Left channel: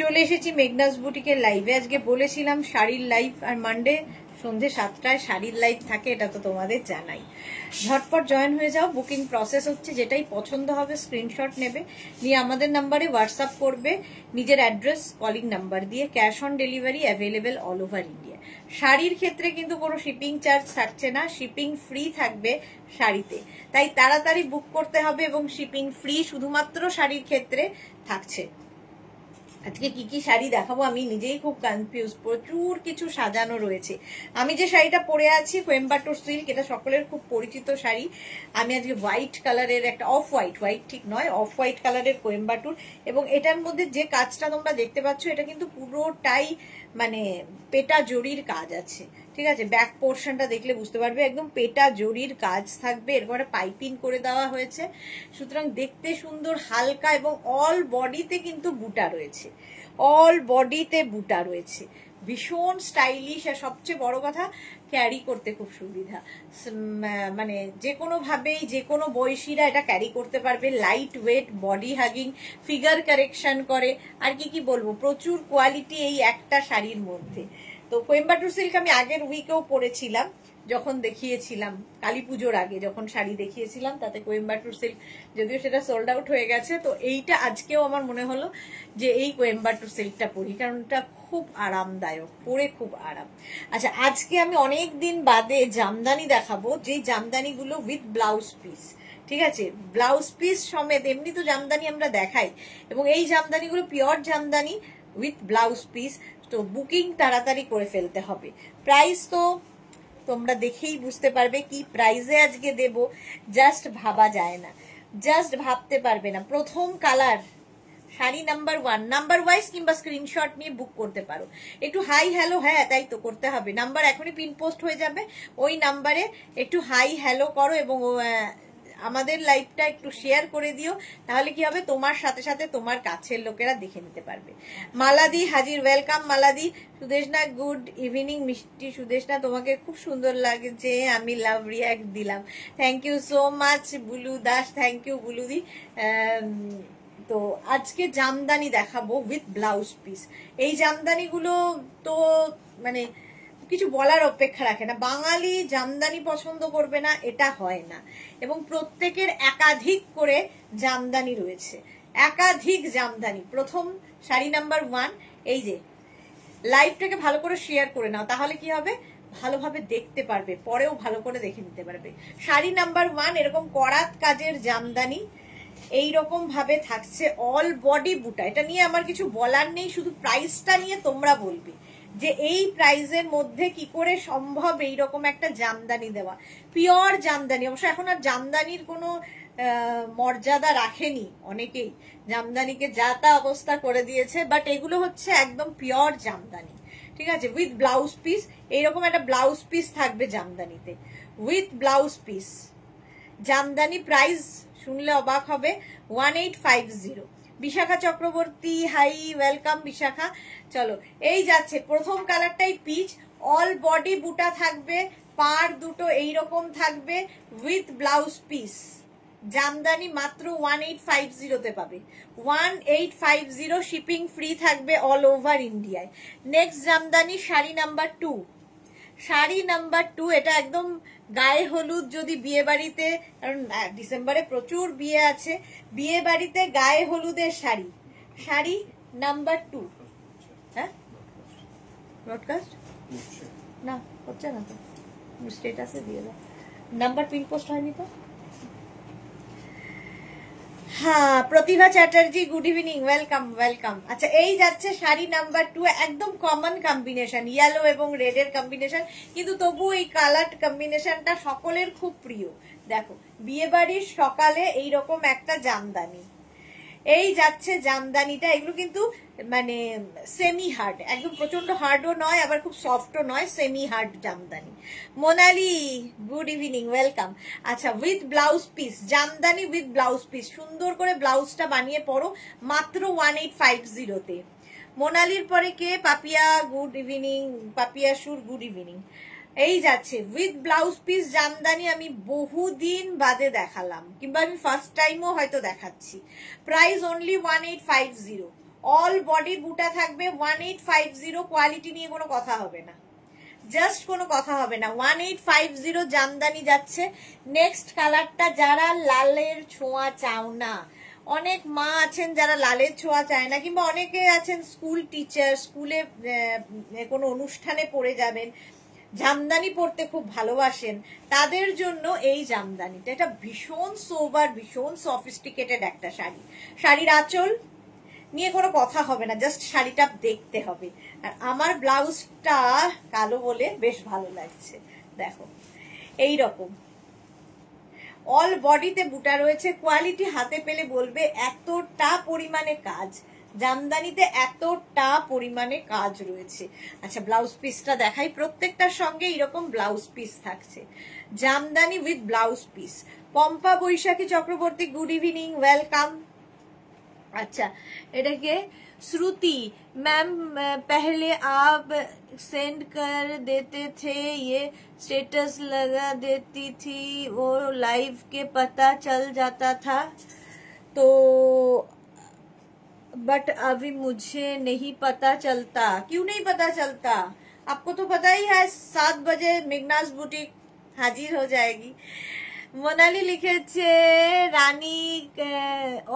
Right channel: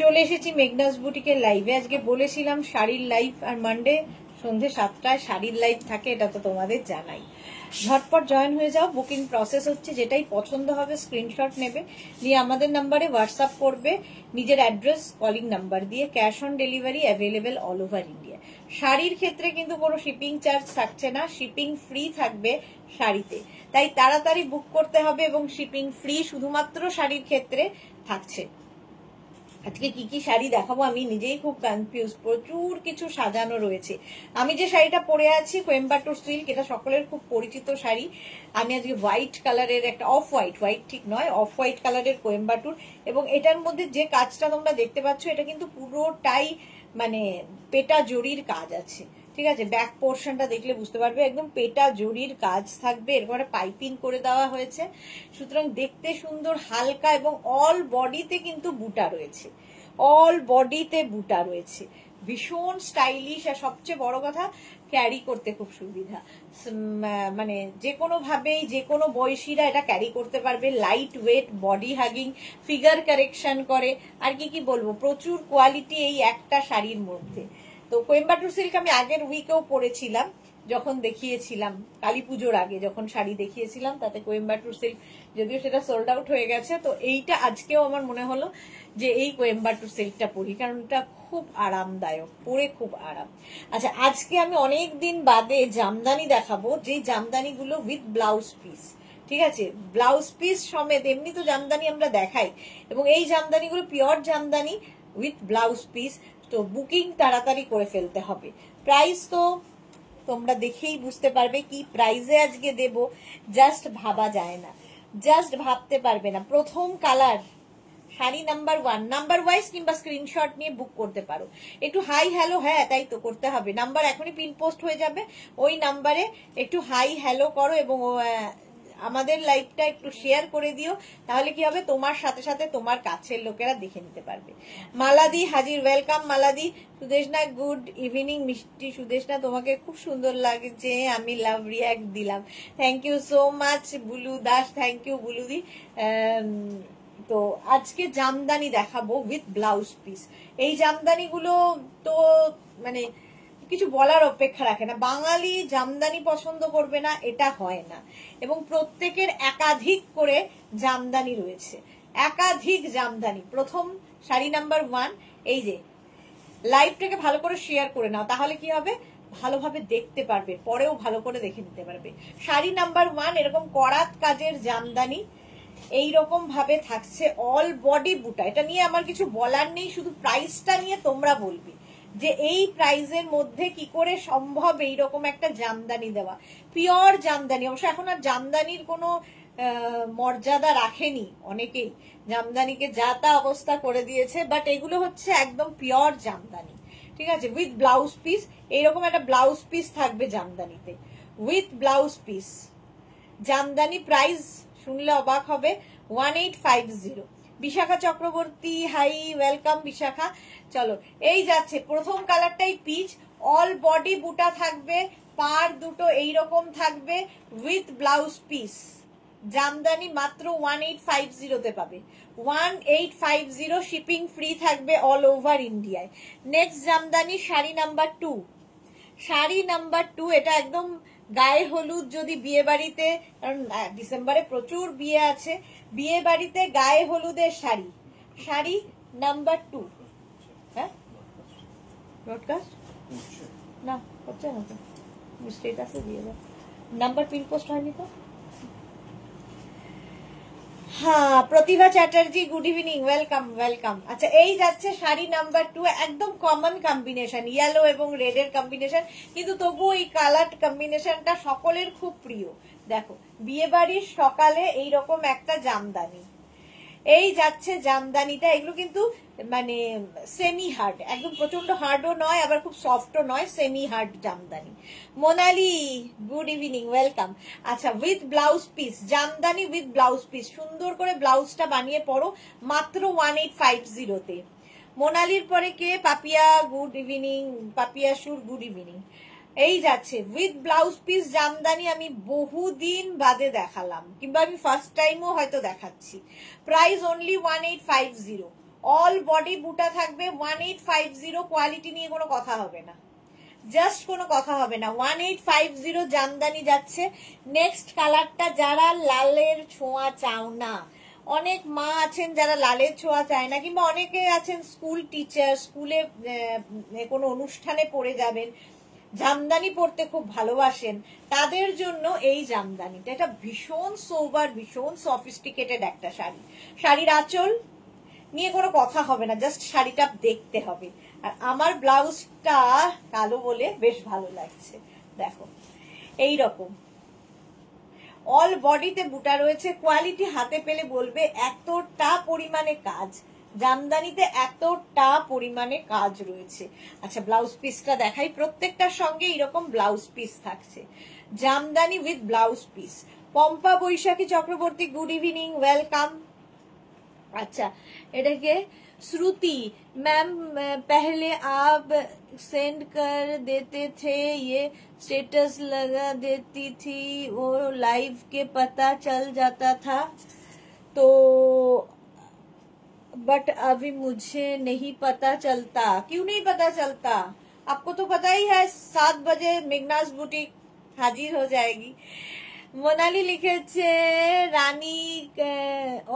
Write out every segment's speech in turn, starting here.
চলে এসেছি মেঘনাস বুটিকের লাইভে। আজকে বলেছিলাম শাড়ির লাইভ, আর মানডে সন্ধ্যে 7টায় শাড়ির লাইভ থাকে, এটা তো তোমাদের জানাই। ঝটপট জয়েন হয়ে যাও, বুকিং প্রসেস হচ্ছে। যেটাই পছন্দ হবে স্ক্রিনশট নেবে, নিয়ে আমাদের নাম্বারে হোয়াটসঅ্যাপ করবে নিজের অ্যাড্রেস কলিং নাম্বার দিয়ে। Cash on delivery available all over India. শাড়ির ক্ষেত্রে কিন্তু কোনো শিপিং চার্জ থাকছে না, শিপিং ফ্রি থাকবে শাড়িতে, তাই তাড়াতাড়ি বুক করতে হবে। এবং শিপিং ফ্রি শুধুমাত্র শাড়ির ক্ষেত্রে থাকছে। আজকে কি কি শাড়ি দেখাবো আমি নিজেই খুব কনফিউজ, প্রচুর কিছু সাজানো রয়েছে। আমি যে শাড়িটা পরে আছি কোয়েম্বাটুর সিল্ক, এটা সকলের খুব পরিচিত শাড়ি। আমি আজকে হোয়াইট কালারের একটা অফ হোয়াইট, হোয়াইট ঠিক নয়, অফ হোয়াইট কালারের কোয়েম্বাটুর, এবং এটার মধ্যে যে কাজটা তোমরা দেখতে পাচ্ছ এটা কিন্তু পুরোটাই মানে পেটা জরির কাজ আছে, ঠিক আছে। ব্যাক পোর্শনটা দেখলে বুঝতে পারবে, একদম পেটা জরির কাজ থাকবে, এরকম একটা পাইপিং করে দেওয়া হয়েছে, সুতরাং দেখতে সুন্দর, হালকা, এবং অল বডিতে কিন্তু বুটা রয়েছে, অল বডিতে বুটা রয়েছে, ভীষণ স্টাইলিশ। আর সবচেয়ে বড় কথা, ক্যারি করতে খুব সুবিধা, মানে যে কোনো ভাবেই যে কোনো বয়সীরা এটা ক্যারি করতে পারবে। Light weight, body hugging, figure correction করে, আর কি কি বলবো, প্রচুর কোয়ালিটি এই একটা শাড়ির মধ্যে। তো কোয়েম্বাটুর সিল্ক আমি আগের উইকেও পরেছিলাম, যখন দেখিয়েছিলাম কালী পুজোর আগে যখন শাড়ি দেখিয়েছিলাম, তাতে কোয়েম্বাটুর সিল্ক, যদিও সেটা সোল্ড আউট হয়ে গেছে। তো এইটা আজকেও আমার মনে হলো যে এই কোয়েম্বাটুর সিল্কটা পরি, কারণ এটা খুব আরামদায়ক, পরে খুব আরাম। আচ্ছা, আজকে আমি অনেক দিন বাদে জামদানি দেখাবো, যে জামদানিগুলো উইথ ব্লাউজ পিস, ঠিক আছে, ব্লাউজ পিস সমেত। এমনি তো জামদানি আমরা দেখাই, এবং এই জামদানিগুলো pure jamdani with blouse piece. তো বুকিং তাড়াতাড়ি করে ফেলতে হবে। প্রাইস তো তোমরা দেখেই বুঝতে পারবে কি প্রাইসে আজকে দেব, জাস্ট ভাবা যায় না, জাস্ট ভাবতে পারবে না। প্রথম colour sari number 1, number wise কিংবা স্ক্রিনশট নিয়ে বুক করতে পারো। একটু হাই হ্যালো, হ্যাঁ তাই তো করতে হবে, নাম্বার এখনই পিন পোস্ট হয়ে যাবে, ওই নাম্বারে একটু হাই হ্যালো করো, এবং আমাদের লাইভটা একটু শেয়ার করে দিও, তাহলে কি হবে, তোমার সাথে সাথে তোমার কাছের লোকেরা দেখে নিতে পারবে। মালাদি হাজির, ওয়েলকাম মালাদি। সুদেশনা গুড ইভিনিং, মিষ্টি সুদেশনা, তোমাকে খুব সুন্দর লাগছে, আমি লাভ রিয়াক্ট দিলাম, thank you so much. Bulu Das, thank you বুলুদি। তো আজকে জামদানি দেখাবো উইথ ব্লাউজ পিস। এই জামদানিগুলো তো মানে কিছু বলার অপেক্ষা রাখে না, বাঙালি জামদানি পছন্দ করবে না এটা হয় না, এবং প্রত্যেকের একাধিক করে জামদানি রয়েছে, একাধিক জামদানি। প্রথম শাড়ি নাম্বার 1, এই যে লাইভটাকে ভালো করে শেয়ার করে নাও, তাহলে কি হবে, ভালোভাবে দেখতে পারবে, পরেও ভালো করে দেখে নিতে পারবে। শাড়ি নাম্বার 1 এরকম করাত কাজের জামদানি, এইরকম ভাবে থাকছে, অল বডি বুটা। এটা নিয়ে আমার কিছু বলার নেই, শুধু প্রাইসটা নিয়ে তোমরা বলবে যে এই প্রাইসের মধ্যে কি করে সম্ভব এইরকম একটা জামদানি দেওয়া। পিওর জামদানি, অবশ্য এখন আর জামদানির কোনো মর্যাদা রাখেনি, অনেকেই জামদানিকে যা তা অবস্থা করে দিয়েছে, বাট এগুলো হচ্ছে একদম পিওর জামদানি, ঠিক আছে, উইথ ব্লাউজ পিস। এইরকম একটা ব্লাউজ পিস থাকবে জামদানিতে, with blouse piece. Jamdani price শুনলে অবাক হবে, 1850। Bishakha Chakraborty, hi, welcome Bishakha. চলো, এই যাচ্ছে প্রথম কালারটাই পিচ, অল বডি বুটা থাকবে, পার দুটো এইরকম থাকবে, উইথ ব্লাউজ পিস। জামদানি মাত্র 1850 তে পাবে, 1850, শিপিং ফ্রি থাকবে অল ওভার ইন্ডিয়ায়। Next Jamdani sari number 2, sari number 2, এটা একদম গায়ে হলুদ, যদি বিয়ে বাড়িতে, কারণ ডিসেম্বরে প্রচুর বিয়ে আছে, বিয়ে বাড়িতে গায়ে হলুদের শাড়ি, শাড়ি নাম্বার 2। হ্যাঁ, ব্রডকাস্ট না হচ্ছে না তো, স্টেটাসে দিয়ে দাও, নাম্বার পিন পোস্ট হয়নি তো। হ্যাঁ, Pratibha Chatterjee, good evening, welcome welcome. আচ্ছা, এই যাচ্ছে শাড়ি নাম্বার 2, একদম কমন কম্বিনেশন, ইয়েলো এবং রেড এর কম্বিনেশন, কিন্তু তবু এই কালার কম্বিনেশনটা সকলের খুব প্রিয়। দেখো, বিয়ে বাড়ির সকালে এইরকম একটা জামদানি, এই যাচ্ছে জামদানিটা। এগুলো কিন্তু মানে সেমি হার্ড, একদম প্রচন্ড হার্ডও নয়, আবার খুব সফটও নয়, semi hard jamdani. Monali, good evening, welcome. আচ্ছা, with blouse piece, jamdani with blouse piece, সুন্দর করে ব্লাউজটা বানিয়ে পরো, মাত্র 1850 তে। মোনালির পরে কে, পাপিয়া, গুড ইভিনিং, পাপিয়া সুর, গুড ইভিনিং। এই যাচ্ছে উইথ ব্লাউজ পিস জামদানি, আমি বহুদিন বাদে দেখালাম, কিংবা আমি ফার্স্ট টাইমও হয়তো দেখাচ্ছি। প্রাইস অনলি 1850, অল বডি বুটা থাকবে 1850, কোয়ালিটি নিয়ে কোনো কথা হবে না, জাস্ট কোনো কথা হবে না। 1850 জামদানি যাচ্ছে। নেক্সট কালারটা, যারা লালের ছোঁয়া চাও না, অনেক মা আছেন যারা লালের ছোঁয়া চায় না, কিংবা অনেকে আছেন স্কুল টিচার, স্কুলে কোনো অনুষ্ঠানে পরে যাবেন, জামদানি পরতে খুব ভালোবাসেন, তাদের জন্য এই জামদানিটা। এটা ভীষণ সোবার, ভীষণ সফিস্টিকেটেড একটা শাড়ি। শাড়ির আঁচল নিয়ে কোনো কথা হবে না, জাস্ট শাড়িটা দেখতে হবে। আর আমার ব্লাউজটা কালো বলে বেশ ভালো লাগছে, দেখো এই রকম অল বডিতে বুটা রয়েছে। কোয়ালিটি হাতে পেলে বলবে এতটা পরিমাণে কাজ, জামদানিতে এতটা পরিমাণে কাজ রয়েছে। আচ্ছা, ব্লাউজ পিসটা দেখাই। প্রত্যেকটার সঙ্গে এরকম ব্লাউজ পিস থাকছে, jamdani with blouse piece. Pompa Baishakhi Chakraborty, good evening, welcome. अच्छा, এটাকে श्रुति मैम, पहले आप सेंड कर देते थे, ये स्टेटस लगा देती थी, वो लाइव के पता चल जाता था, तो बट अभी मुझे नहीं पता चलता। क्यों नहीं पता चलता? आपको तो पता ही है 7 बजे मेघनाज बुटीक हाजिर हो जाएगी। মোনালি লিখেছে রানী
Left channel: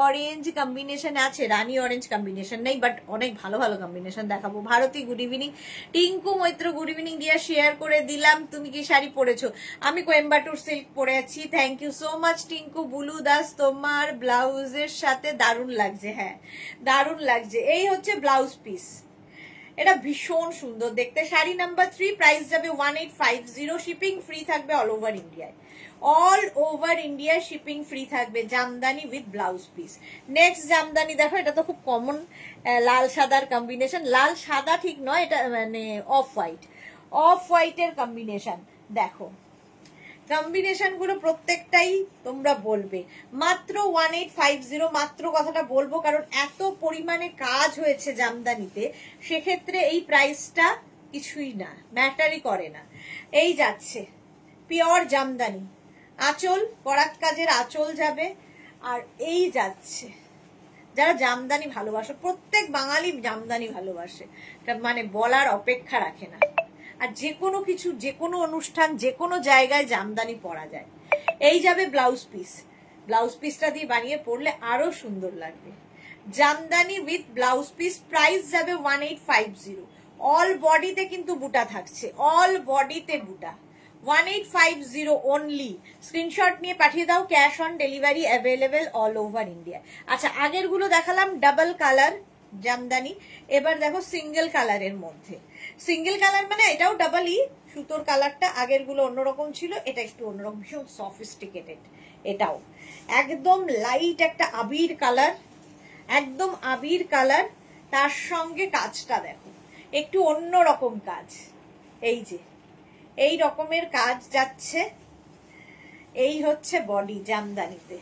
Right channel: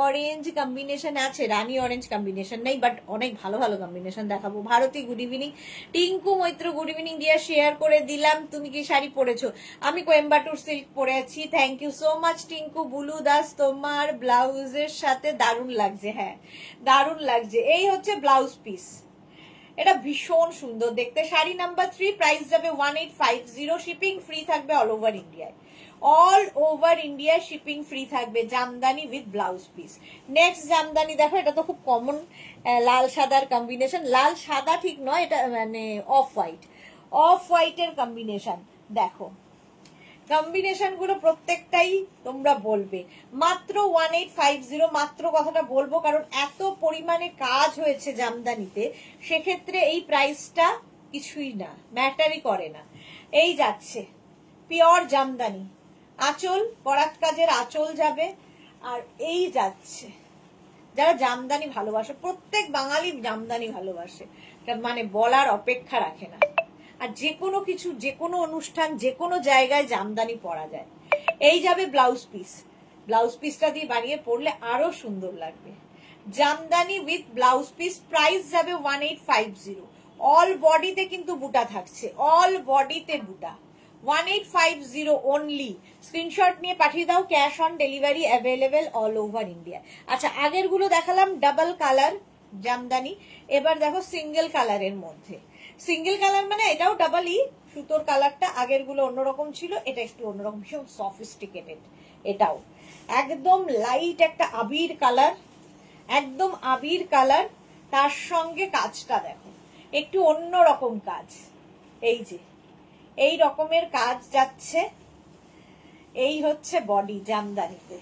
অরেঞ্জ কম্বিনেশন আছে, রানী অরেঞ্জ কম্বিনেশন নেই, বাট অনেক ভালো ভালো কম্বিনেশন দেখাবো। Bharati good evening. Tinku Maitra good evening dear, share করে দিলাম। তুমি কি শাড়ি পরেছো? আমি কোয়েম্বাটুর সিল্ক পরে আছি। Thank you so much Tinku. Bulu Das, তোমার ব্লাউজের সাথে দারুণ লাগছে। হ্যাঁ, দারুণ লাগছে। এই হচ্ছে ব্লাউজ পিস, এটা ভীষণ সুন্দর দেখতে। শাড়ি নাম্বার 3, প্রাইস যাবে 1850, শিপিং ফ্রি থাকবে অল ওভার ইন্ডিয়ায়। All over India shipping free থাকবে, jamdani with blouse piece. Next jamdani দেখো, এটা তো খুব কমন, লাল সাদার কম্বিনেশন। লাল সাদা ঠিক নয়, এটা মানে অফ হোয়াইট, অফ হোয়াইটের কম্বিনেশন। দেখো কম্বিনেশন গুলো প্রত্যেকটাই তোমরা বলবে। মাত্র 1850, মাত্র কথাটা বলবো কারণ এত পরিমাণে কাজ হয়েছে জামদানিতে, সেক্ষেত্রে এই প্রাইসটা কিছুই না, ম্যাটারই করে না। এই যাচ্ছে পিওর জামদানি, আঁচল করাত কাজের আঁচল যাবে। আর এই যাচ্ছে, যারা জামদানি ভালোবাসে, প্রত্যেক বাঙালি জামদানি ভালোবাসে, মানে বলার অপেক্ষা রাখে না। আর যে কোনো কিছু, যে কোনো অনুষ্ঠান, যে কোনো জায়গায় জামদানি পরা যায়। এই যাবে ব্লাউজ পিস, ব্লাউজ পিসটা দিয়ে বানিয়ে পরলে আরো সুন্দর লাগবে। Jamdani with blouse piece, price যাবে 1850। অল বডিতে কিন্তু বুটা থাকছে, অল বডিতে বুটা। 1850 অনলি। স্ক্রিনশট নিয়ে পাঠিয়ে দাও, cash on delivery available all over India. আচ্ছা, আগের গুলো দেখালাম ডাবল কালার জামদানি, এবার দেখো সিঙ্গেল কালারের মধ্যে। সিঙ্গেল কালার মানে এটাও ডাবলই, সুতোর কালারটা আগের গুলো অন্যরকম ছিল, এটা একটু অন্যরকম, ভীষণ সফিস্টিকেটেড। এটাও একদম লাইট একটা আবির কালার, একদম আবির কালার, তার সঙ্গে কাজটা দেখো একটু অন্যরকম কাজ। এই যে এই রকমের কাজ যাচ্ছে। এই হচ্ছে বডি জামদানিতে,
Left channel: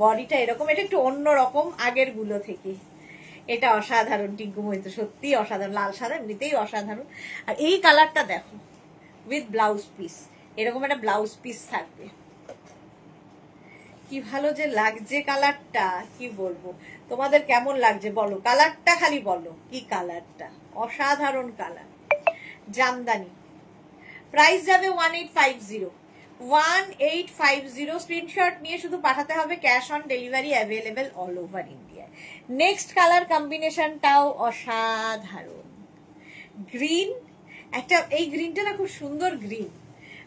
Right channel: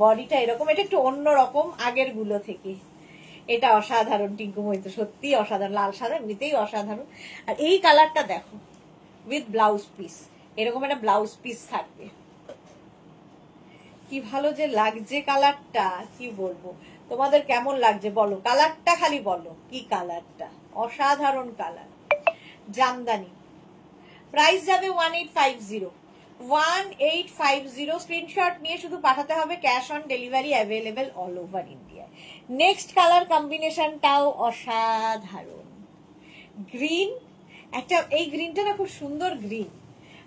বডিটা এরকম, এটা একটু অন্যরকম আগের গুলো থেকে। এটা অসাধারণ টিঙ্কু মৈত্র, সত্যি অসাধারণ। লাল সাদা এমনিতেই অসাধারণ। আর এই কালারটা দেখো উইথ ব্লাউজ পিস, এরকম একটা ব্লাউজ পিস থাকবে। কি ভালো যে লাগছে কালারটা, কি বলবো। তোমাদের কেমন লাগছে বলো, কালারটা খালি বলো, কি কালারটা, অসাধারণ কালার। জামদানি, প্রাইস যাবে 1850, 1850। স্ক্রিনশট নিয়ে শুধু পাঠাতে হবে, cash on delivery available all over India. Next colour কম্বিনেশনটাও অসাধারণ, গ্রিন একটা, এই গ্রিনটা না খুব সুন্দর গ্রিন,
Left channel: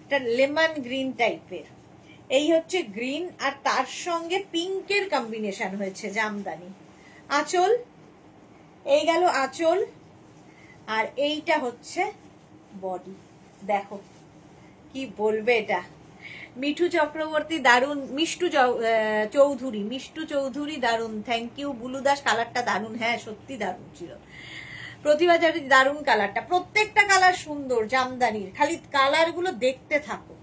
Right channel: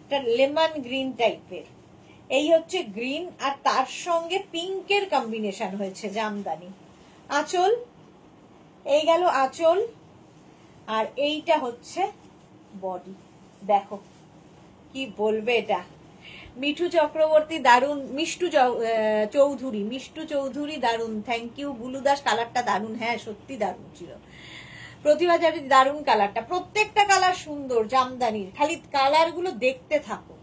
একটা লেমন গ্রিন টাইপের। এই হচ্ছে গ্রিন, আর তার সঙ্গে পিঙ্কের কম্বিনেশন হয়েছে জামদানি। আঁচল, এই গেল আঁচল, আর এইটা হচ্ছে বডি। দেখো কি বলবে, এটা মিঠু চক্রবর্তী দারুন, মিষ্টু চৌধুরী, মিষ্টু চৌধুরী দারুন, থ্যাংক ইউ। বুলু দাস, কালারটা দারুন, হ্যাঁ সত্যি দারুন ছিল। প্রতিভা জারি, দারুন কালারটা, প্রত্যেকটা কালার সুন্দর জামদানির, খালি কালার গুলো দেখতে থাকো।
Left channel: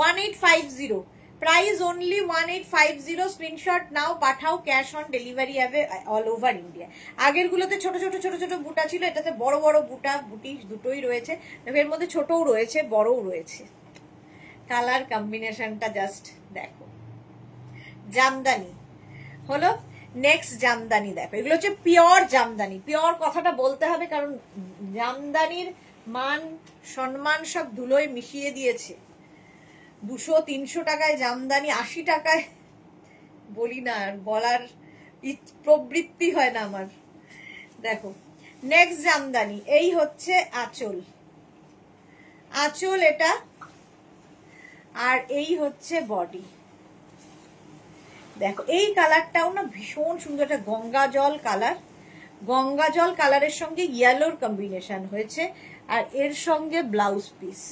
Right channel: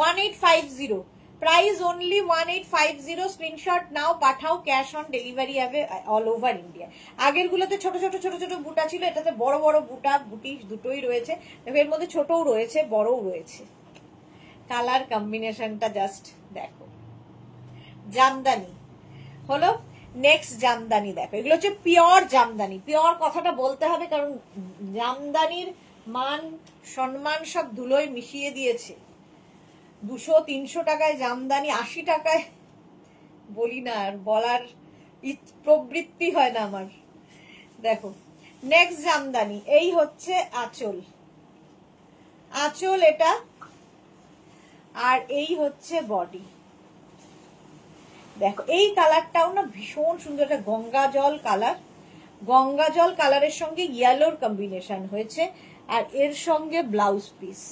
1850, প্রাইস অনলি 1850। স্ক্রিনশট নাও, পাঠাও, ক্যাশ অন ডেলিভারি হবে অল ওভার ইন্ডিয়া। আগের গুলোতে ছোট ছোট ছোট ছোট বুটা ছিল, এটাতে বড় বড় বুটা, বুটি দুটোই রয়েছে, এর মধ্যে ছোটও রয়েছে বড়ও রয়েছে। কালার কম্বিনেশনটা জাস্ট দেখো, জামদানি হলো। নেক্সট জামদানি দেখো, এগুলো হচ্ছে পিওর জামদানি। পিওর কথাটা বলতে হবে, কারণ জামদানির মান সম্মান সব ধুলোয় মিশিয়ে দিয়েছে। 200-300 টাকায় জামদানি, 80 টাকায় বলি না, আর বলার প্রবৃত্তি হয় না আমার। দেখো নেক্সট জামদানি, এই হচ্ছে আঁচল, আঁচল এটা, আর এই হচ্ছে বডি। দেখো এই কালারটাও না ভীষণ সুন্দর, একটা গঙ্গা জল কালার, গঙ্গা জল কালারের সঙ্গে ইয়েলোর কম্বিনেশন হয়েছে, আর এর সঙ্গে ব্লাউজ পিস।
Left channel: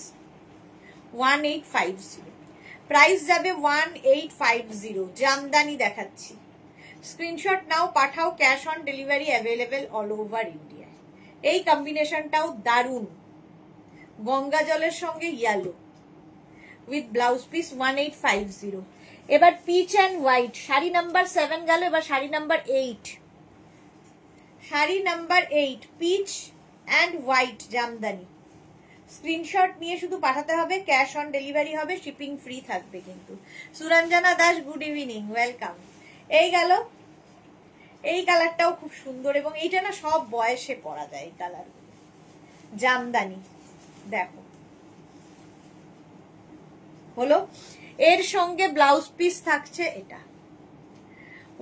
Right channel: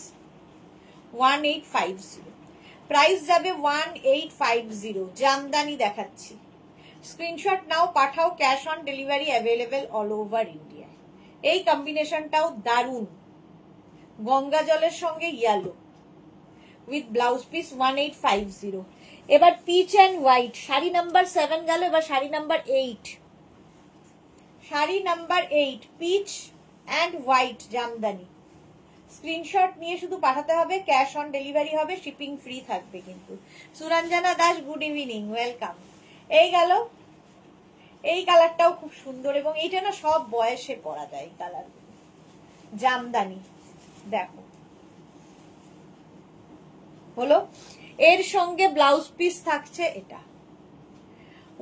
1850, প্রাইস যাবে 1850। জামদানি দেখাচ্ছি, স্ক্রিনশট নাও, পাঠাও, cash on delivery available all over India. এই কম্বিনেশনটাও দারুন, গঙ্গা জলের সঙ্গে ইয়েলো উইথ ব্লাউজ পিস। 1850। এবার peach and white, sari number 7 গেল, এবার sari number 8। Sari number 8 peach and white jamdani. Screenshot নিয়ে শুধু পাঠাতে হবে, ক্যাশ অন ডেলিভারি হবে, শিপিং ফ্রি থাকবে কিন্তু। Suranjana Das, good evening, welcome. এই গেল, এই কালারটাও খুব সুন্দর, এবং এইটা না সব বয়সে পরা যায় এই কালার জামদানি। দেখো হলো, এর সঙ্গে ব্লাউজ পিস থাকছে এটা।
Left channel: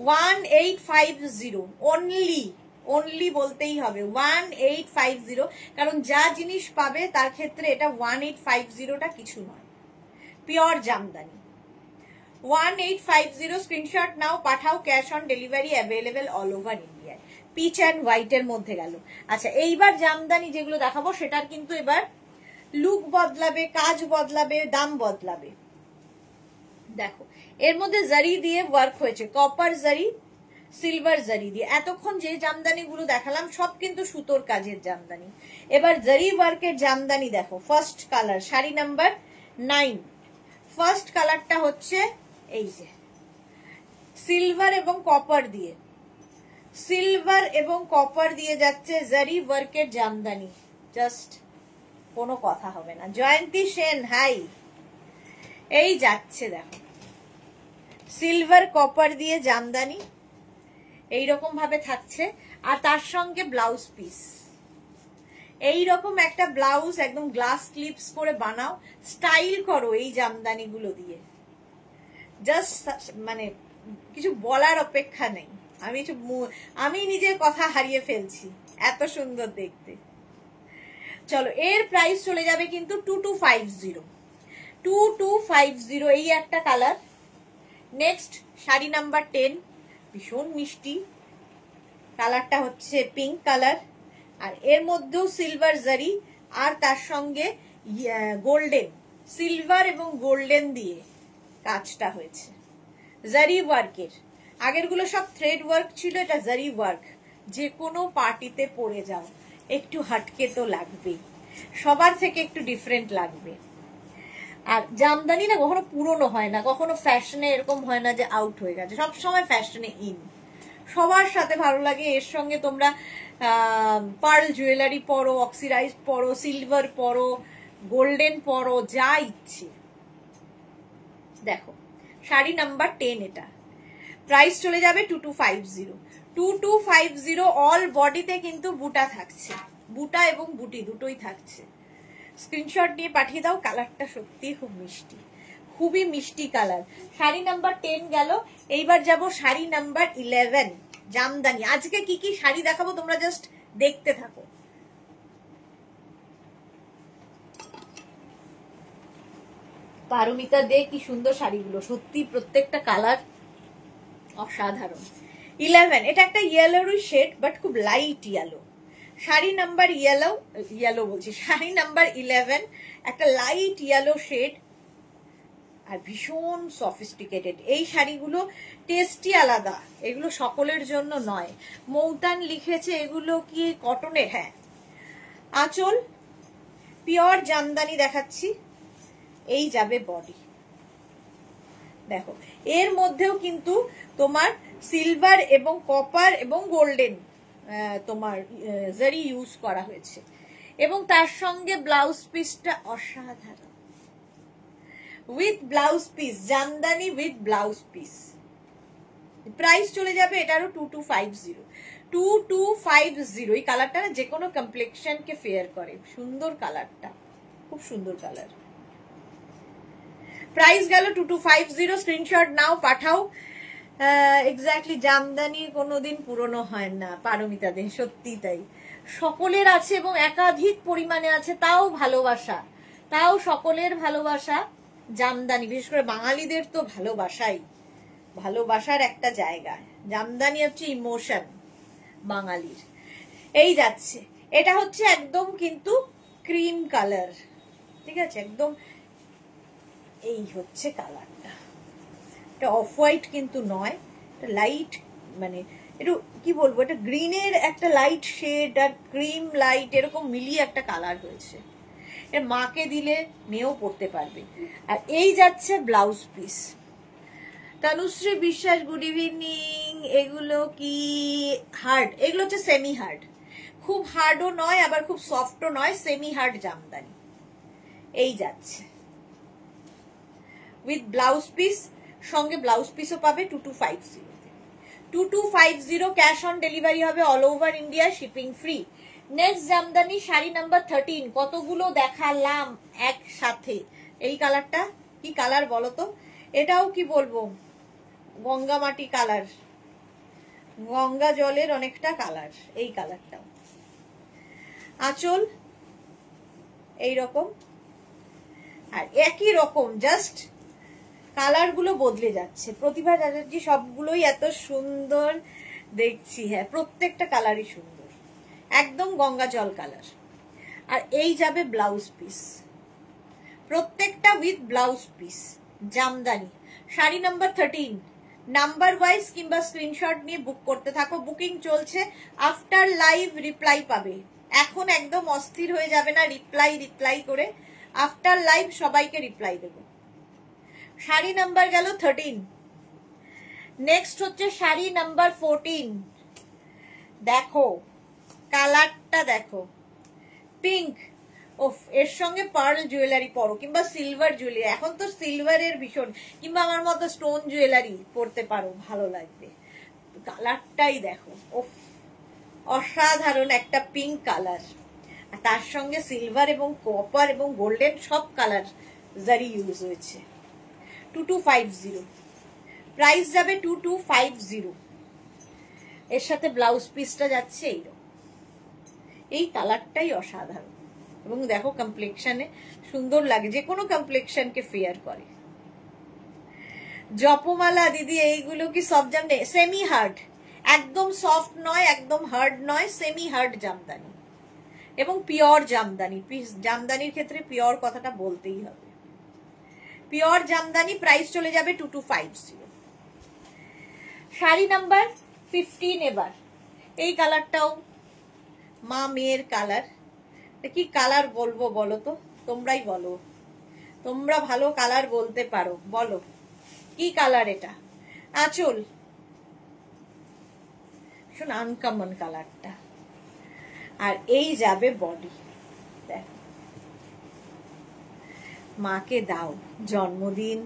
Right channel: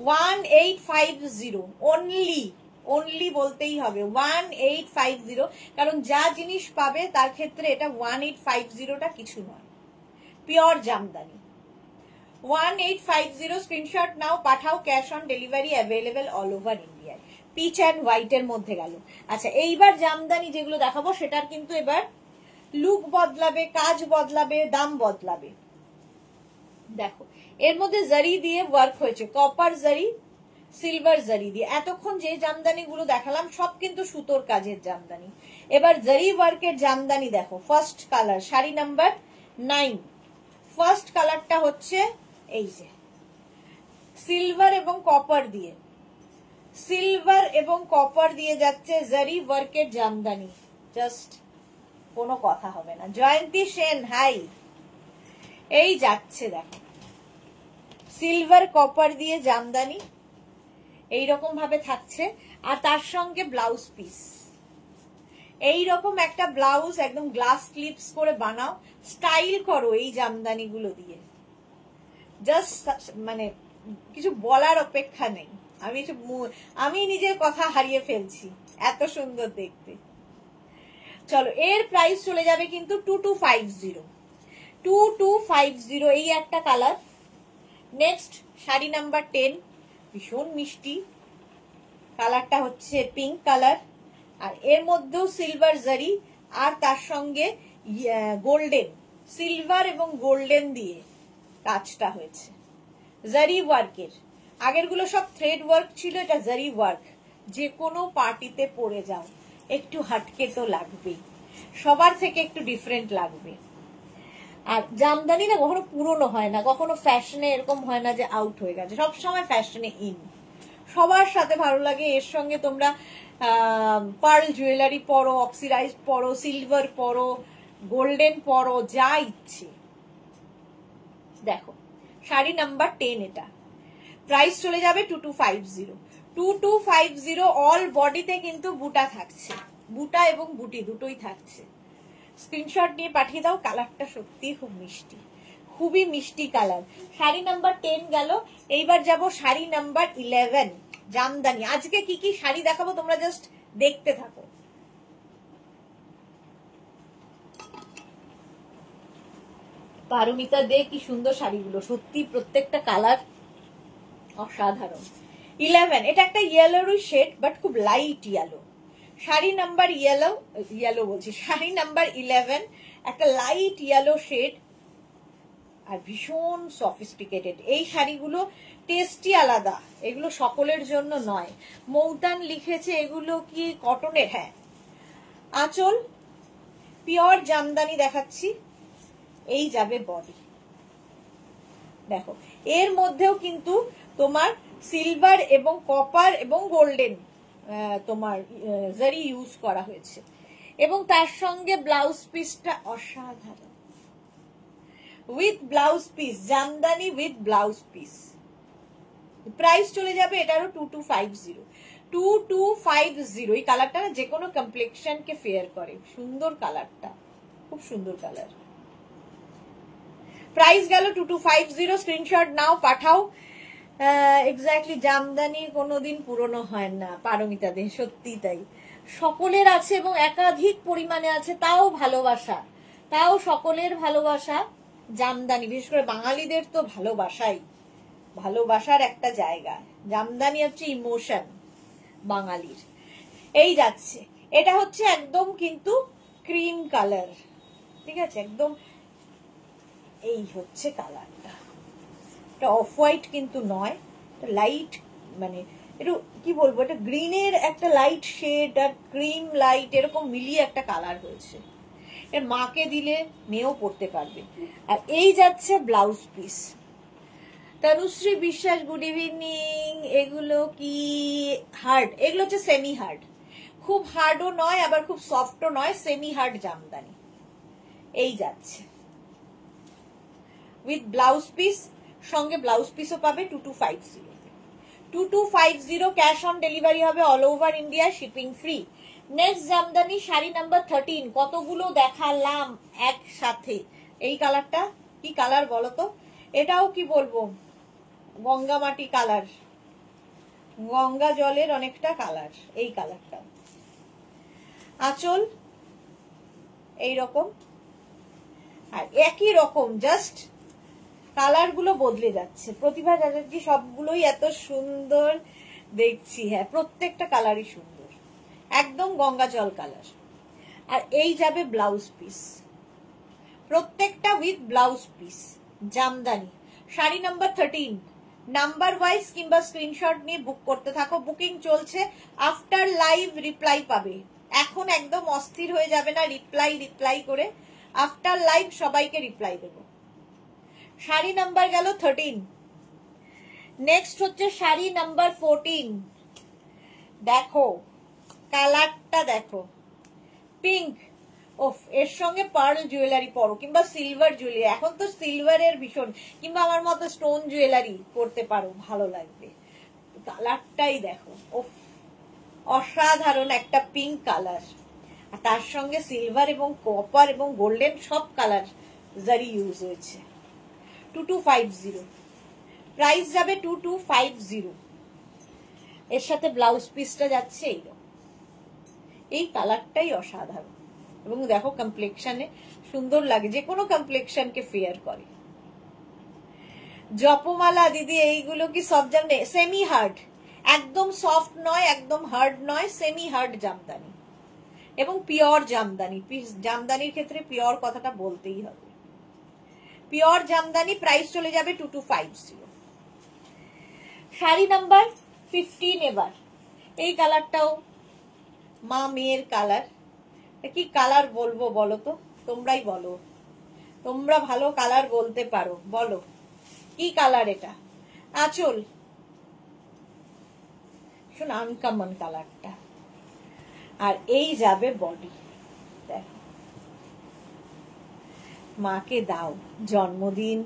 1850 অনলি, অনলি বলতেই হবে 1850, কারণ যা জিনিস পাবে তার ক্ষেত্রে এটা 1850টা কিছু নয়, পিওর জামদানি। 1850, স্ক্রিনশট নাও, পাঠাও, cash on delivery available all over India. Peach and হোয়াইটের মধ্যে গেল। আচ্ছা, এইবার জামদানি যেগুলো দেখাবো সেটার কিন্তু এবার লুক বদলাবে, কাজ বদলাবে, দাম বদলাবে। দেখো এর মধ্যে জারি দিয়ে ওয়ার্ক হয়েছে, কপার জারি, সিলভার জারি দিয়ে। এতক্ষণ যে জামদানি গুলো দেখালাম সব কিন্তু সুতোর কাজের জামদানি। এবার জারি ওয়ার্কের জামদানি দেখো। First colour, sari number 9। First কালারটা হচ্ছে এই যে সিলভার এবং কপার দিয়ে, সিলভার এবং কপার দিয়ে যাচ্ছে জারি ওয়ার্কের জামদানি। জাস্ট কোনো কথা হবে না। জয়ন্তী সেন, হাই। এই যাচ্ছে দেখো, সিলভার কপার দিয়ে জামদানি এইরকম ভাবে থাকছে, আর তার সঙ্গে ব্লাউজ পিস। এইরকম একটা ব্লাউজ একদম গ্লাস ক্লিপস করে বানাও, স্টাইল করো এই জামদানি গুলো দিয়ে। জাস্ট মানে কিছু বলার অপেক্ষা নেই, আমি নিজের কথা হারিয়ে ফেলছি, এত সুন্দর দেখতে। চলো, এর প্রাইস চলে যাবে কিন্তু 2250। 2250, এই একটা কালার। নেক্সট শাড়ি নাম্বার 10, ভীষণ মিষ্টি কালারটা হচ্ছে পিঙ্ক কালার, আর এর মধ্যেও সিলভার জারি, আর তার সঙ্গে গোল্ডেন, সিলভার এবং গোল্ডেন দিয়ে কাজটা হয়েছে জারি ওয়ার্কের। আগের গুলো সব থ্রেড ওয়ার্ক ছিল, এটা জারি ওয়ার্ক। যে কোনো পার্টিতে পরে যাও, একটু হাটকে তো লাগবেই, সবার থেকে একটু ডিফারেন্ট লাগবে। আর জামদানি না কখনো পুরনো হয় না, কখনো ফ্যাশনে এরকম হয় না যে আউট হয়ে গেছে, সবসময় ফ্যাশনে ইন, সবার সাথে ভালো লাগে। এর সঙ্গে তোমরা পার্ল জুয়েলারি পরো, অক্সিডাইজ পরো, সিলভার পরো, গোল্ডেন পরো, যা ইচ্ছে। দেখো শাড়ি নাম্বার 10, এটা প্রাইস চলে যাবে 2250। 2250, অল বডিতে কিন্তু বুটা থাকছে, বুটা এবং বুটি দুটোই থাকছে। স্ক্রিনশট নিয়ে পাঠিয়ে দাও। কালারটা সত্যি খুব মিষ্টি, খুবই মিষ্টি কালার। শাড়ি নাম্বার 10 গেল, এইবার যাব শাড়ি নাম্বার 11 জামদানি। আজকে কি কি শাড়ি দেখাবো তোমরা জাস্ট দেখতে থাকো। পারমিতা দে, কি সুন্দর শাড়িগুলো, সত্যি প্রত্যেকটা কালার অসাধারণ। 11, এটা একটা ইয়েলোরই শেড, বাট খুব light yellow. Sari number yellow বলছি, শাড়ি নাম্বার 11, একটা লাইট ইয়েলো শেড, আর ভীষণ সফিস্টিকেটেড। এই শাড়িগুলো টেস্টি আলাদা, এগুলো সকলের জন্য নয়। মৌতান লিখেছে, এগুলো কি কটনের? হ্যাঁ। আঁচল পিওর জামদানি দেখাচ্ছি, এই যাবে বডি। দেখো এর মধ্যেও কিন্তু তোমার সিলভার এবং কপার এবং গোল্ডেন তোমার জারি ইউজ করা হয়েছে, এবং তার সঙ্গে ব্লাউজ পিসটা অসাধারণ, with blouse piece, jamdani with blouse piece. Price চলে যাবে এটারও 2250। 2250। এই কালারটা যে কোনো কমপ্লেক্সন কে ফেয়ার করে, সুন্দর কালারটা, খুব সুন্দর কালার। প্রাইস গেল 2250। স্ক্রিনশট নাও, পাঠাও। এক্স্যাক্টলি, জামদানি কোনোদিন পুরনো হয় না পারমিতা দে, সত্যি তাই। সকলের আছে এবং একাধিক পরিমাণে আছে, তাও ভালোবাসা, তাও সকলের ভালোবাসা। জামদানি বিশেষ করে বাঙালিদের তো ভালোবাসাই, ভালোবাসার একটা জায়গা। জামদানি হচ্ছে ইমোশন বাঙালির। এই যাচ্ছে, এটা হচ্ছে একদম কিন্তু ক্রিম কালার, ঠিক আছে, একদম এই হচ্ছে কালারটা। এটা অফ হোয়াইট কিন্তু নয়, লাইট, মানে একটু কি বলবো, এটা গ্রিনের একটা লাইট শেড আর ক্রিম লাইট এরকম মিলিয়ে একটা কালার হয়েছে। এর মাকে দিলে মেয়েও পড়তে পারবে। আর এই যাচ্ছে ব্লাউজ পিস। তনুশ্রী বিশ্বাস, গুড ইভিনিং। এগুলো কি হার্ড? এগুলো হচ্ছে সেমি হার্ড, খুব হার্ডও নয় আবার খুব সফটও নয়, সেমি হার্ড জামদানি। এই যাচ্ছে উইথ ব্লাউজ পিস, সঙ্গে ব্লাউজ পিসও পাবে 2250। 2250 ক্যাশ অন ডেলিভারি হবে all over India, shipping free. Next Jamdani sari number 13। কতগুলো দেখালাম একসাথে। এই কালারটা কি কালার বলো তো? এটাও কি বলবো, গঙ্গা মাটি কালার, গঙ্গা জলের অনেকটা কালার। এই কালারটাও আঁচল এইরকম, আর একই রকম, জাস্ট কালার গুলো বদলে যাচ্ছে। প্রতিভা চ্যাটার্জি, সবগুলোই এত সুন্দর দেখছি। হ্যাঁ, প্রত্যেকটা কালারই সুন্দর, একদম গঙ্গা জল কালার। আর এই যাবে ব্লাউজ পিস, প্রত্যেকটা with blouse piece. Jamdani sari number 13। Number wise কিংবা স্ক্রিনশট নিয়ে বুক করতে থাকো, বুকিং চলছে। আফটার লাইভ রিপ্লাই পাবে, এখন একদম অস্থির হয়ে যাবে না রিপ্লাই করে। আফটার লাইভ সবাইকে রিপ্লাই দেবো। শাড়ি নাম্বার গেল 13। নেক্সট হচ্ছে শাড়ি নাম্বার 14। দেখো কালারটা, দেখো পিঙ্ক। ওফ, এর সঙ্গে পার্ল জুয়েলারি পরো কিংবা সিলভার জুয়েলারি, এখন তো সিলভারের ভীষণ, কিংবা আমার মতো স্টোন জুয়েলারি পরতে পারো, ভালো লাগবে। কালারটাই দেখো, ওফ, অসাধারণ একটা পিঙ্ক কালার। আর তার সঙ্গে সিলভার এবং কপার এবং গোল্ডেন সব কালার জারি ইউজ হয়েছে। 2250। প্রাইস যাবে 2250। এর সাথে ব্লাউজ পিসটা যাচ্ছে এইরকম। এই কালারটাই অসাধারণ এবং দেখো কমপ্লেক্সনে সুন্দর লাগে, যে কোনো কমপ্লেক্সনকে ফেয়ার করে। জপমালা দিদি, এইগুলো কি সব জামদানি? সেমি হার্ড, একদম সফট নয়, একদম হার্ড নয়, সেমি হার্ড জামদানি এবং পিওর জামদানি। জামদানির ক্ষেত্রে পিওর কথাটা বলতেই হবে। পিওর জামদানি, প্রাইস চলে যাবে 2250। শাড়ি নাম্বার 15 এবার। এই কালারটাও মা মেয়ের কালার। কি কালার বলবো বলো তো, তোমরাই বলো, তোমরা ভালো কালার বলতে পারো, বলো কি কালার এটা। আঁচল শুন, আনকমন কালারটা। আর এই যাবে বডি। দেখো, মাকে দাও, জন্মদিন,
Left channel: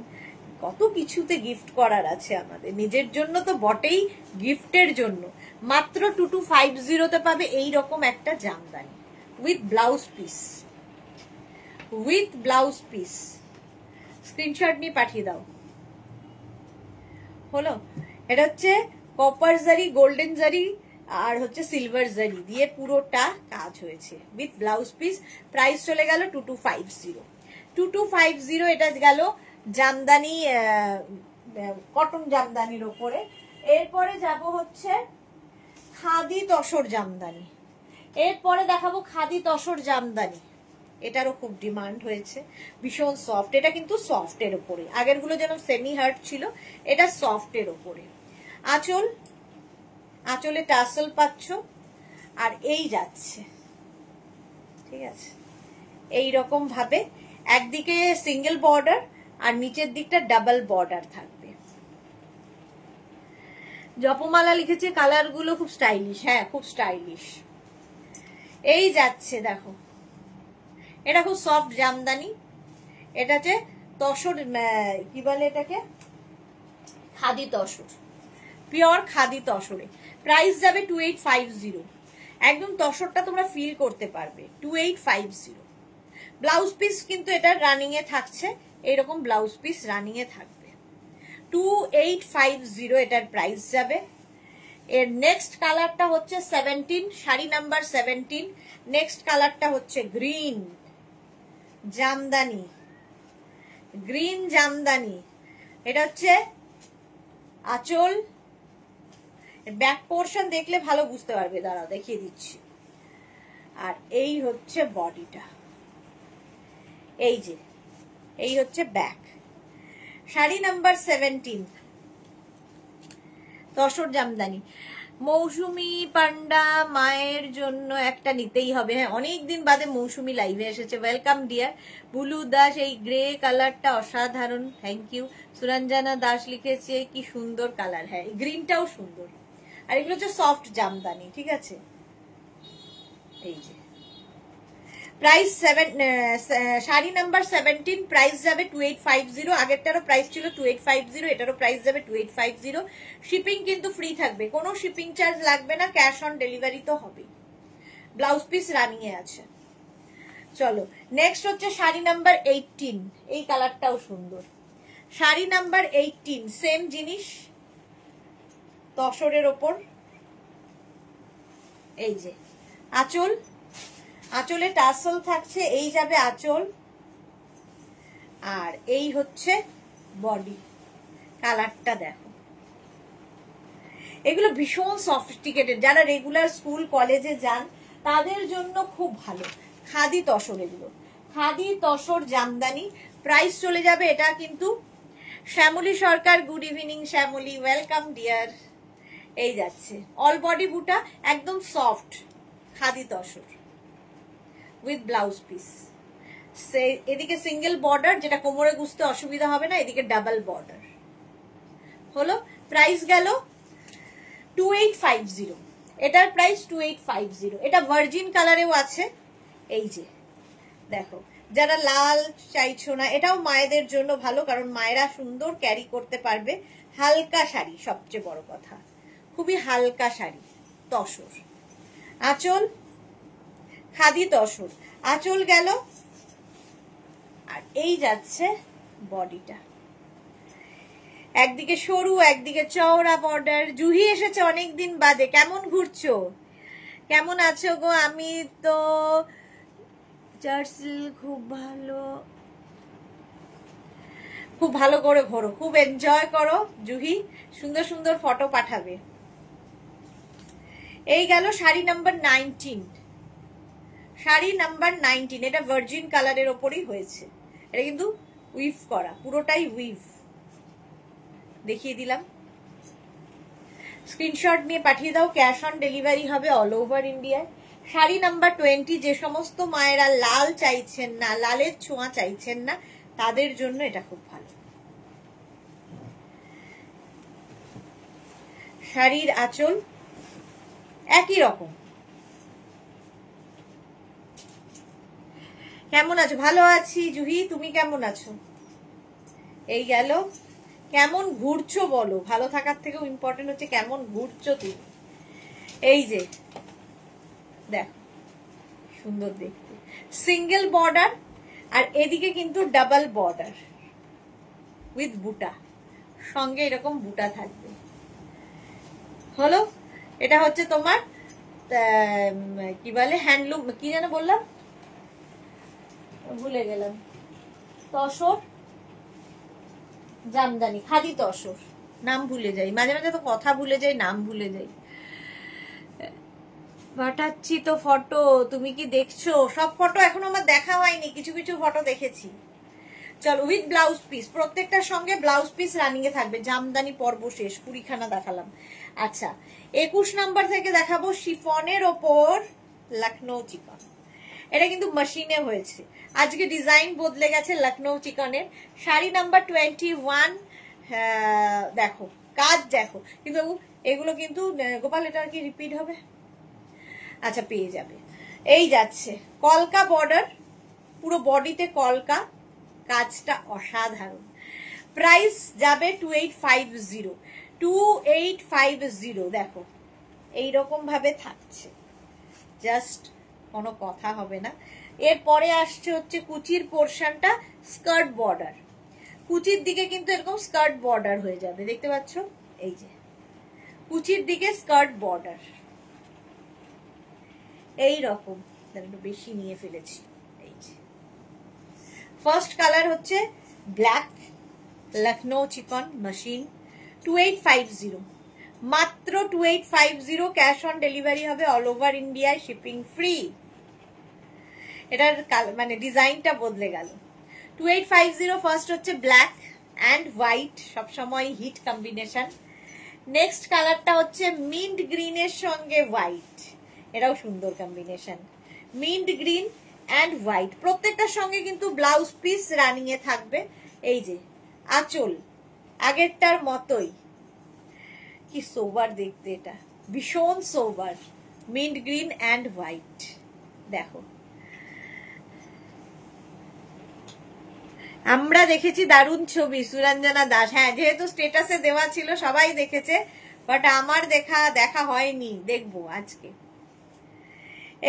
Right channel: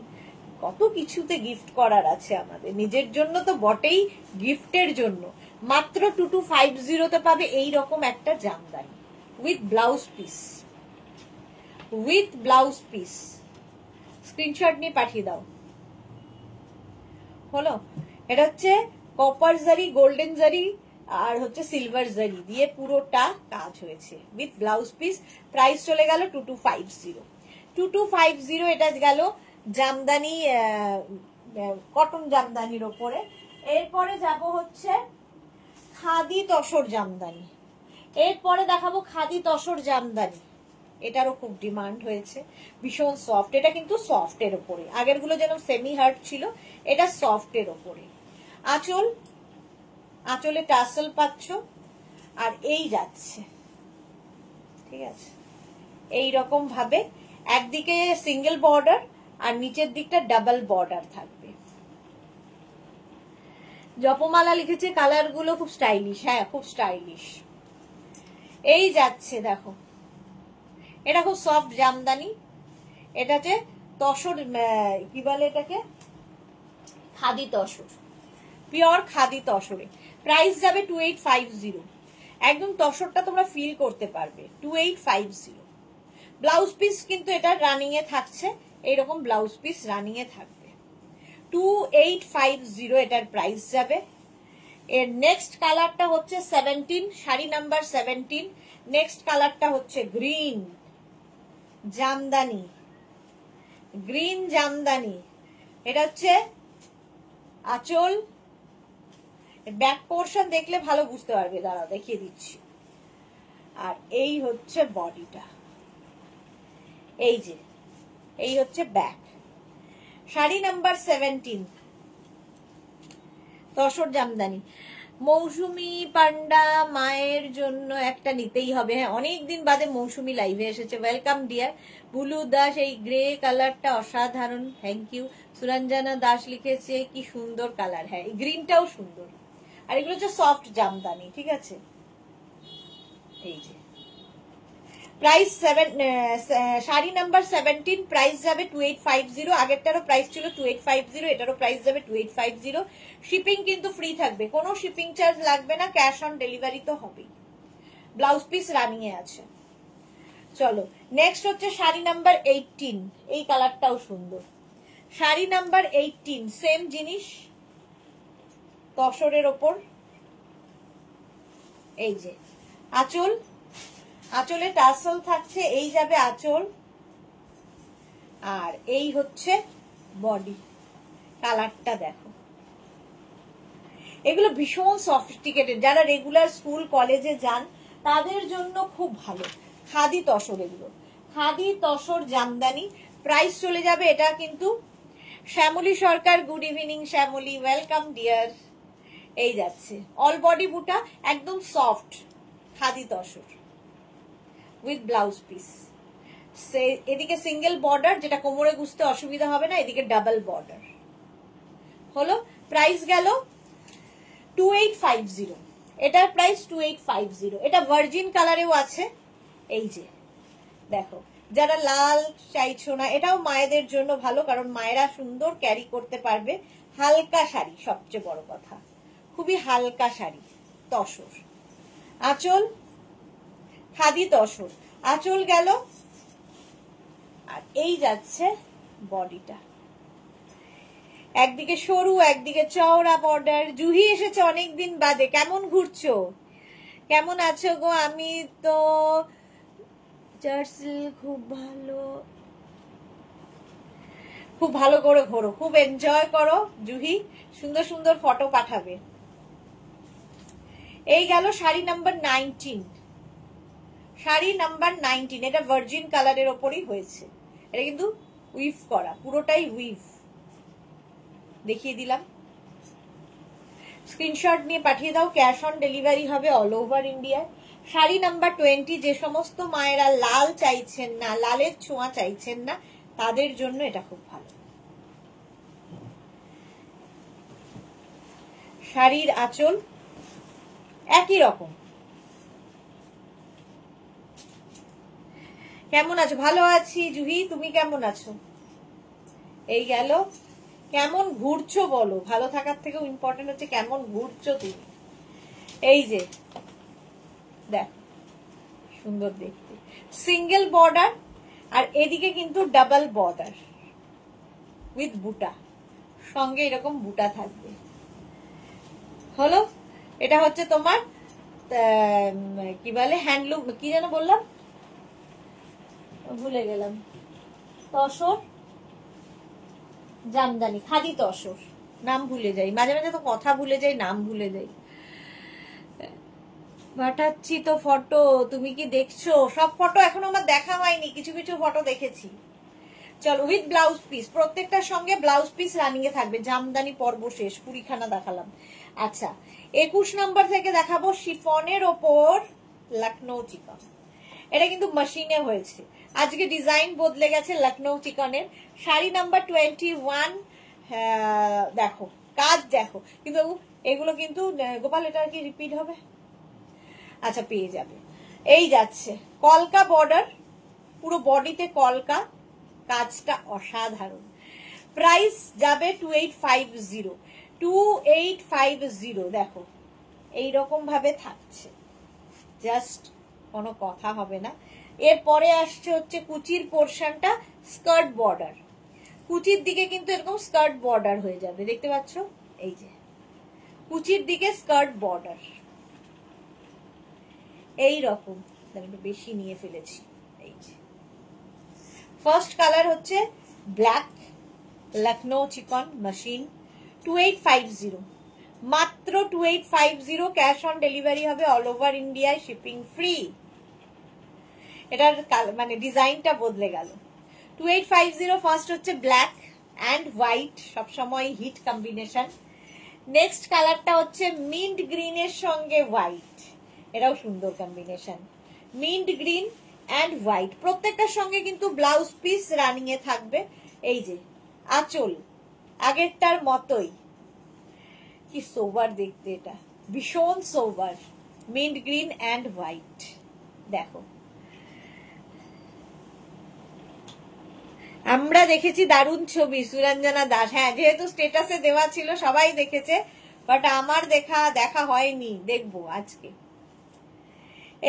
কত কিছুতে গিফট করার আছে আমাদের, নিজের জন্য তো বটেই, গিফটের জন্য। মাত্র 2250 পাবে এইরকম একটা Jamdani with blouse piece, with blouse piece. Screenshot নিয়ে পাঠিয়ে দাও। হলো, এটা হচ্ছে কপার জারি, গোল্ডেন জারি আর হচ্ছে সিলভার জারি দিয়ে পুরোটা কাজ হয়েছে উইথ ব্লাউজ পিস। প্রাইস চলে গেল 2250। 2250 এটা গেল জামদানি, কটন জামদানির ওপরে। এরপরে যাব হচ্ছে খাদি তসর জামদানি। এরপরে দেখাবো খাদি তসর জামদানি। এটারও খুব ডিমান্ড হয়েছে, ভীষণ সফট। এটা কিন্তু সফটের ওপরে, আগের গুলো যেন সেমি হার্ড ছিল, এটা সফটের ওপরে। আঁচল, আঁচলে টাসেল পাচ্ছ। আর এই যাচ্ছে, ঠিক আছে, এই রকম ভাবে একদিকে সিঙ্গেল বর্ডার আর নিচের দিকটা ডাবল বর্ডার থাকবে। জপমালা লিখেছে কালার গুলো খুব স্টাইলিশ। হ্যাঁ, খুব স্টাইলিশ। এই যাচ্ছে, দেখো এটা খুব সফট জামদানি। এটাতে তসর, কি বলে এটাকে, খাদি তসর। পিওর খাদি তসরে, প্রাইস যাবে 2850। একদম তসরটা তোমরা ফিল করতে পারবে, 2850। ব্লাউজ পিস কিন্তু এটা রানিং এ থাকছে, এইরকম ব্লাউজ পিস রানিং এ থাকবে, 2850 এটার প্রাইস যাবে। এর নেক্সট কালারটা হচ্ছে 17, শাড়ি নাম্বার 17। নেক্সট কালারটা হচ্ছে গ্রিন জামদানি, গ্রিন জামদানি। এটা হচ্ছে আঁচল, ব্যাক পোর্শন দেখলে ভালো বুঝতে পারবে, দাঁড়াও দেখিয়ে দিচ্ছি। আর এই হচ্ছে বডিটা, এই যে এই হচ্ছে ব্যাক। শাড়ি নাম্বার 17, তসর জামদানি। মৌসুমি পান্ডা মায়ের জন্য একটা নিতেই হবে। হ্যাঁ, অনেকদিন বাদে মৌসুমি লাইভে এসেছে, ওয়েলকাম ডিয়ার। বুলু দাস, এই গ্রে কালারটা অসাধারণ, থ্যাংক ইউ। সুরঞ্জনা দাস লিখেছে কি সুন্দর কালার। হ্যাঁ, এই গ্রিনটাও সুন্দর। আর এগুলো হচ্ছে সফট জামদানি, ঠিক আছে। এই যে প্রাইস শাড়ি নাম্বার 17, প্রাইস যাবে 2850। আগেরটারও প্রাইস ছিল 2850, এটারও প্রাইস যাবে 2850। শিপিং কিন্তু ফ্রি থাকবে, কোনো শিপিং চার্জ লাগবে না, ক্যাশ অন ডেলিভারি তো হবেই। ব্লাউজ পিস রানিং এ আছে। চলো নেক্সট হচ্ছে শাড়ি নাম্বার 18, এই কালারটাও সুন্দর। শাড়ি নাম্বার 18, সেম জিনিস, তসরের ওপর। এই যে আঁচল, আঁচলে টাসল থাকছে, এই যাবে আঁচল। আর এই হচ্ছে বডি, কালারটা দেখো। এগুলো ভীষণ সফিস্টিকেটেড, যারা রেগুলার স্কুল কলেজে যান তাদের জন্য খুব ভালো। খাদি তসর, এগুলো খাদি তসর জামদানি। প্রাইস চলে যাবে, এটা কিন্তু Shyamali Sarkar, good evening Shyamali, welcome dear. এই যাচ্ছে অল বডি বুটা, একদম soft khadi tussar with blouse piece. এদিকে সিঙ্গেল বর্ডার, যেটা কোমরে গুছতে অসুবিধা হবে না, এদিকে ডাবল বর্ডার হলো। প্রাইস গেল 2850, এটার প্রাইস 2850। এটা ভার্জিন কালারেও আছে, এই যে দেখো। যারা লাল চাইছো না, এটাও মায়েদের জন্য ভালো, কারণ মায়েরা সুন্দর ক্যারি করতে পারবে। হালকা শাড়ি, সবচেয়ে বড় কথা, খুবই হালকা শাড়ি, তসর। আঁচল খাদি তসর, আঁচল গেল। আর এই যাচ্ছে বডিটা, একদিকে সরু একদিকে চওড়া বর্ডার। জুহি এসেছে অনেকদিন বাদে, কেমন ঘুরছো, কেমন আছো গো? আমি তো জার্সি খুব ভালো, খুব ভালো করে ঘোরো, খুব এনজয় করো জুহি, সুন্দর সুন্দর ফটো পাঠাবে। এই গেল শাড়ি নাম্বার 19, শাড়ি নাম্বার 19। এটা ভার্জিন কালারের ওপরই হয়েছে, এটা কিন্তু উইভ করা, পুরোটাই উইভ, দেখিয়ে দিলাম। স্ক্রিনশট নিয়ে পাঠিয়ে দাও, ক্যাশ অন ডেলিভারি হবে অল ওভার ইন্ডিয়ায়। শাড়ি নাম্বার 20, যে সমস্ত মায়েরা লাল চাইছেন না, লালের ছোঁয়া চাইছেন না, তাদের জন্য এটা খুব ভালো। শাড়ির আঁচল একই রকম। কেমন আছো? ভালো আছি জুহি, তুমি কেমন আছো? এই গেল। কেমন ঘুরছো বলো, ভালো থাকার থেকেও ইম্পর্টেন্ট হচ্ছে কেমন ঘুরছো তুমি। এই যে দেখ, সুন্দর দেখতে, সিঙ্গেল বর্ডার, আর এদিকে কিন্তু ডাবল বর্ডার উইথ বুটা, সঙ্গে এরকম বুটা থাকবে হলো। এটা হচ্ছে তোমার কি বলে, হ্যান্ডলুম, কি যেন বললাম, ভুলে গেলাম, তসর জামদানি, খাদি তসর, নাম ভুলে যাই, মাঝে মাঝে তো কথা ভুলে যাই, নাম ভুলে যাই। পাঠাচ্ছি তো ফটো, তুমি কি দেখছো? সব ফটো এখন আমার দেখা হয়নি, কিছু কিছু ফটো দেখেছি। চলো, উইথ ব্লাউজ পিস, প্রত্যেকটার সঙ্গে ব্লাউজ পিস রানিং এ থাকবে। জামদানি পর্ব শেষ, 20খানা দেখালাম। আচ্ছা, 21 নাম্বার থেকে দেখাবো শিফনের ওপর লখনৌ চিকন। এটা কিন্তু মেশিনে হয়েছে, আজকে ডিজাইন বদলে গেছে লখনৌ চিকনের। শাড়ি নাম্বার 21, দেখো কাজ দেখো, কিন্তু এগুলো কিন্তু গোপাল, এটা কি রিপিট হবে? আচ্ছা, পেয়ে যাবে। এই যাচ্ছে কলকা বর্ডার, পুরো বডিতে কলকা, কাজটা অসাধারণ। প্রাইস যাবে 2850। 2850 দেখো এইরকম ভাবে থাকছে, জাস্ট কোনো কথা হবে না। এরপরে আসছে হচ্ছে কুচির পোর্শনটা, স্কার্ট বর্ডার, কুচির দিকে কিন্তু এরকম স্কার্ট বর্ডার হয়ে যাবে, দেখতে পাচ্ছ এই যে কুচির দিকে স্কার্ট বর্ডার এই রকম, একটু বেশি নিয়ে ফেলেছি। এই যে ফার্স্ট কালার হচ্ছে ব্ল্যাক, লখনৌ চিকন মাশিন, 2850, মাত্র 2850, ক্যাশ অন ডেলিভারি হবে অল ওভার ইন্ডিয়ায়, শিপিং ফ্রি। এটার মানে ডিজাইনটা বদলে গেল। 2850 ফার্স্ট হচ্ছে ব্ল্যাক অ্যান্ড হোয়াইট, সবসময় হিট কম্বিনেশন। নেক্সট কালারটা হচ্ছে মিন্ট গ্রিনের সঙ্গে হোয়াইট, এটাও সুন্দর combination, mint green and white. প্রত্যেকটার সঙ্গে কিন্তু ব্লাউজ পিস রানিং এ থাকবে। এই যে আঁচল আগেরটার মতোই, কি সোবার দেখতে, এটা ভীষণ সোবার, মিন্ট গ্রিন অ্যান্ড হোয়াইট। দেখো আমরা দেখেছি দারুণ ছবি, সুরঞ্জনা দাস, হ্যাঁ যেহেতু স্টেটাসে দেওয়া ছিল সবাই দেখেছে, বাট আমার দেখা হয়নি, দেখবো আজকে।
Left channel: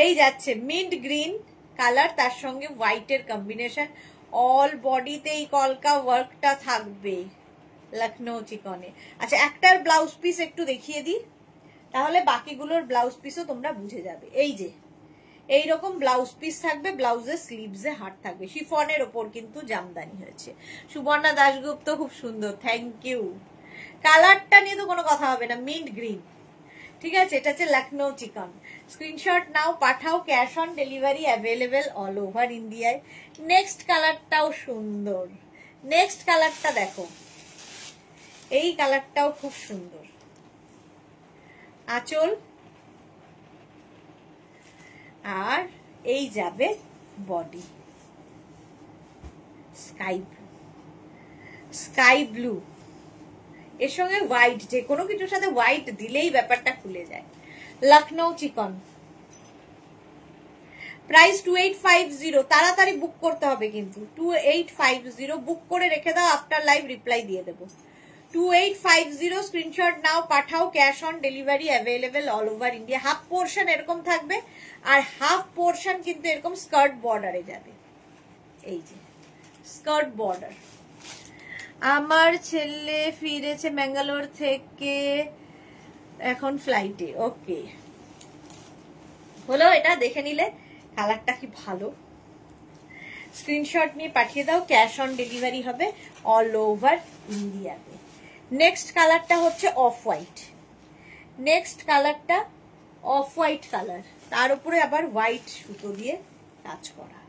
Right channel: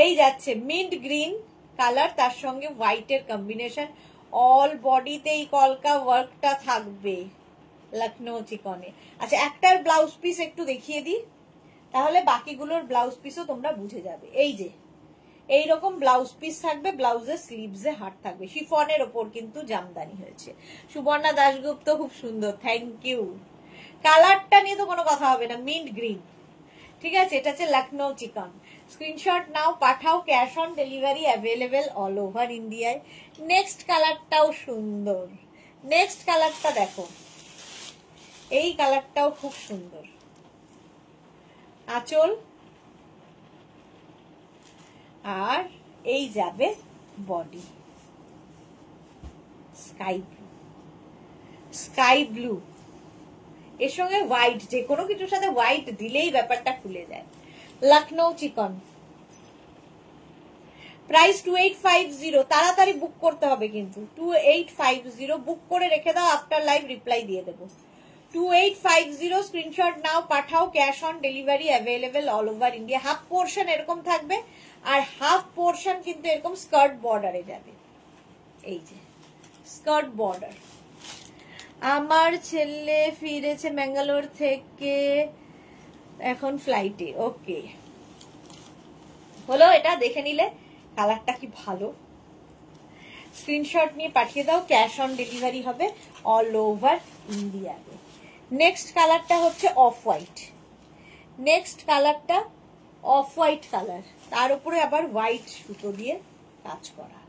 এই যাচ্ছে মিন্ট গ্রিন কালার, তার সঙ্গে হোয়াইটের কম্বিনেশন, অল বডিতে এই কলকা ওয়ার্কটা থাকবে লখনৌ চিকনে। আচ্ছা একটার ব্লাউজ পিস একটু দেখিয়ে দিই, তাহলে বাকিগুলোর ব্লাউজ পিসও তোমরা বুঝে যাবে। এই যে এইরকম ব্লাউজ পিস থাকবে, ব্লাউজের স্লিভসে হাট থাকবে, শিফনের ওপর কিন্তু জামদানি হয়েছে। সুবর্ণা দাশগুপ্ত খুব সুন্দর, থ্যাংক ইউ। কালারটা নিয়ে তো কোনো কথা হবে না, মিন্ট গ্রিন, ঠিক আছে। এটা হচ্ছে লখনৌ চিকন। স্ক্রিনশট নাও, পাঠাও, cash on delivery available all over ইন্ডিয়ায়। নেক্সট কালারটাও সুন্দর, নেক্সট কালারটা দেখো, এই কালারটাও খুব সুন্দর, আঁচল আর এই যাবে বডি, স্কাই ব্লু, এর সঙ্গে হোয়াইট, যে কোনো কিছুর সাথে হোয়াইট দিলেই ব্যাপারটা খুলে যায়। লখনৌ চিকন, প্রাইস 2850, তাড়াতাড়ি বুক করতে হবে কিন্তু, 2850 বুক করে রেখে দাও, আফটার লাইভ রিপ্লাই দিয়ে দেবো। 2850 স্ক্রিনশট নাও, পাঠাও, cash on delivery available all over India. Half portion এরকম থাকবে, আর হাফ পোর্শন কিন্তু এরকম স্কার্ট বর্ডারে যাবে, এই যে স্কার্ট বর্ডার। আমার ছেলে ফিরেছে ব্যাঙ্গালোর থেকে, এখন ফ্লাইটে, ওকে হলো। এটা দেখে নিলে কালারটা কি ভালো, স্ক্রিনশট নিয়ে পাঠিয়ে দাও, ক্যাশ অন ডেলিভারি হবে অল ওভার ইন্ডিয়াতে। নেক্সট কালারটা হচ্ছে অফ হোয়াইট, নেক্সট কালারটা অফ হোয়াইট কালার, তার উপরে আবার হোয়াইট সুতো দিয়ে কাজ করা,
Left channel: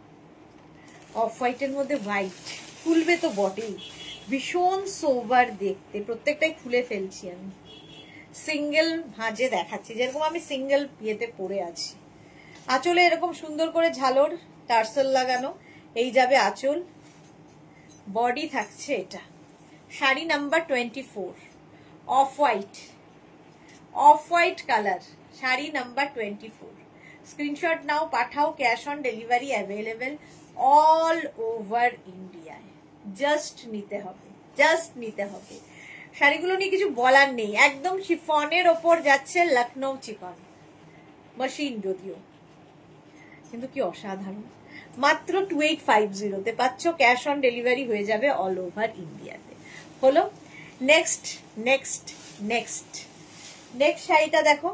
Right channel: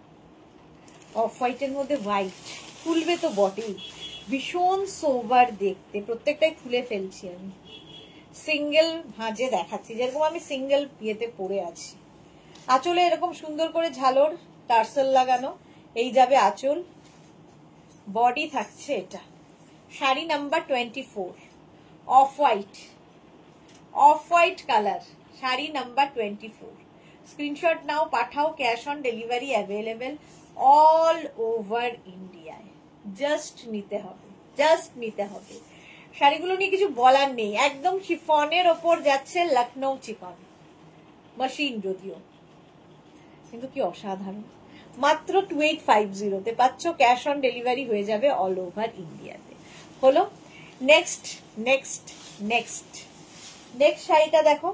অফ হোয়াইটের মধ্যে হোয়াইট, খুলবে তো বটেই, ভীষণ সোবার দেখতে। প্রত্যেকটাই খুলে ফেলছি আমি, সিঙ্গেল ভাঁজে দেখাচ্ছি, যেরকম আমি সিঙ্গেল ইয়েতে পরে আছি। আঁচলে এরকম সুন্দর করে ঝালর টার্সেল লাগানো, এই যাবে আঁচল, বডি থাকছে এটা। Sari number 24, off white, off white colour, sari number 24। Screenshot নাও, পাঠাও, cash on delivery available all over ইন্ডিয়ায়। জাস্ট নিতে হবে, জাস্ট নিতে হবে। শাড়িগুলো নিয়ে কিছু বলার নেই, একদম শিফনের ওপর যাচ্ছে লখনৌ চিকন মেশিন, যদিও কিন্তু কি অসাধারণ। মাত্র 2850 তে পাচ্ছ, ক্যাশ অন ডেলিভারি হয়ে যাবে অল ওভার ইন্ডিয়াতে। হলো নেক্সট নেক্সট নেক্সট নেক্সট শাড়িটা দেখো,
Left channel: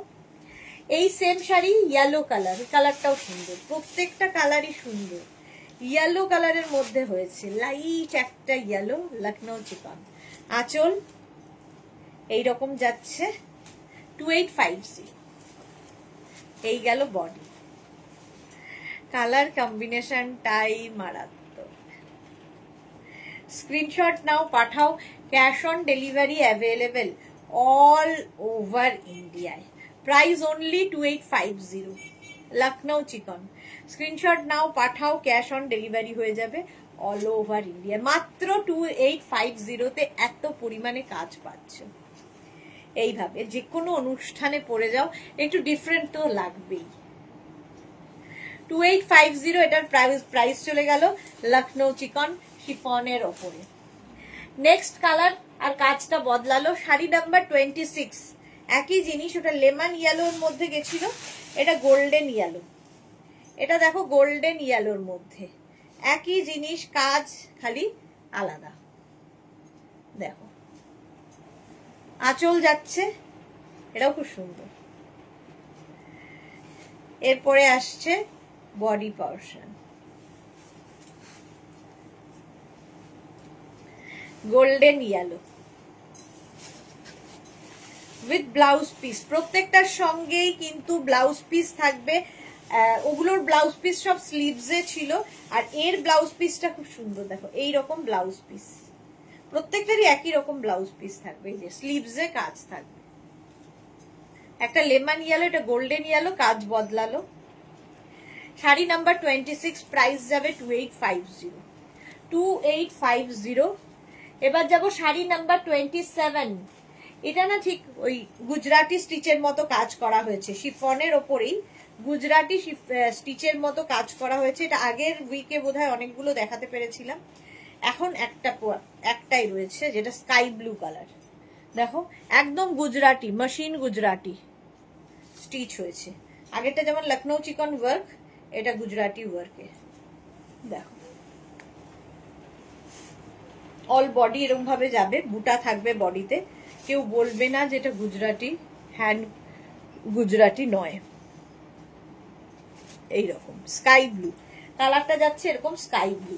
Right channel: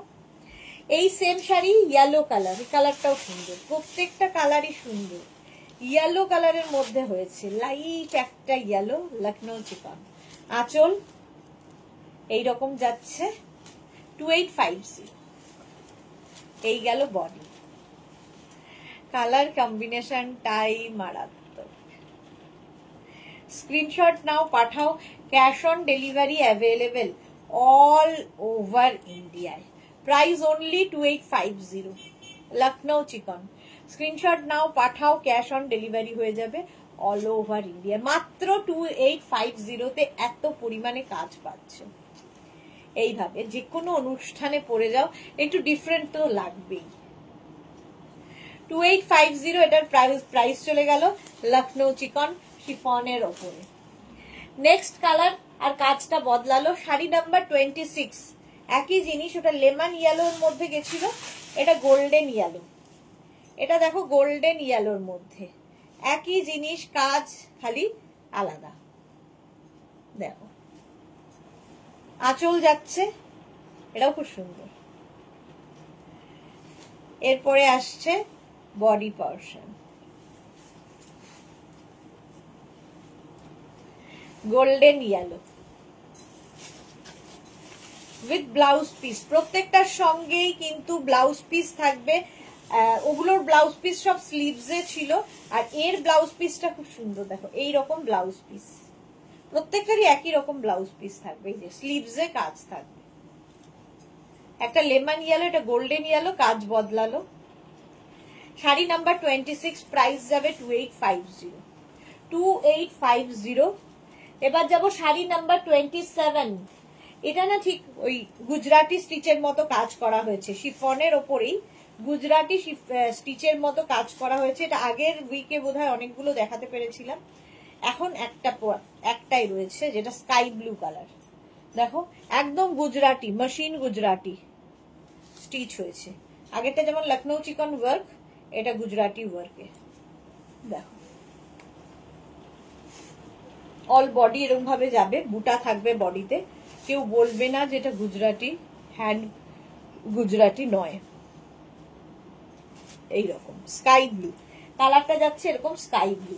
এই সেম শাড়ি ইয়েলো কালার, এই কালারটাও সুন্দর, প্রত্যেকটা কালারই সুন্দর। ইয়েলো কালারের মধ্যে হয়েছে, লাইট একটা ইয়েলো, লখনৌ চিকন। আঁচল এইরকম যাচ্ছে, 2850। এই গেল বডি, কালার কম্বিনেশনটাই মারাত্মক। স্ক্রিনশট নাও, পাঠাও, cash on delivery available all over ইন্ডিয়ায়। প্রাইস অনলি 2850, লখনৌ চিকন। স্ক্রিনশট নাও, পাঠাও, ক্যাশ অন ডেলিভারি হয়ে যাবে অল ওভার ইন্ডিয়া। মাত্র 2850 তে এত পরিমাণে কাজ পাচ্ছ। এইভাবে যে কোনো অনুষ্ঠানে পরে যাও, একটু ডিফারেন্ট তো লাগবেই। 2850 এটার প্রাইস চলে গেল লখনৌ চিকন শিফনের ওপরে। নেক্সট কালার আর কাজটা বদলালো। শাড়ি নাম্বার 26, একই জিনিস, ওটা লেমন ইয়েলোর মধ্যে গেছিল, এটা গোল্ডেন ইয়েলো। এটা দেখো গোল্ডেন ইয়েলোর মধ্যে একই জিনিস, কাজ খালি আলাদা। দেখো আঁচল যাচ্ছে, এটাও খুব সুন্দর। এরপরে আসছে body portion, golden yellow with blouse piece. প্রত্যেকটার সঙ্গেই কিন্তু ব্লাউজ পিস থাকবে। ওগুলোর ব্লাউজ পিস সব স্লিভসে ছিল, আর এর ব্লাউজ পিসটা খুব সুন্দর। দেখো এইরকম ব্লাউজ পিস, প্রত্যেকটারই একই রকম ব্লাউজ পিস থাকবে, এই যে স্লিভসে কাজ থাকবে। একটা লেমন ইয়েলো, এটা গোল্ডেন ইয়েলো, কাজ বদলালো। শাড়ি নাম্বার 26, প্রাইস যাবে 2850, 2850। এবার যাব শাড়ি নাম্বার 27। এটা না ঠিক ওই গুজরাটি স্টিচের মতো কাজ করা হয়েছে, শিফনের ওপরেই গুজরাটি স্টিচের মতো কাজ করা হয়েছে। এটা আগের উইকে বোধহয় অনেকগুলো দেখাতে পেরেছিলাম, এখন একটাই রয়েছে, যেটা স্কাই ব্লু কালার। দেখো একদম গুজরাটি, মেশিন গুজরাটি স্টিচ হয়েছে। আগেরটা যেমন লখনৌ চিকন ওয়ার্ক, এটা গুজরাটি ওয়ার্কে। দেখো অল বডি এরকম ভাবে যাবে, বুটা থাকবে বডিতে, কেউ বলবে না যে এটা গুজরাটি, হ্যান্ড গুজরাটি নয়। এইরকম স্কাই ব্লু কালারটা যাচ্ছে, এরকম স্কাই ব্লু।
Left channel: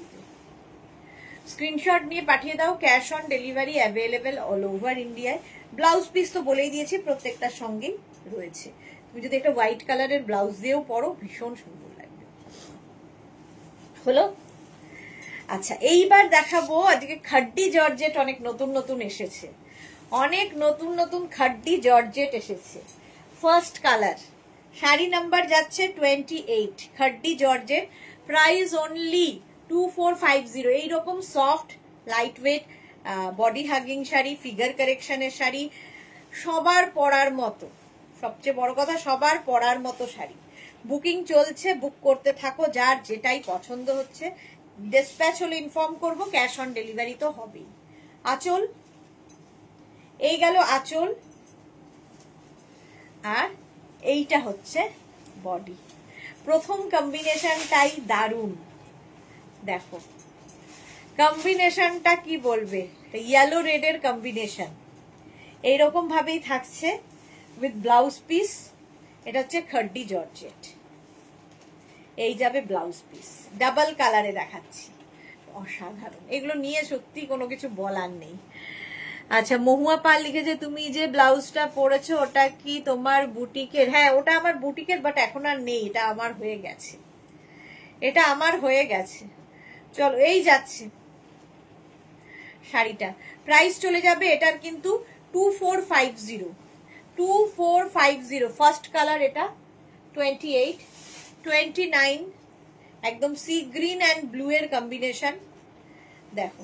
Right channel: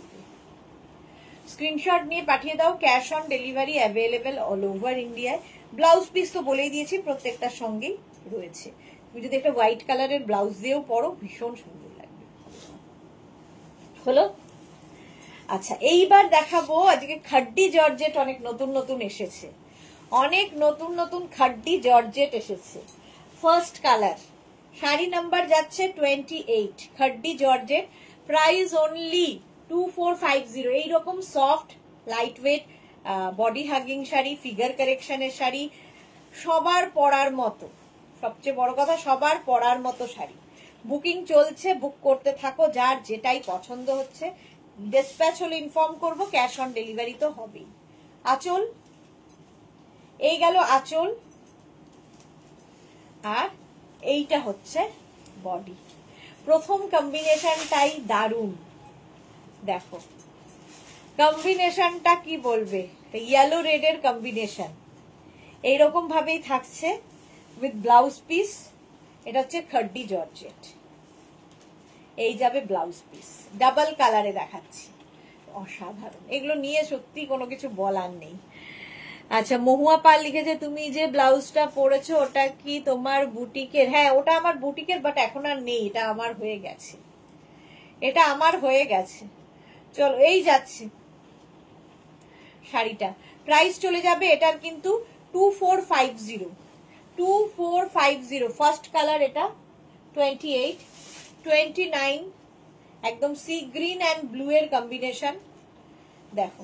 স্ক্রিনশট নিয়ে পাঠিয়ে দাও, cash on delivery available all over ইন্ডিয়ায়। ব্লাউজ পিস তো বলেই দিয়েছি, প্রত্যেকটার সঙ্গেই রয়েছে। তুমি যদি একটা হোয়াইট কালারের ব্লাউজ দিয়েও পরো, ভীষণ সুন্দর লাগবে। হলো? আচ্ছা, এইবার দেখাবো আজকে খাড্ডি জর্জেট। অনেক নতুন নতুন এসেছে, অনেক নতুন নতুন খাড্ডি জর্জেট এসেছে। ফার্স্ট কালার, শাড়ি নাম্বার যাচ্ছে 28, খাড্ডি জর্জেট, প্রাইস অনলি 2450। এইরকম soft light weight body hugging sari, figure কারেকশনের শাড়ি, সবার পরার মতো, সবচেয়ে বড় কথা সবার পরার মতো শাড়ি। বুকিং চলছে, বুক করতে থাকো, যার যেটাই পছন্দ হচ্ছে। ডিসপ্যাচ হলে ইনফর্ম করবো, ক্যাশ অন ডেলিভারি তো হবেই। আঁচল, এই গেল আঁচল, আর এইটা হচ্ছে বডি। প্রথম কম্বিনেশনটাই দারুণ। দেখো কম্বিনেশনটা কি বলবে, ইয়েলো রেডের কম্বিনেশন এইরকম ভাবেই থাকছে উইথ ব্লাউজ পিস। এটা হচ্ছে খাড্ডি জর্জেট, এই যাবে ব্লাউজ পিস, ডাবল কালারে দেখাচ্ছি, অসাধারণ। এগুলো নিয়ে সত্যি কোনো কিছু বলার নেই। আচ্ছা, মহুয়া পাল লিখেছে, তুমি যে ব্লাউজটা পরেছো ওটা কি তোমার বুটিকের? হ্যাঁ, ওটা আমার বুটিকের, বাট এখন আর নেই, এটা আমার হয়ে গেছে, এটা আমার হয়ে গেছে। চলো, এই যাচ্ছে শাড়িটা, প্রাইস চলে যাবে এটার কিন্তু 2450, 2450। ফার্স্ট কালার এটা 28, 29, একদম সি গ্রিন অ্যান্ড ব্লু এর কম্বিনেশন। দেখো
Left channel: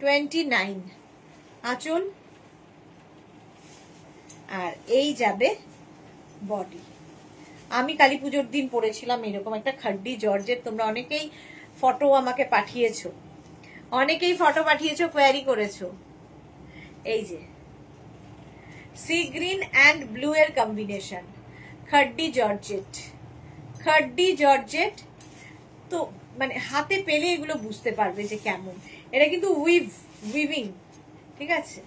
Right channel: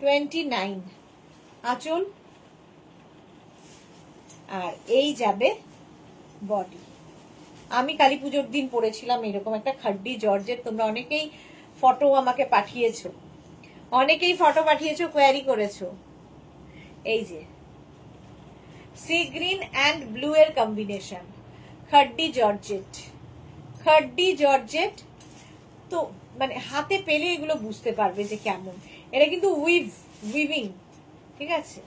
29 আঁচল, আর এই যাবে বডি। আমি কালী পুজোর দিন পরেছিলাম এরকম একটা খাড্ডি জর্জেট। তোমরা অনেকেই ফটো আমাকে পাঠিয়েছো, অনেকেই ফটো পাঠিয়েছো, কোয়ারি করেছো। এই যে সি গ্রিন অ্যান্ড ব্লু এর কম্বিনেশন, খাড্ডি জর্জেট, খাড্ডি জর্জেট। তো মানে হাতে পেলে এগুলো বুঝতে পারবে যে কেমন। এটা কিন্তু উইভিং, ঠিক আছে,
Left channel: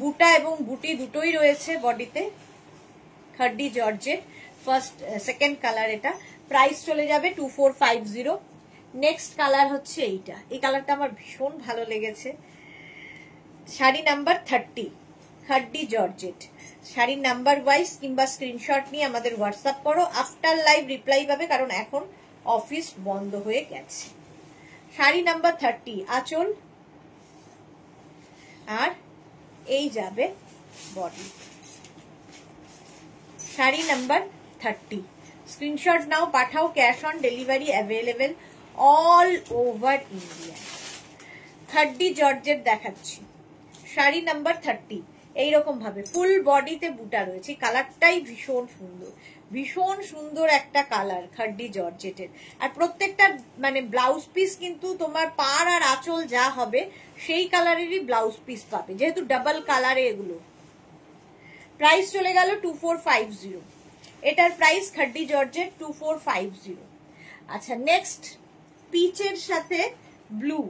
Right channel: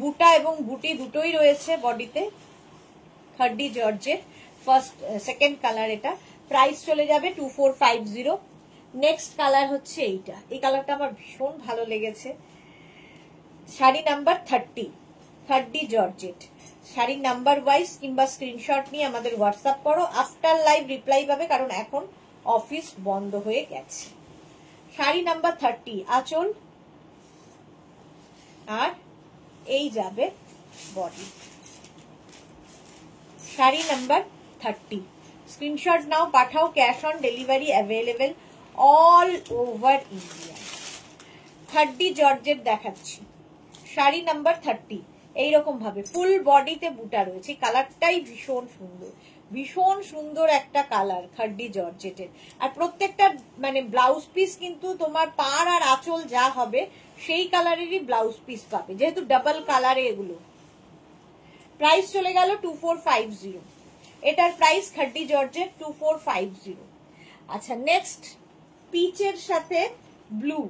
বুটা এবং বুটি দুটোই রয়েছে বডিতে। খাড্ডি জর্জেট, ফার্স্ট সেকেন্ড কালার এটা, প্রাইস চলে যাবে 2450। নেক্সট কালার হচ্ছে এইটা, এই কালারটা আমার ভীষণ ভালো লেগেছে। Sari number 30, খাড্ডি georgette. শাড়ির নাম্বার ওয়াইজ কিংবা স্ক্রিনশট নিয়ে আমাদের হোয়াটসঅ্যাপ করো, আফটার লাইভ রিপ্লাই পাবে, কারণ এখন অফিস বন্ধ হয়ে গেছে। শাড়ি নাম্বার 30 আঁচল, আর এই যাবে বডি। শাড়ি নাম্বার 30, স্ক্রিনশট নাও, পাঠাও, cash on delivery available all over India. খাড্ডি georgette দেখাচ্ছি, শাড়ি নাম্বার 30, এইরকম ভাবে ফুল বডিতে বুটা রয়েছে। কালারটাই ভীষণ সুন্দর, ভীষণ সুন্দর একটা কালার খাড্ডি জর্জেটের। আর প্রত্যেকটা মানে ব্লাউজ পিস কিন্তু তোমার পাড় আর আঁচল যা হবে সেই কালারেরই ব্লাউজ পিস পাবে, যেহেতু ডাবল কালারে এগুলো। প্রাইস চলে গেল 2450। এটার প্রাইস খাড্ডি জর্জেট 2450। আচ্ছা, নেক্সট পিচের সাথে blue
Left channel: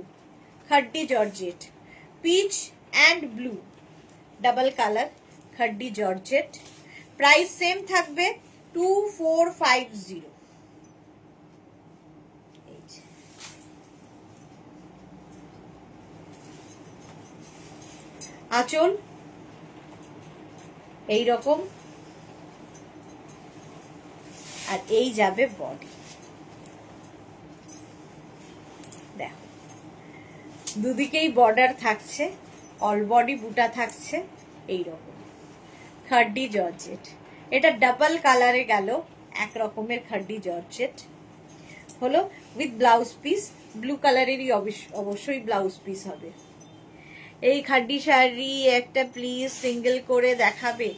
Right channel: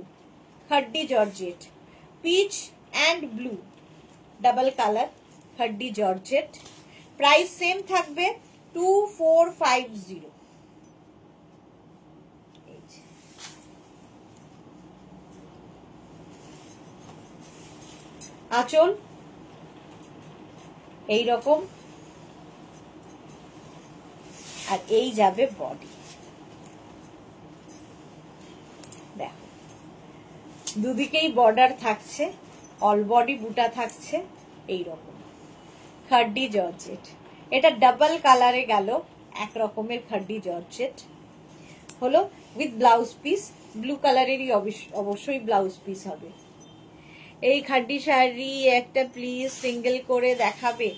khaddi georgette, peach and blue double colour khaddi georgette. Price same থাকবে 2450। আঁচল এইরকম, আর এই যাবে বডি। দেখো দুদিকেই বর্ডার থাকছে, অল বডি বুটা থাকছে এইরকম খাড্ডি জর্জেট। এটা ডাবল কালারে গেল, এক রকমের খাড্ডি জর্জেট হলো উইথ ব্লাউজ পিস। ব্লু কালারেরই অবশ্যই ব্লাউজ পিস হবে। এই খাড্ডি শাড়ি একটা প্লিজ সিঙ্গেল করে দেখাবে।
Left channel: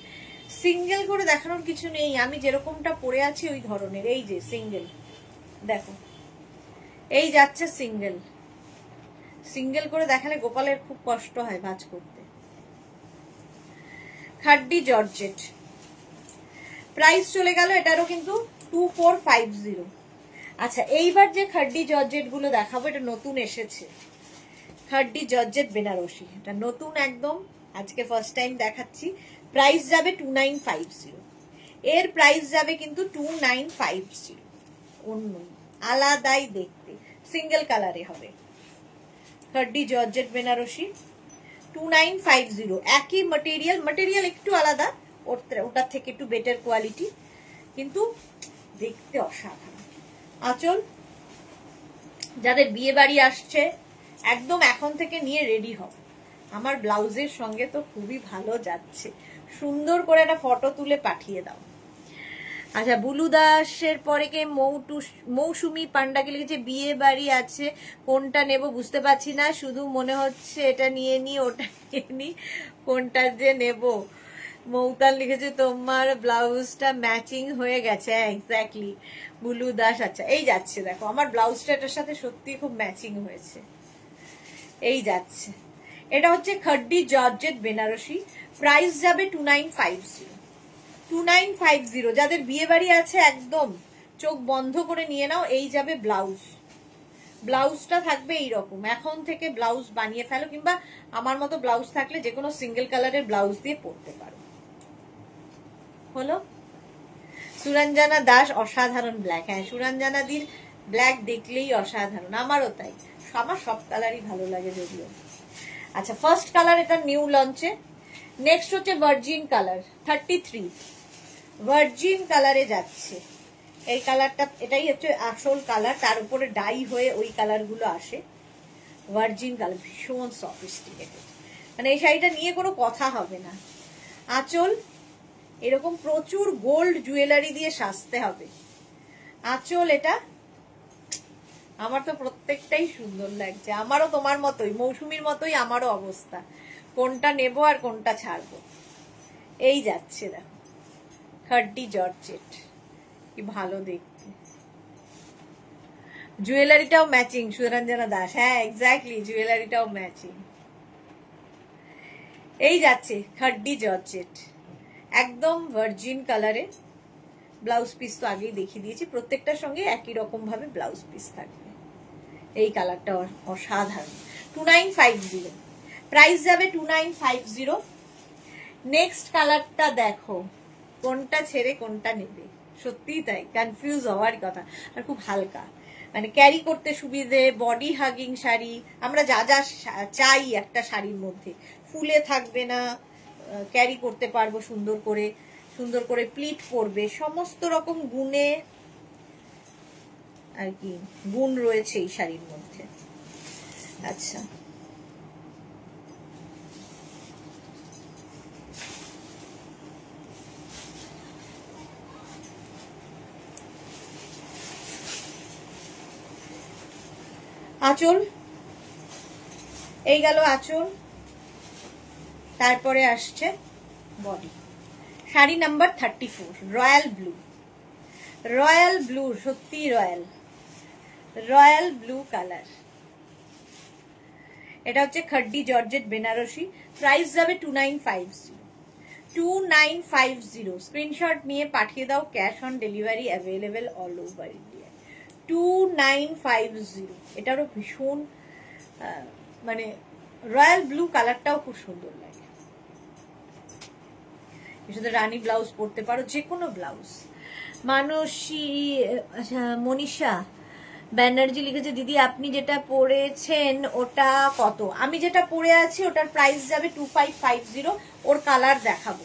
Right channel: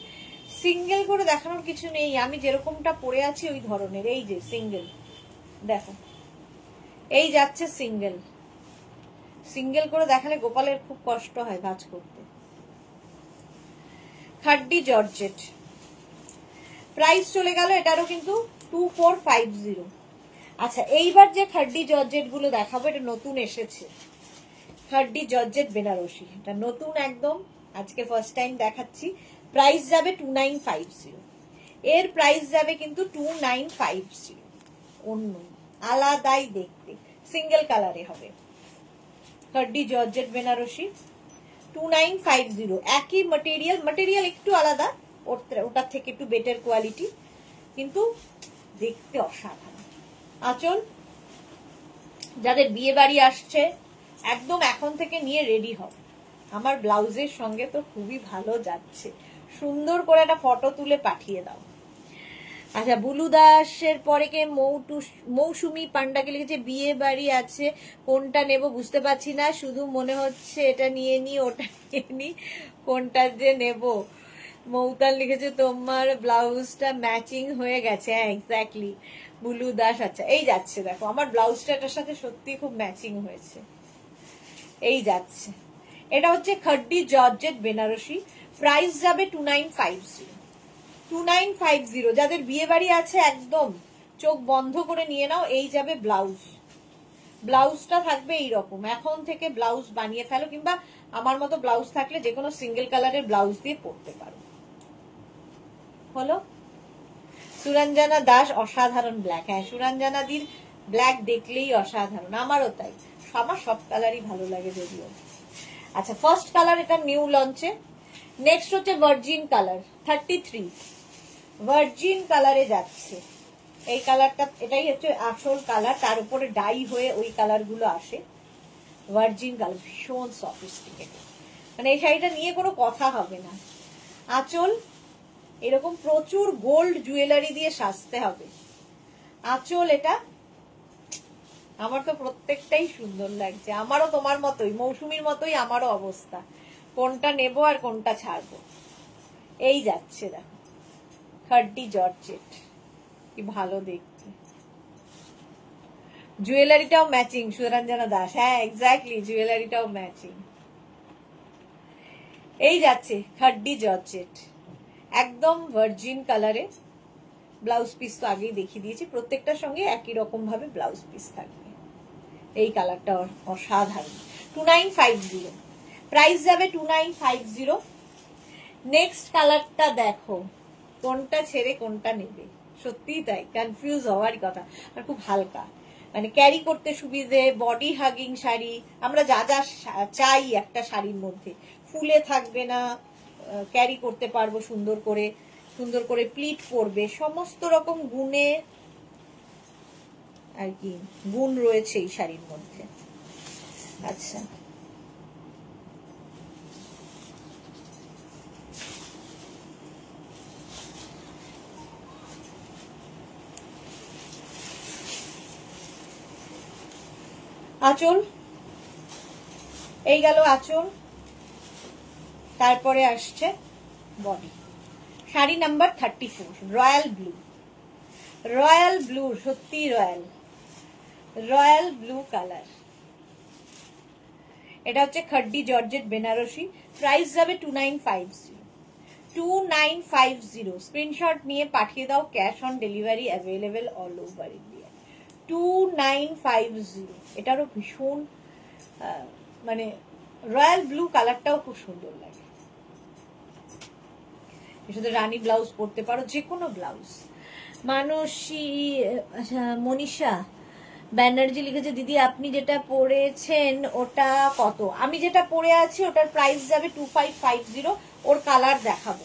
সিঙ্গেল করে দেখানোর কিছু নেই, আমি যেরকমটা পরে আছি ওই ধরনের। এই যে সিঙ্গেল, দেখো এই যাচ্ছে সিঙ্গেল। সিঙ্গেল করে দেখালে গোপালের খুব কষ্ট হয় ভাঁজ করতে। খাড্ডি জর্জেট, প্রাইস চলে গেল এটারও কিন্তু 2450। আচ্ছা, এইবার যে খাড্ডি জর্জেট গুলো দেখাবো এটা নতুন এসেছে, খাড্ডি জর্জেট বেনারসি। এটা নতুন একদম, আজকে ফার্স্ট টাইম দেখাচ্ছি। প্রাইস যাবে 2950। এর প্রাইস যাবে কিন্তু 2950। অন্য আলাদাই দেখতে, সিঙ্গেল কালারে হবে। খাড্ডি জর্জেট বেনারসি 2950। একই ম্যাটেরিয়াল একটু আলাদা, ওটার থেকে একটু বেটার কোয়ালিটি, কিন্তু দেখতে অসাধারণ। আঁচল যাদের বিয়ে বাড়ি আসছে একদম এখন থেকে নিয়ে রেডি হবে। আমার ব্লাউজের সঙ্গে তো খুবই ভালো যাচ্ছে, সুন্দর করে একটা ফটো তুলে পাঠিয়ে দাও। আচ্ছা, বুলু দাসের পরে কে মৌসুমি পান্ডাকে লিখেছে বিয়ে বাড়ি আছে, কোনটা নেব বুঝতে পারছি না, শুধু মনে হচ্ছে এটা নিয়ে নি ওটা নিয়ে নি, কোনটা যে নেব। মৌতাল লিখেছে তোমার ব্লাউজটা ম্যাচিং হয়ে গেছে। এক্স্যাক্টলি বুলু দাস। আচ্ছা, এই যাচ্ছে দেখো আমার ব্লাউজটা এটার সাথে সত্যি খুব ম্যাচিং হয়েছে। এই যাচ্ছে, এটা হচ্ছে খাড্ডি জর্জেট বেনারসি। প্রাইস যাবে 2950। 2950। যাদের বিয়ে বাড়ি আছে একদম চোখ বন্ধ করে নিয়ে নাও। এই যাবে ব্লাউজ, ব্লাউজটা থাকবে এইরকম। এখন থেকে ব্লাউজ বানিয়ে ফেলো, কিংবা আমার মতো ব্লাউজ থাকলে যে কোনো সিঙ্গেল কালারের ব্লাউজ দিয়ে পরতে পারো। হলো সুরঞ্জনা দাস, অসাধারণ ব্ল্যাক। হ্যাঁ, সুরঞ্জনা দির ব্ল্যাক দেখলেই অসাধারণ, আমারও তাই। আমার সব কালারই ভালো লাগে যদিও। আচ্ছা, ফার্স্ট কালার এটা নিউ লঞ্চে। নেক্সট হচ্ছে ভার্জিন কালার 33। ভার্জিন কালারে যাচ্ছে এই কালারটা, এটাই হচ্ছে আসল কালার, তার উপরে ডাই হয়ে ওই কালার গুলো আসে। ভার্জিন কালার ভীষণ সফিস্টিকেটেড, মানে এই শাড়িটা নিয়ে কোনো কথা হবে না। আঁচল এরকম প্রচুর গোল্ড জুয়েলারি দিয়ে সাজতে হবে। আঁচল এটা, আমার তো প্রত্যেকটাই সুন্দর লাগছে। আমারও তোমার মতোই, মৌসুমীর মতোই আমারও অবস্থা, কোনটা নেব আর কোনটা ছাড়বো। এই যাচ্ছে দেখো খাড্ডি জর্জেট, কি ভালো দেখতে। জুয়েলারিটাও ম্যাচিং, সুরঞ্জনা দাস। হ্যাঁ এক্স্যাক্টলি, জুয়েলারিটাও ম্যাচিং। এই যাচ্ছে খাড্ডি জর্জেট, একদম ভার্জিন কালারে। ব্লাউজ পিস তো আগেই দেখিয়ে দিয়েছি, প্রত্যেকটার সঙ্গে একই রকম ভাবে ব্লাউজ পিস থাকবে। এই কালারটা অসাধারণ। 2950। প্রাইস যাবে 2950। নেক্সট কালারটা দেখো, কোনটা ছেড়ে কোনটা নেবে, সত্যিই তাই, কনফিউজ হওয়ার কথা। আর খুব হালকা, মানে ক্যারি করতে সুবিধে, বডি হাগিং শাড়ি। আমরা যা যা চাই একটা শাড়ির মধ্যে, ফুলে থাকবে না, ক্যারি করতে পারবো সুন্দর করে, সুন্দর করে প্লিট পরবে, সমস্ত রকম গুণে আর কি গুণ রয়েছে এই শাড়ির মধ্যে। আচ্ছা, আঁচল এই গেল আঁচল, তারপরে আসছে body. Sari number 34 royal blue. Royal blue, সত্যি রয়্যাল, রয়্যাল ব্লু কালার। এটা হচ্ছে খাড্ডি জর্জেট বেনারসি। প্রাইস যাবে 2950, 2950। স্ক্রিনশট নিয়ে পাঠিয়ে দাও, cash on delivery available all over India. 2950। এটারও ভীষণ মানে রয়্যাল ব্লু কালারটাও খুব সুন্দর লাগে। এর সাথে রানী ব্লাউজ পরতে পারো, যে কোনো ব্লাউজ। মানসী মনীষা ব্যানার্জি লিখেছে, দিদি আপনি যেটা পরেছেন ওটা কত? আমি যেটা পরে আছি ওটার প্রাইস যাবে 2550। ওর কালার দেখাবো,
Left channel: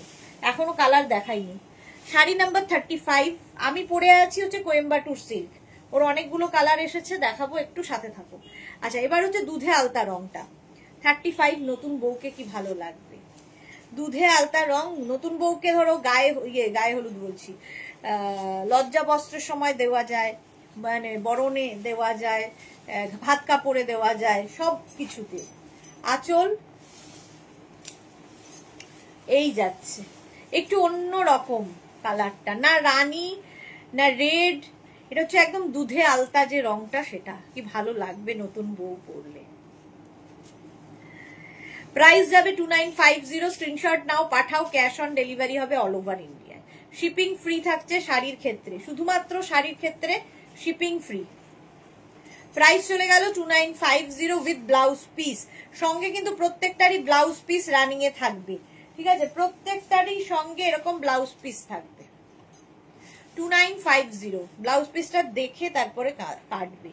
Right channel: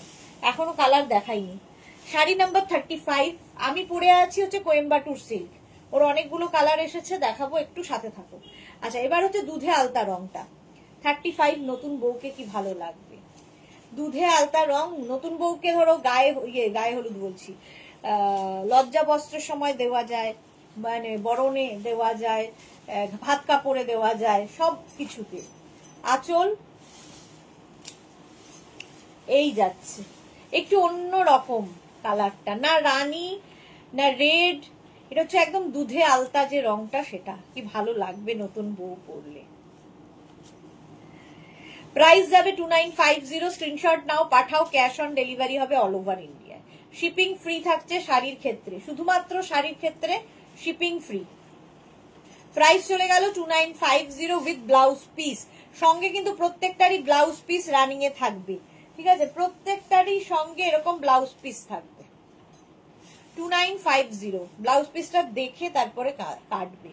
এখনো কালার দেখাইনি। শাড়ি নাম্বার 35 আমি পরে আছি হচ্ছে কোয়েম্বাটুর সিল্ক। ওর অনেকগুলো কালার এসেছে, দেখাবো, একটু সাথে থাকো। আচ্ছা, এবার হচ্ছে দুধে আলতা রংটা 35। নতুন বউকে কি ভালো লাগবে, দুধে আলতা রং। নতুন বউকে ধরো গায়ে হলুদ বলছি, লজ্জা বস্ত্রের সময় দেওয়া যায়, মানে বরণে দেওয়া যায়, ভাত কাপড়ে দেওয়া যায়, সব কিছুতে। আঁচল এই যাচ্ছে, একটু অন্য রকম কালারটা, না রানী না রেড, এটা হচ্ছে একদম দুধে আলতা যে রংটা, সেটা কি ভালো লাগবে নতুন বউ পরলে। প্রাইস যাবে 2950। স্ক্রিনশট নাও, পাঠাও, ক্যাশ অন ডেলিভারি হবে all over India. Shipping free থাকছে শাড়ির ক্ষেত্রে, শুধুমাত্র শাড়ির ক্ষেত্রে শিপিং ফ্রি। প্রাইস চলে গেল 2950 উইথ ব্লাউজ পিস। সঙ্গে কিন্তু প্রত্যেকটারই ব্লাউজ পিস রানিং এ থাকবে, ঠিক আছে? প্রত্যেকটারই সঙ্গে এরকম ব্লাউজ পিস থাকবে। 2950। ব্লাউজ পিসটা দেখে তারপরে কাটবে,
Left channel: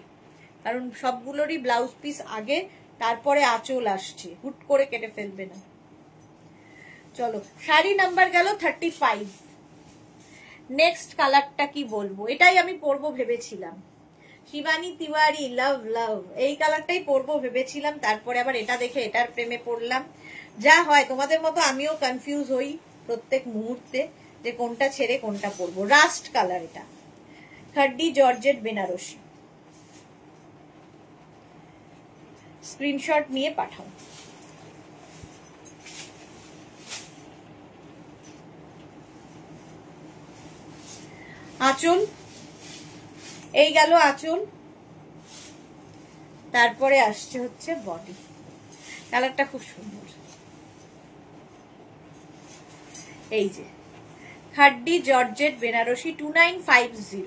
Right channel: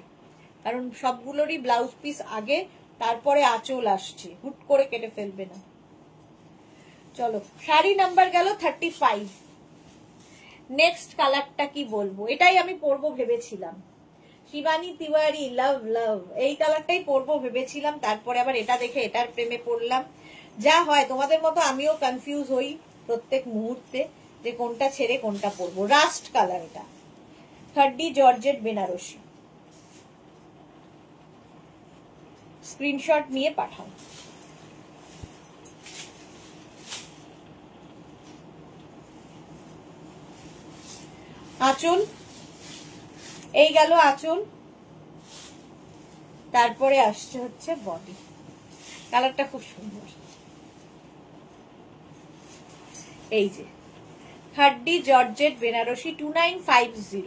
কারণ সবগুলোরই ব্লাউজ পিস আগে, তারপরে আঁচল আসছে, হুট করে কেটে ফেলবে না। চলো, শাড়ি নাম্বার গেল 35। নেক্সট কালারটা কি বলবো, এটাই আমি পরবো ভেবেছিলাম। শিবানী তিওয়ারি, লাভ লাভ, এই কালারটাই পরবো ভেবেছিলাম, তারপরে আবার এটা দেখে এটার প্রেমে পড়লাম। যা হয়, তোমাদের মতো আমিও কনফিউজ হই প্রত্যেক মুহূর্তে যে কোনটা ছেড়ে কোনটা পরবো। রাস্ট কালার, এটা খাড্ডি জর্জেট বেনারসি। স্ক্রিনশট নিয়ে পাঠাও। আঁচল এই গেল আঁচল, তারপরে আসছে হচ্ছে বডি। কালারটা খুব সুন্দর, এই যে খাড্ডি জর্জেট বেনারসি 2950।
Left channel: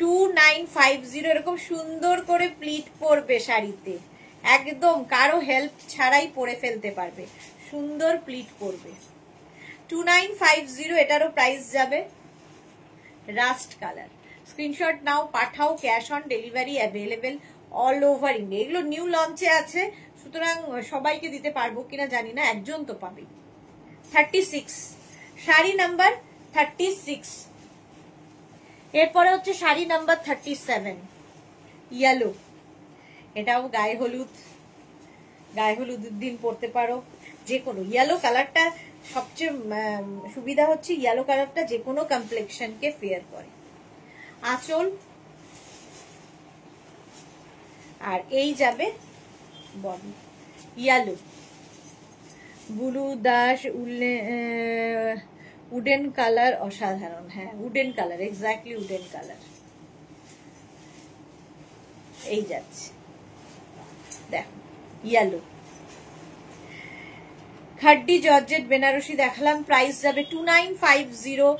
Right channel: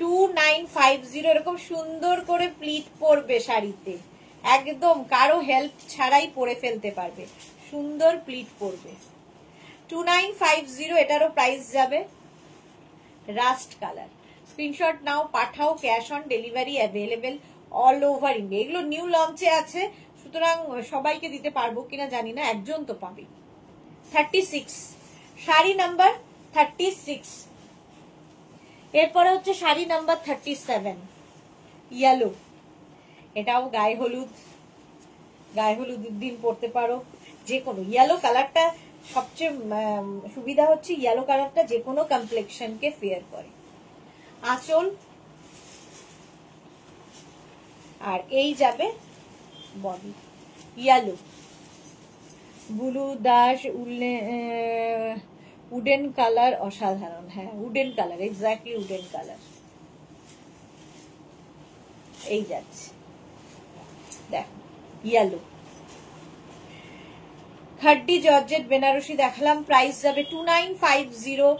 2950 এরকম সুন্দর করে প্লিট পরবে শাড়িতে, একদম কারো হেল্প ছাড়াই পরে ফেলতে পারবে, সুন্দর প্লিট পরবে। 2950। এটারও প্রাইস যাবে। Rushed colour. স্ক্রিনশট নাও, পাঠাও, cash on delivery available all over India. এগুলো নিউ লঞ্চে আছে, সুতরাং সবাইকে দিতে পারবো কিনা জানি না, একজন তো পাবে। 36, শাড়ি নাম্বার 36। এরপরে হচ্ছে শাড়ি নাম্বার 37, ইয়েলো। এটাও গায়ে হলুদের দিন পরতে পারো, যে কোনো। ইয়েলো কালারটা সবচেয়ে সুবিধা হচ্ছে, ইয়েলো কালারটা যে কোনো কমপ্লেক্সনকে ফেয়ার করে। আঁচল, আর এই যাবে body. Yellow, blue Das wooden colour, অসাধারণ। হ্যাঁ, wooden colour, exactly wooden colour. এই যাচ্ছে, দেখো ইয়েলো। খাড্ডি জর্জেট বেনারসি দেখালাম, প্রাইস যাবে 2950।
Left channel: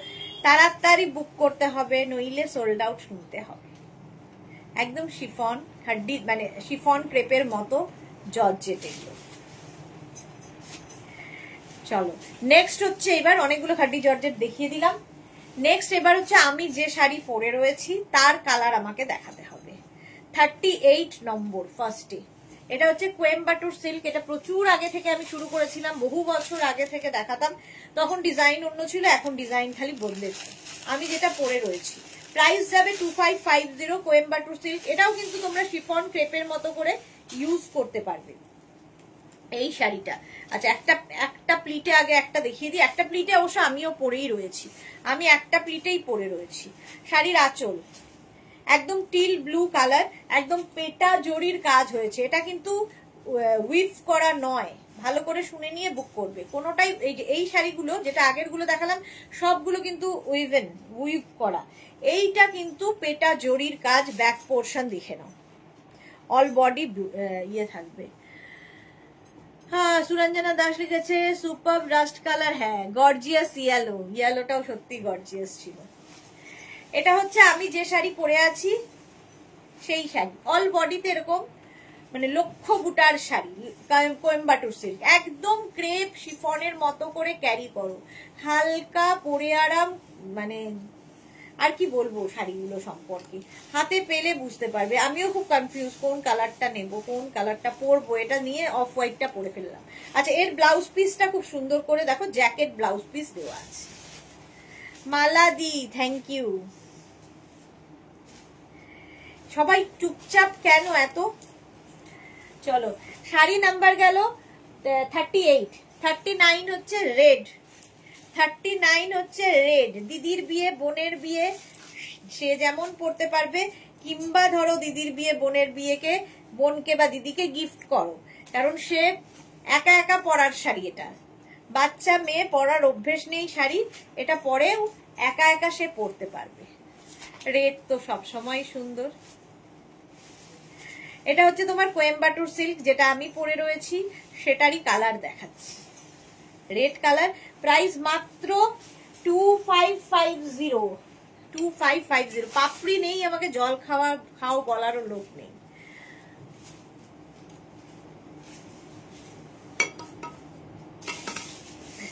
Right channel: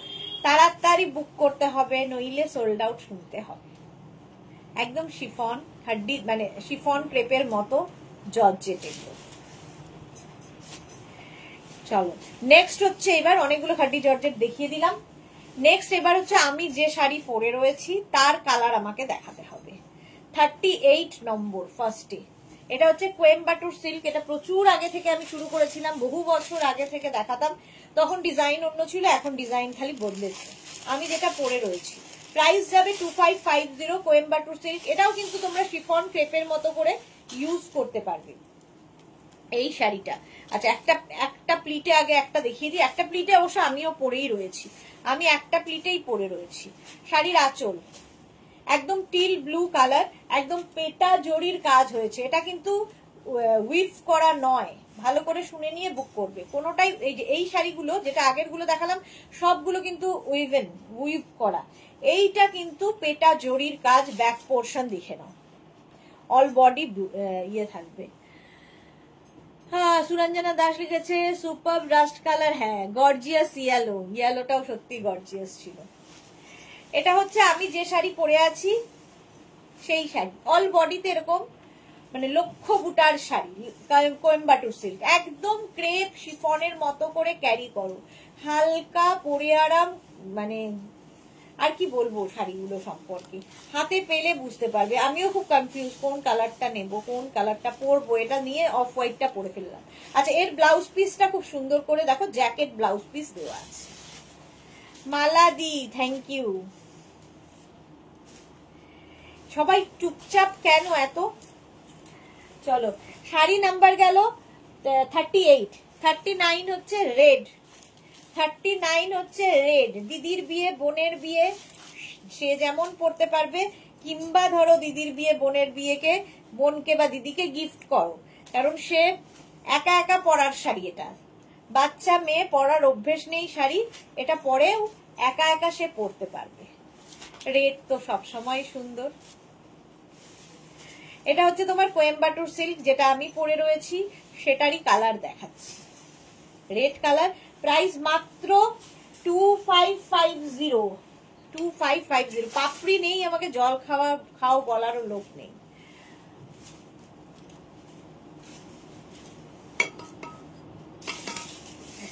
তাড়াতাড়ি বুক করতে হবে, নইলে সোল্ড আউট শুনতে হবে। একদম শিফন খাড্ডি, মানে শিফন ক্রেপের মতো জর্জেট এগুলো। চলো, নেক্সট হচ্ছে, এবার অনেকগুলো খাড্ডি জর্জেট দেখিয়ে দিলাম। নেক্সট এবার হচ্ছে আমি যে শাড়ি পরে রয়েছি তার কালার আমাকে দেখাতে হবে। 38 নম্বর ফার্স্টে। এটা হচ্ছে কোয়েম্বাটুর সিল্ক। এটা প্রচুর আগে থেকে আমি শুরু করেছিলাম, বহু বছর আগে থেকে দেখাতাম, তখন ডিজাইন অন্য ছিল, এখন ডিজাইন খালি বদলেছে। আমি যেটা পরে রয়েছি, প্রাইস যাবে 2550। কোয়েম্বাটুর সিল্ক। এটাও কিন্তু তোমরা শিফন ক্রেপের মতো করে ইউজ করতে পারবে এই শাড়িটা। আচ্ছা, একটা প্লিটে আগে একটা দেখিয়ে দিই। একটা প্লিটে অবশ্য আমিও পরেই রয়েছি, আমি একটা প্লিটেই পরে রয়েছি। শাড়ির আঁচল একদম টিল ব্লু কালার, একদম পেটা জরির কাজ হয়েছে। এটা কিন্তু উইভ করা নয়, ভালো করে শুনে নিয়ে বুক করবে। কোনোটাই এই শাড়িগুলো যেটা আগের গুলো দেখালাম সবগুলো কিন্তু উইভ করা। এইটা কিন্তু পেটা জরির কাজ, ব্যাক পোর্শন দেখে নাও, অল বডি ইয়ে থাকবে। হ্যাঁ, সুরঞ্জনা দাস লিখেছে সুপার রাস্ট কালার, হ্যাঁ গর্জিয়াস ইয়েলো, ইয়েলোটাও সত্যি গর্জিয়াস ছিল। এটা হচ্ছে আমি যে শাড়ি পরে আছি সেই শাড়ি, অল বডিতে এরকম মানে লক্ষ বুটার শাড়ি, কোয়েম্বাটুর সিল্ক, একদম ক্রেপ শিফনের মতো করে ক্যারি করো, হালকা পরে আরাম। মানে আর কি বলবো শাড়িগুলো সম্পর্কে, হাতে পেলে বুঝতে পারবে। আমিও খুব কনফিউজ কোন কালারটা নেব, কোন কালারটা পরবো, এটা নিয়ে অফ হোয়াইটটা পরে ফেললাম। আচ্ছা, এর ব্লাউজ পিসটা খুব সুন্দর করে দেখো, জ্যাকেট ব্লাউজ পিস দেওয়া আছে। মালাদি, থ্যাংক ইউ। সবাই চুপচাপ কেন এত? চলো, শাড়ি নাম্বার গেল 38, 39 হচ্ছে রেড, 39 হচ্ছে রেড। দিদির বিয়ে, বোনের বিয়ে, সে যেমন পড়তে পারবে, কিংবা ধরো দিদির বিয়ে, বোনের বিয়েকে বোনকে বা দিদিকে গিফট করো, কারণ সে একা একা পরার শাড়ি। এটা বাচ্চা মেয়ে পরার অভ্যেস নেই শাড়ি, এটা পরেও একা একা সে পরতে পারবে। রেড তো সবসময় সুন্দর। এটা হচ্ছে তোমার কোয়েম্বাটুর সিল্ক, যেটা আমি পরে রয়েছি সেটারই কালার দেখাচ্ছি, রেড কালার। প্রাইস মাত্র 2550, 2550। পাপড়ি নেই, আমাকে জল খাও বলারও লোক নেই।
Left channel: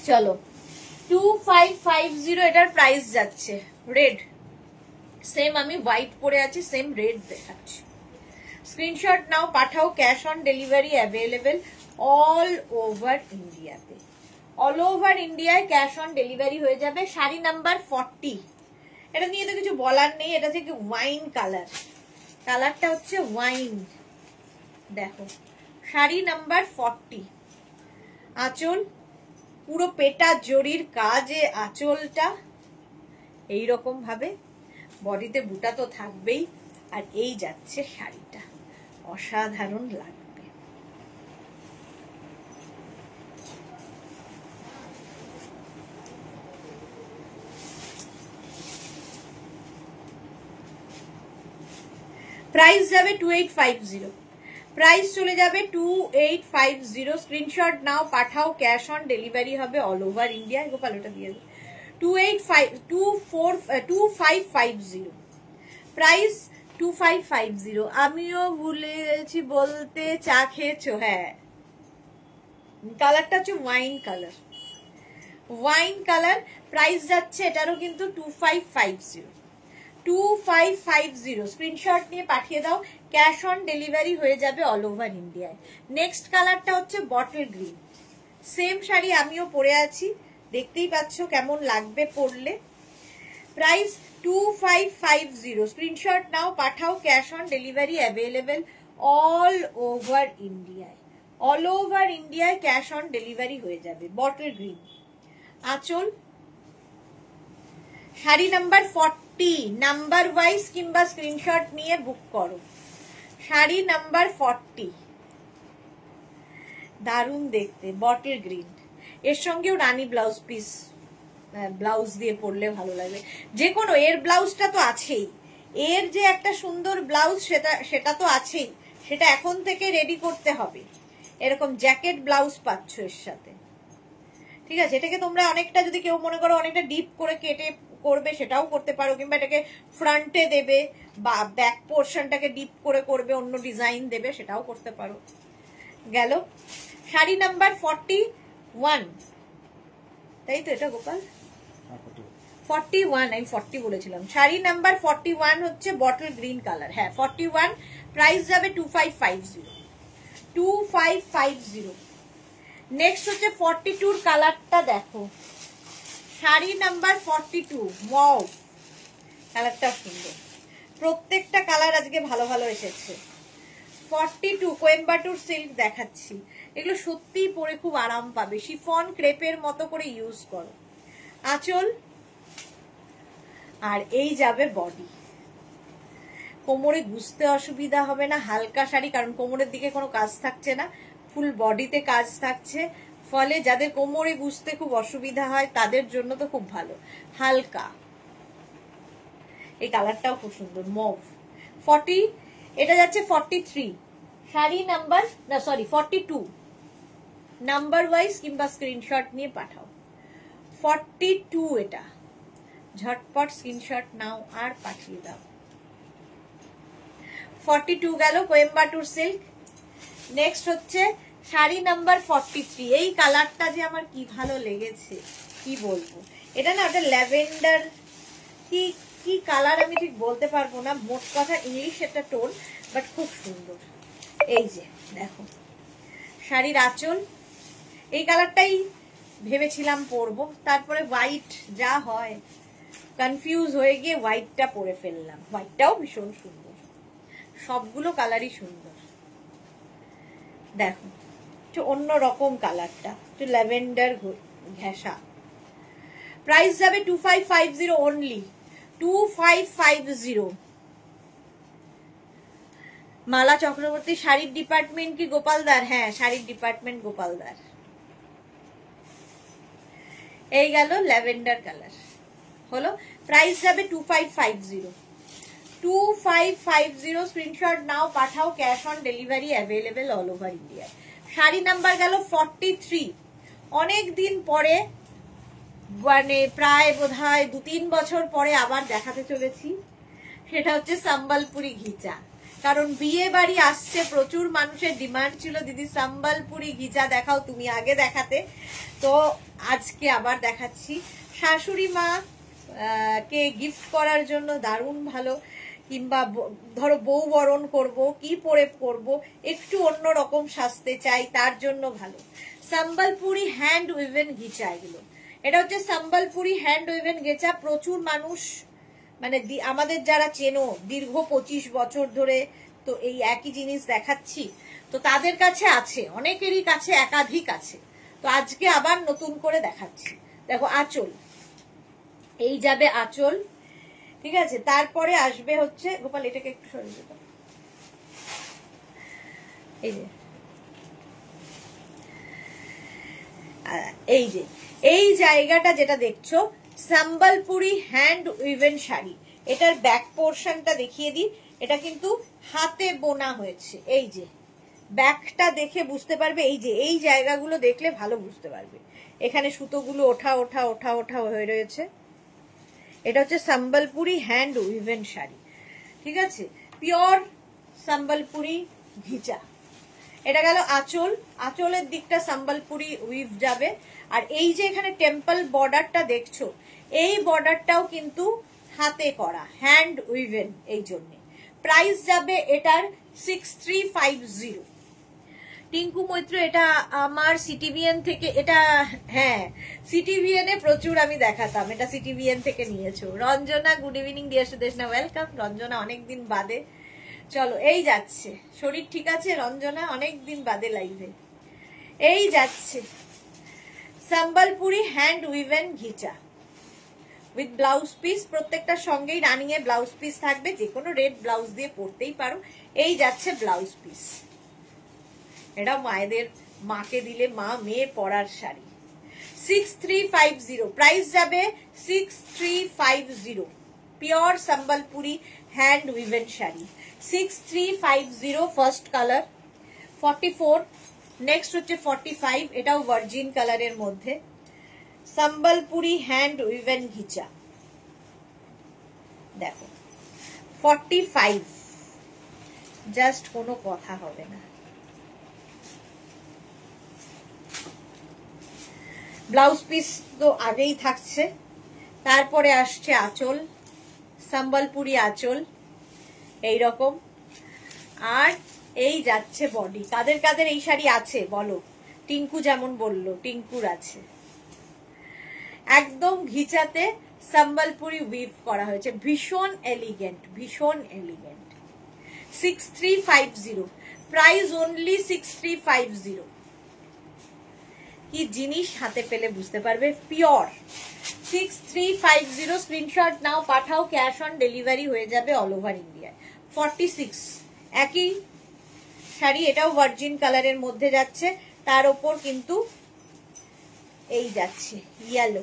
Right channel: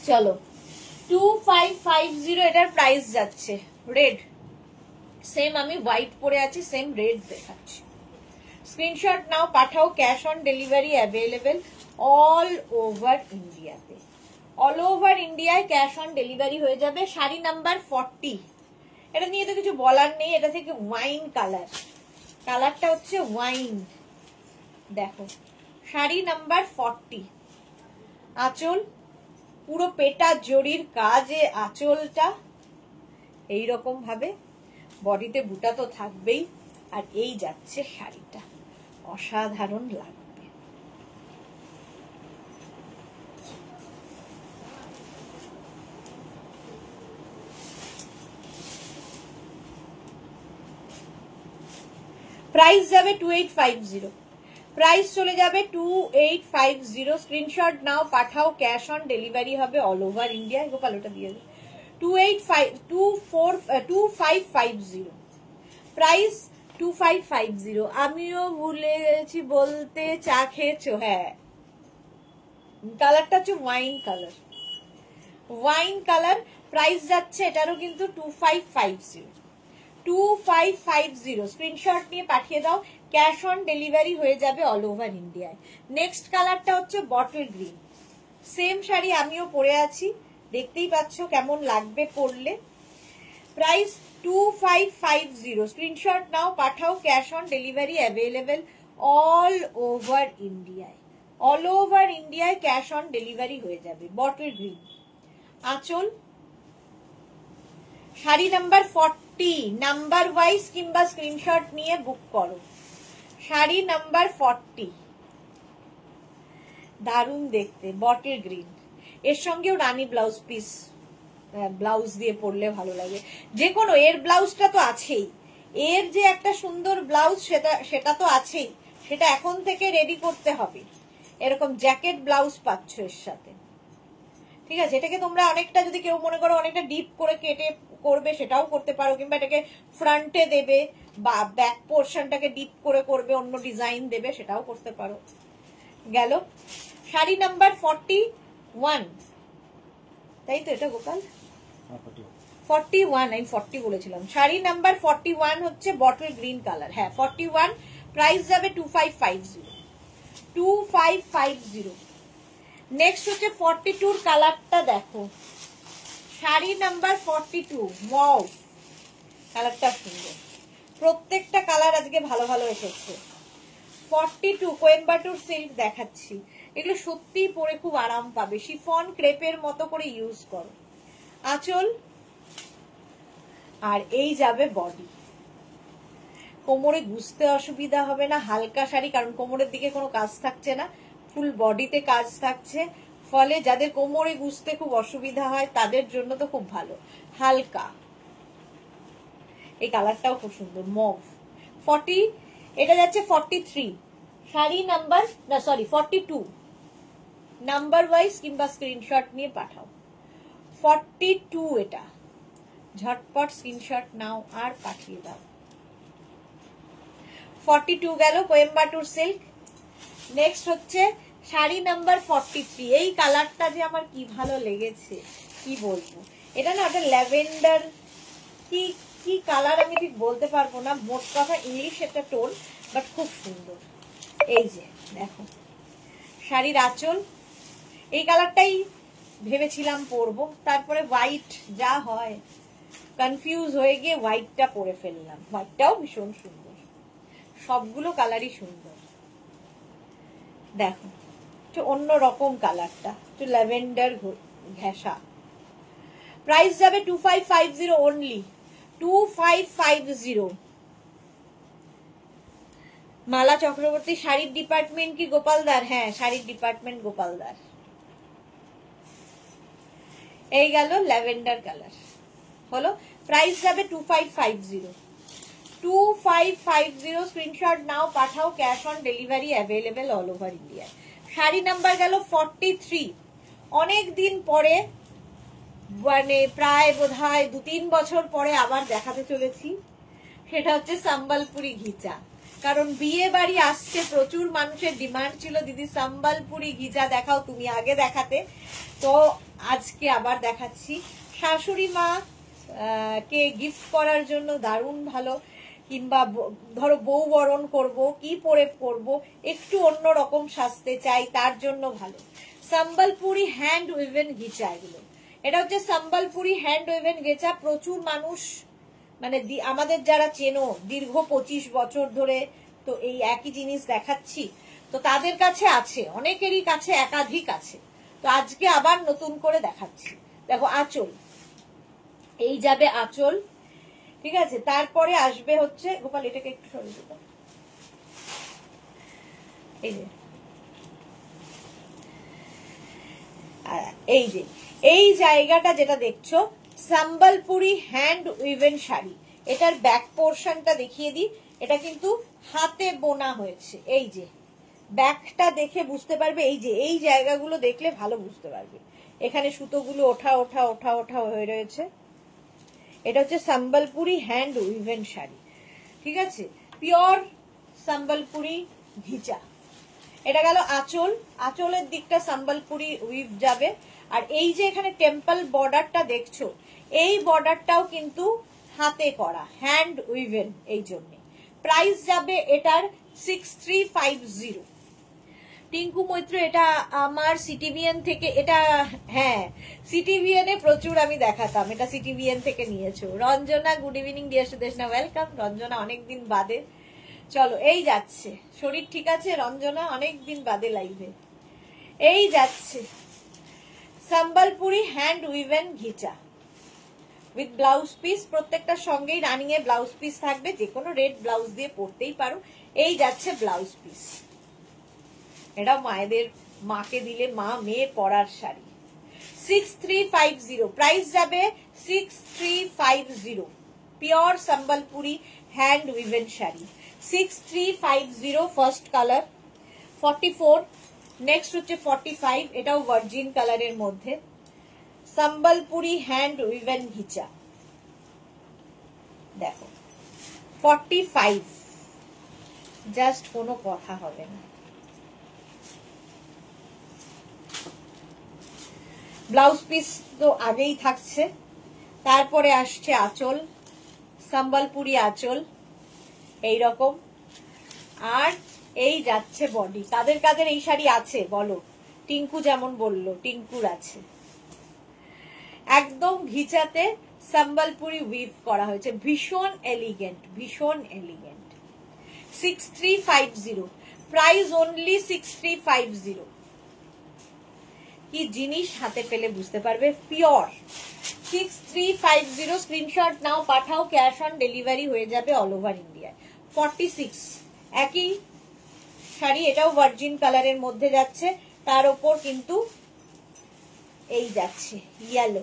চলো, 2550 এটার প্রাইস যাচ্ছে। রেড, সেম আমি হোয়াইট পরে আছি, সেম রেড দেখাচ্ছি। স্ক্রিনশট নাও, পাঠাও, cash on delivery available all over ইন্ডিয়াতে। অল ওভার ইন্ডিয়ায় ক্যাশ অন ডেলিভারি হয়ে যাবে। শাড়ি নাম্বার 40, এটা নিয়ে তো কিছু বলার নেই, এটা থেকে ওয়াইন কালার, কালারটা হচ্ছে ওয়াইন। দেখো, শাড়ি নাম্বার 40, আঁচল পুরো পেটা জরির কাজে, আঁচলটা এইরকম ভাবে, বডিতে বুটা তো থাকবেই, আর এই যাচ্ছে শাড়িটা, অসাধারণ লাগবে। প্রাইস যাবে 2850, প্রাইস চলে যাবে 2850। স্ক্রিনশট নাও, পাঠাও, ক্যাশ অন ডেলিভারি হবে অল ওভার ইন্ডিয়া। গোপাল ওটা দিয়ে 2550, প্রাইস 2550। আমিও ভুলে গেছি বলতে, চা খেয়েছো? হ্যাঁ, কালারটা হচ্ছে wine colour, wine colour. Price যাচ্ছে এটারও কিন্তু 2550, 2550। স্ক্রিনশট নিয়ে পাঠিয়ে দাও, ক্যাশ অন ডেলিভারি হয়ে যাবে অল ওভার ইন্ডিয়ায়। নেক্সট কালারটা হচ্ছে বটল গ্রিন, সেম শাড়ি আমিও পরে আছি, দেখতেই পাচ্ছ কেমন লাগবে পরলে। প্রাইস 2550। স্ক্রিনশট নাও, পাঠাও, cash on delivery available all over ইন্ডিয়ায়, অল ওভার ইন্ডিয়ায় ক্যাশ অন ডেলিভারি হয়ে যাবে। বটল গ্রিন আঁচল। শাড়ি নাম্বার 40, নাম্বার ওয়াইজ কিংবা স্ক্রিনশট নিয়ে বুক করো। শাড়ি নাম্বার 40, দারুণ দেখতে, বটল গ্রিন, এর সঙ্গেও রানী ব্লাউজ পিস, ব্লাউজ দিয়ে পরলে ভালো লাগবে। যে কোনো, এর ব্লাউজটা তো আছেই, এর যে একটা সুন্দর ব্লাউজ সেটা তো আছেই, সেটা এখন থেকে রেডি করতে হবে। এরকম জ্যাকেট ব্লাউজ পাচ্ছ এর সাথে, ঠিক আছে? এটাকে তোমরা অনেকটা, যদি কেউ মনে করো অনেকটা ডিপ করে কেটে করবে, সেটাও করতে পারো, কিংবা এটাকে ফ্রন্টে দেবে বা ব্যাক পোর্শনটাকে ডিপ করে করবে, অন্য ডিজাইন দেবে, সেটাও করতে পারো। গেল শাড়ি নাম্বার 41, তাই তো? এটা গোপাল 41, আমি 40 বলেছিলাম। শাড়ি নাম্বার 41 হচ্ছে বটল গ্রিন কালার, হ্যাঁ 41। প্রাইস যাবে 2550, 2550। নেক্সট হচ্ছে 42 কালারটা দেখো, শাড়ি নাম্বার 42, ওয়াও কালারটা সুন্দর, প্রত্যেকটা কালার আজকে ভালো ভালো এসেছে। 42 কোয়েম্বাটুর সিল্ক দেখাচ্ছি, এগুলো সত্যিই পরে খুব আরাম পাবে, শিফন ক্রেপের মতো করে ইউজ করো। আঁচল, আর এই যাবে বডি। কোমরে গুজতে অসুবিধা হবে না, হালকা শাড়ি, কারণ কোমরের দিকে কোনো কাজ থাকছে না, ফুল বডিতে কাজ থাকছে, ফলে যাদের কোমরে গুজতে খুব অসুবিধা হয় তাদের জন্য তো খুব ভালো। হালকা, এই কালারটাও খুব সুন্দর মভ। 40, এটা যাচ্ছে 43 শাড়ি নাম্বার, না সরি 42 নাম্বার ওয়াইজ কিংবা স্ক্রিনশট নিয়ে পাঠাও। 42 এটা, ঝটপট স্ক্রিনশট নাও আর পাঠিয়ে দাও। 42 গেল কোয়েম্বাটুর সিল্ক। নেক্সট হচ্ছে শাড়ি নাম্বার 43। এই কালারটা যে আমার কি ভালো লেগেছে কি বলবো, এটা না একটা ল্যাভেন্ডার কি কি কালার আমি ঠিক বলতে পারবো না, মোট কথা ইংলিশ একটা টোন, বাট খুব সুন্দর। এই যে দেখো শাড়ির আঁচল, এই কালারটাই ভেবেছিলাম পরবো, তারপরে হোয়াইট যা হয় কনফিউজ হয়ে গিয়ে হোয়াইটটা পরে ফেললাম। হোয়াইটটাও ভীষণ সুন্দর, সবগুলো কালারই সুন্দর। দেখো একটু অন্য রকম কালারটা, একটু ল্যাভেন্ডার ঘেঁষা। প্রাইস যাবে 2550 অনলি, 2550। মালা চক্রবর্তী শাড়ির ডিপার্টমেন্ট কি গোপালদার? হ্যাঁ শাড়ির ডিপার্টমেন্ট গোপালদার। এই গেল ল্যাভেন্ডার কালার হলো। প্রাইস যাবে 2550, 2550। স্ক্রিনশট নাও পাঠাও, cash on delivery available all over ইন্ডিয়ায়। শাড়ি নাম্বার গেল 43। অনেক দিন পরে, মানে প্রায় বোধহয় 2-3 বছর পরে আবার দেখাতে চলেছি। সেটা হচ্ছে সম্বলপুরি ঘিচা, কারণ বিয়ে বাড়ি আসছে, প্রচুর মানুষের ডিমান্ড ছিল দিদি সম্বলপুরি ঘিচা দেখাও, তুমি আগে দেখাতে, তো আজকে আবার দেখাচ্ছি। শাশুড়ি মা কে গিফট করার জন্য দারুণ ভালো, কিংবা ধরো বউ বরণ করবো, কি পরে করবো, একটু অন্য রকম সাজতে চাই, তার জন্য ভালো। সম্বলপুরি হ্যান্ড উইভেন ঘিচা এগুলো। এটা হচ্ছে সম্বলপুরি হ্যান্ড উইভেন ঘিচা। প্রচুর মানুষ, মানে আমাদের যারা চেনো দীর্ঘ 25 বছর ধরে, তো এই একই জিনিস দেখাচ্ছি, তো তাদের কাছে আছে, অনেকেরই কাছে একাধিক আছে, তো আজকে আবার নতুন করে দেখাচ্ছি। দেখো আঁচল, এই যাবে আঁচল, ঠিক আছে। তারপরে আসবে হচ্ছে, গোপাল এটাকে একটু সরিয়ে দিতে, এই যে এই জায়গাটা যেটা দেখছো সম্বলপুরি হ্যান্ড উইভেন শাড়ি, এটার ব্যাক পোর্শনটা দেখিয়ে দিই। এটা কিন্তু হাতে বোনা হয়েছে। এই যে ব্যাকটা দেখে বুঝতে পারবে, এই যে এই জায়গাগুলো দেখলে ভালো বুঝতে পারবে, এখানে সুতোগুলো ওঠা ওঠা ওঠা ওঠা হয়ে রয়েছে। এটা হচ্ছে সম্বলপুরি হ্যান্ড উইভেন শাড়ি, ঠিক আছে, পিওর সম্বলপুরি ঘিচা। এটা গেল আঁচল, আঁচলের দিকটা সম্বলপুরি উইভ যাবে। আর এই যে এখানে টেম্পল বর্ডারটা দেখছো, এই বর্ডারটাও কিন্তু হাতে করা, হ্যান্ড উইভেন, এই জন্য। প্রাইস যাবে এটার 6350। টিঙ্কু মৈত্র, এটা আমার সিটিভিএন থেকে, এটা হ্যাঁ সিটিভিএন এ প্রচুর আমি দেখাতাম, এটা সিটিভিএন থেকে নিয়েছো। Ranjana good evening deer Sudeshna, welcome Ranjana, অনেকদিন বাদে। চলো এই যাচ্ছে, শরীর ঠিক আছে রঞ্জনা? অনেকদিন বাদে লাইভে। এই যাচ্ছে Sambalpuri hand woven ghicha with blouse piece, প্রত্যেকটার সঙ্গেই রানিং এ ব্লাউজ পিস থাকবে, যে কোনো রেড ব্লাউজ দিয়ে পরতেই পারো। এই যাচ্ছে ব্লাউজ পিস, এটা মায়েদের, মাকে দিলে মা মেয়ে পরার শাড়ি। 6350, প্রাইস যাবে 6350, pure Sambalpuri hand woven sari 6350। First colour 44, next হচ্ছে 45, এটাও ভার্জিন কালারের মধ্যে সম্বলপুরি হ্যান্ড উইভেন ঘিচা। দেখো 45, জাস্ট কোনো কথা হবে না। ব্লাউজ পিস তো আগেই থাকছে, তারপরে আসছে আঁচল, সম্বলপুরি আঁচল এইরকম, আর এই যাচ্ছে বডি। কাদের কাদের এই শাড়ি আছে বলো? টিঙ্কু যেমন বললো, টিঙ্কুর আছে। একদম ঘিচাতে সম্বলপুরি উইভ করা হয়েছে, ভীষণ এলিগেন্ট, ভীষণ এলিগেন্ট। 6350, price only 6350। কি জিনিস হাতে পেলে বুঝতে পারবে, পিওর 6350। স্ক্রিনশট নাও পাঠাও, ক্যাশ অন ডেলিভারি হয়ে যাবে অল ওভার ইন্ডিয়ায়। 46, একই শাড়ি, এটাও ভার্জিন কালারের মধ্যে যাচ্ছে, তার উপর কিন্তু এই যাচ্ছে ইয়েলো।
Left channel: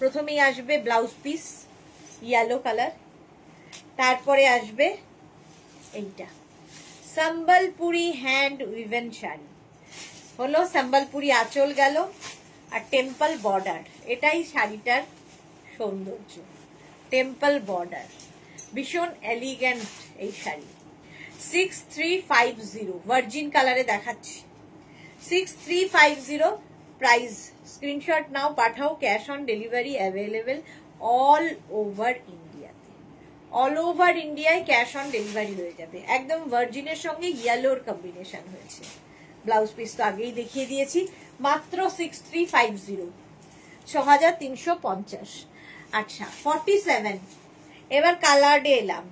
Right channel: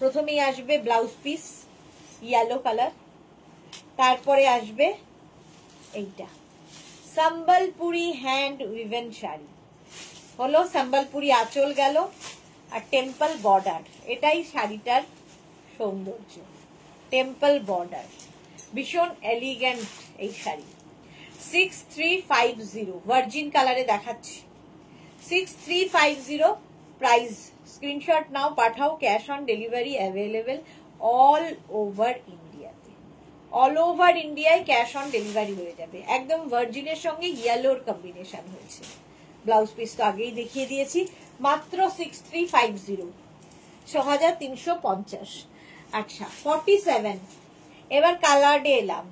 প্রথমেই আসবে ব্লাউজ পিস, ইয়েলো কালার। তারপরে আসবে এইটা সম্বলপুরি হ্যান্ড উইভেন শাড়ি, হলো সম্বলপুরি আঁচল গেল আর টেম্পল বর্ডার, এটাই শাড়িটার সৌন্দর্য। টেম্পল বর্ডার, ভীষণ এলিগেন্ট এই শাড়ি। 6350 ভার্জিন কালারে দেখাচ্ছি, 6350 প্রাইস। স্ক্রিনশট নাও, পাঠাও, cash on delivery available all over ইন্ডিয়াতে। অল ওভার ইন্ডিয়ায় ক্যাশ অন ডেলিভারি হয়ে যাবে। একদম ভার্জিনের সঙ্গে ইয়েলোর কম্বিনেশন হয়েছে। ব্লাউজ পিস তো আগেই দেখিয়ে দিয়েছি, মাত্র 6350, 6350। আচ্ছা 47, এবার কালার্ডে এলাম।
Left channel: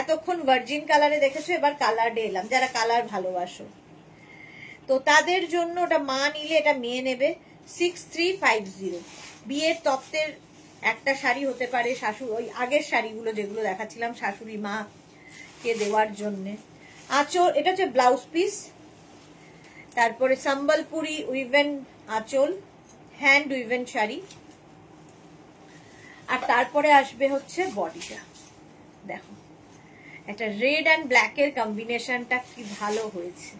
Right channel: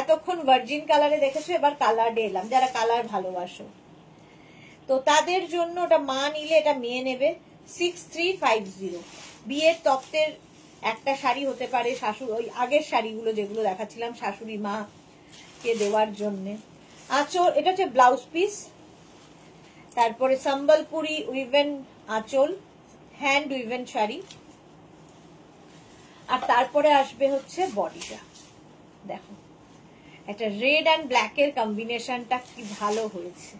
এতক্ষণ ভার্জিন কালারে দেখেছো, এবার কালার্ডে এলাম। যারা কালার ভালোবাসো তো তাদের জন্য, ওটা মা নিলে এটা মেয়ে নেবে। 6350 বিয়ের তত্ত্বের একটা শাড়ি হতে পারে, শাশুড়ি ওই আগের শাড়িগুলো যেগুলো দেখাচ্ছিলাম শাশুড়ি মা কে দেওয়ার জন্য। আঁচল, এটা হচ্ছে ব্লাউজ পিস। তারপরে সম্বলপুরি উইভেন আঁচল, হ্যান্ড উইভেন শাড়ি। আর তারপরে আসবে হচ্ছে বডিটা। দেখো একটা রেড অ্যান্ড ব্ল্যাক এর কম্বিনেশনটা কি ভালো হয়েছে।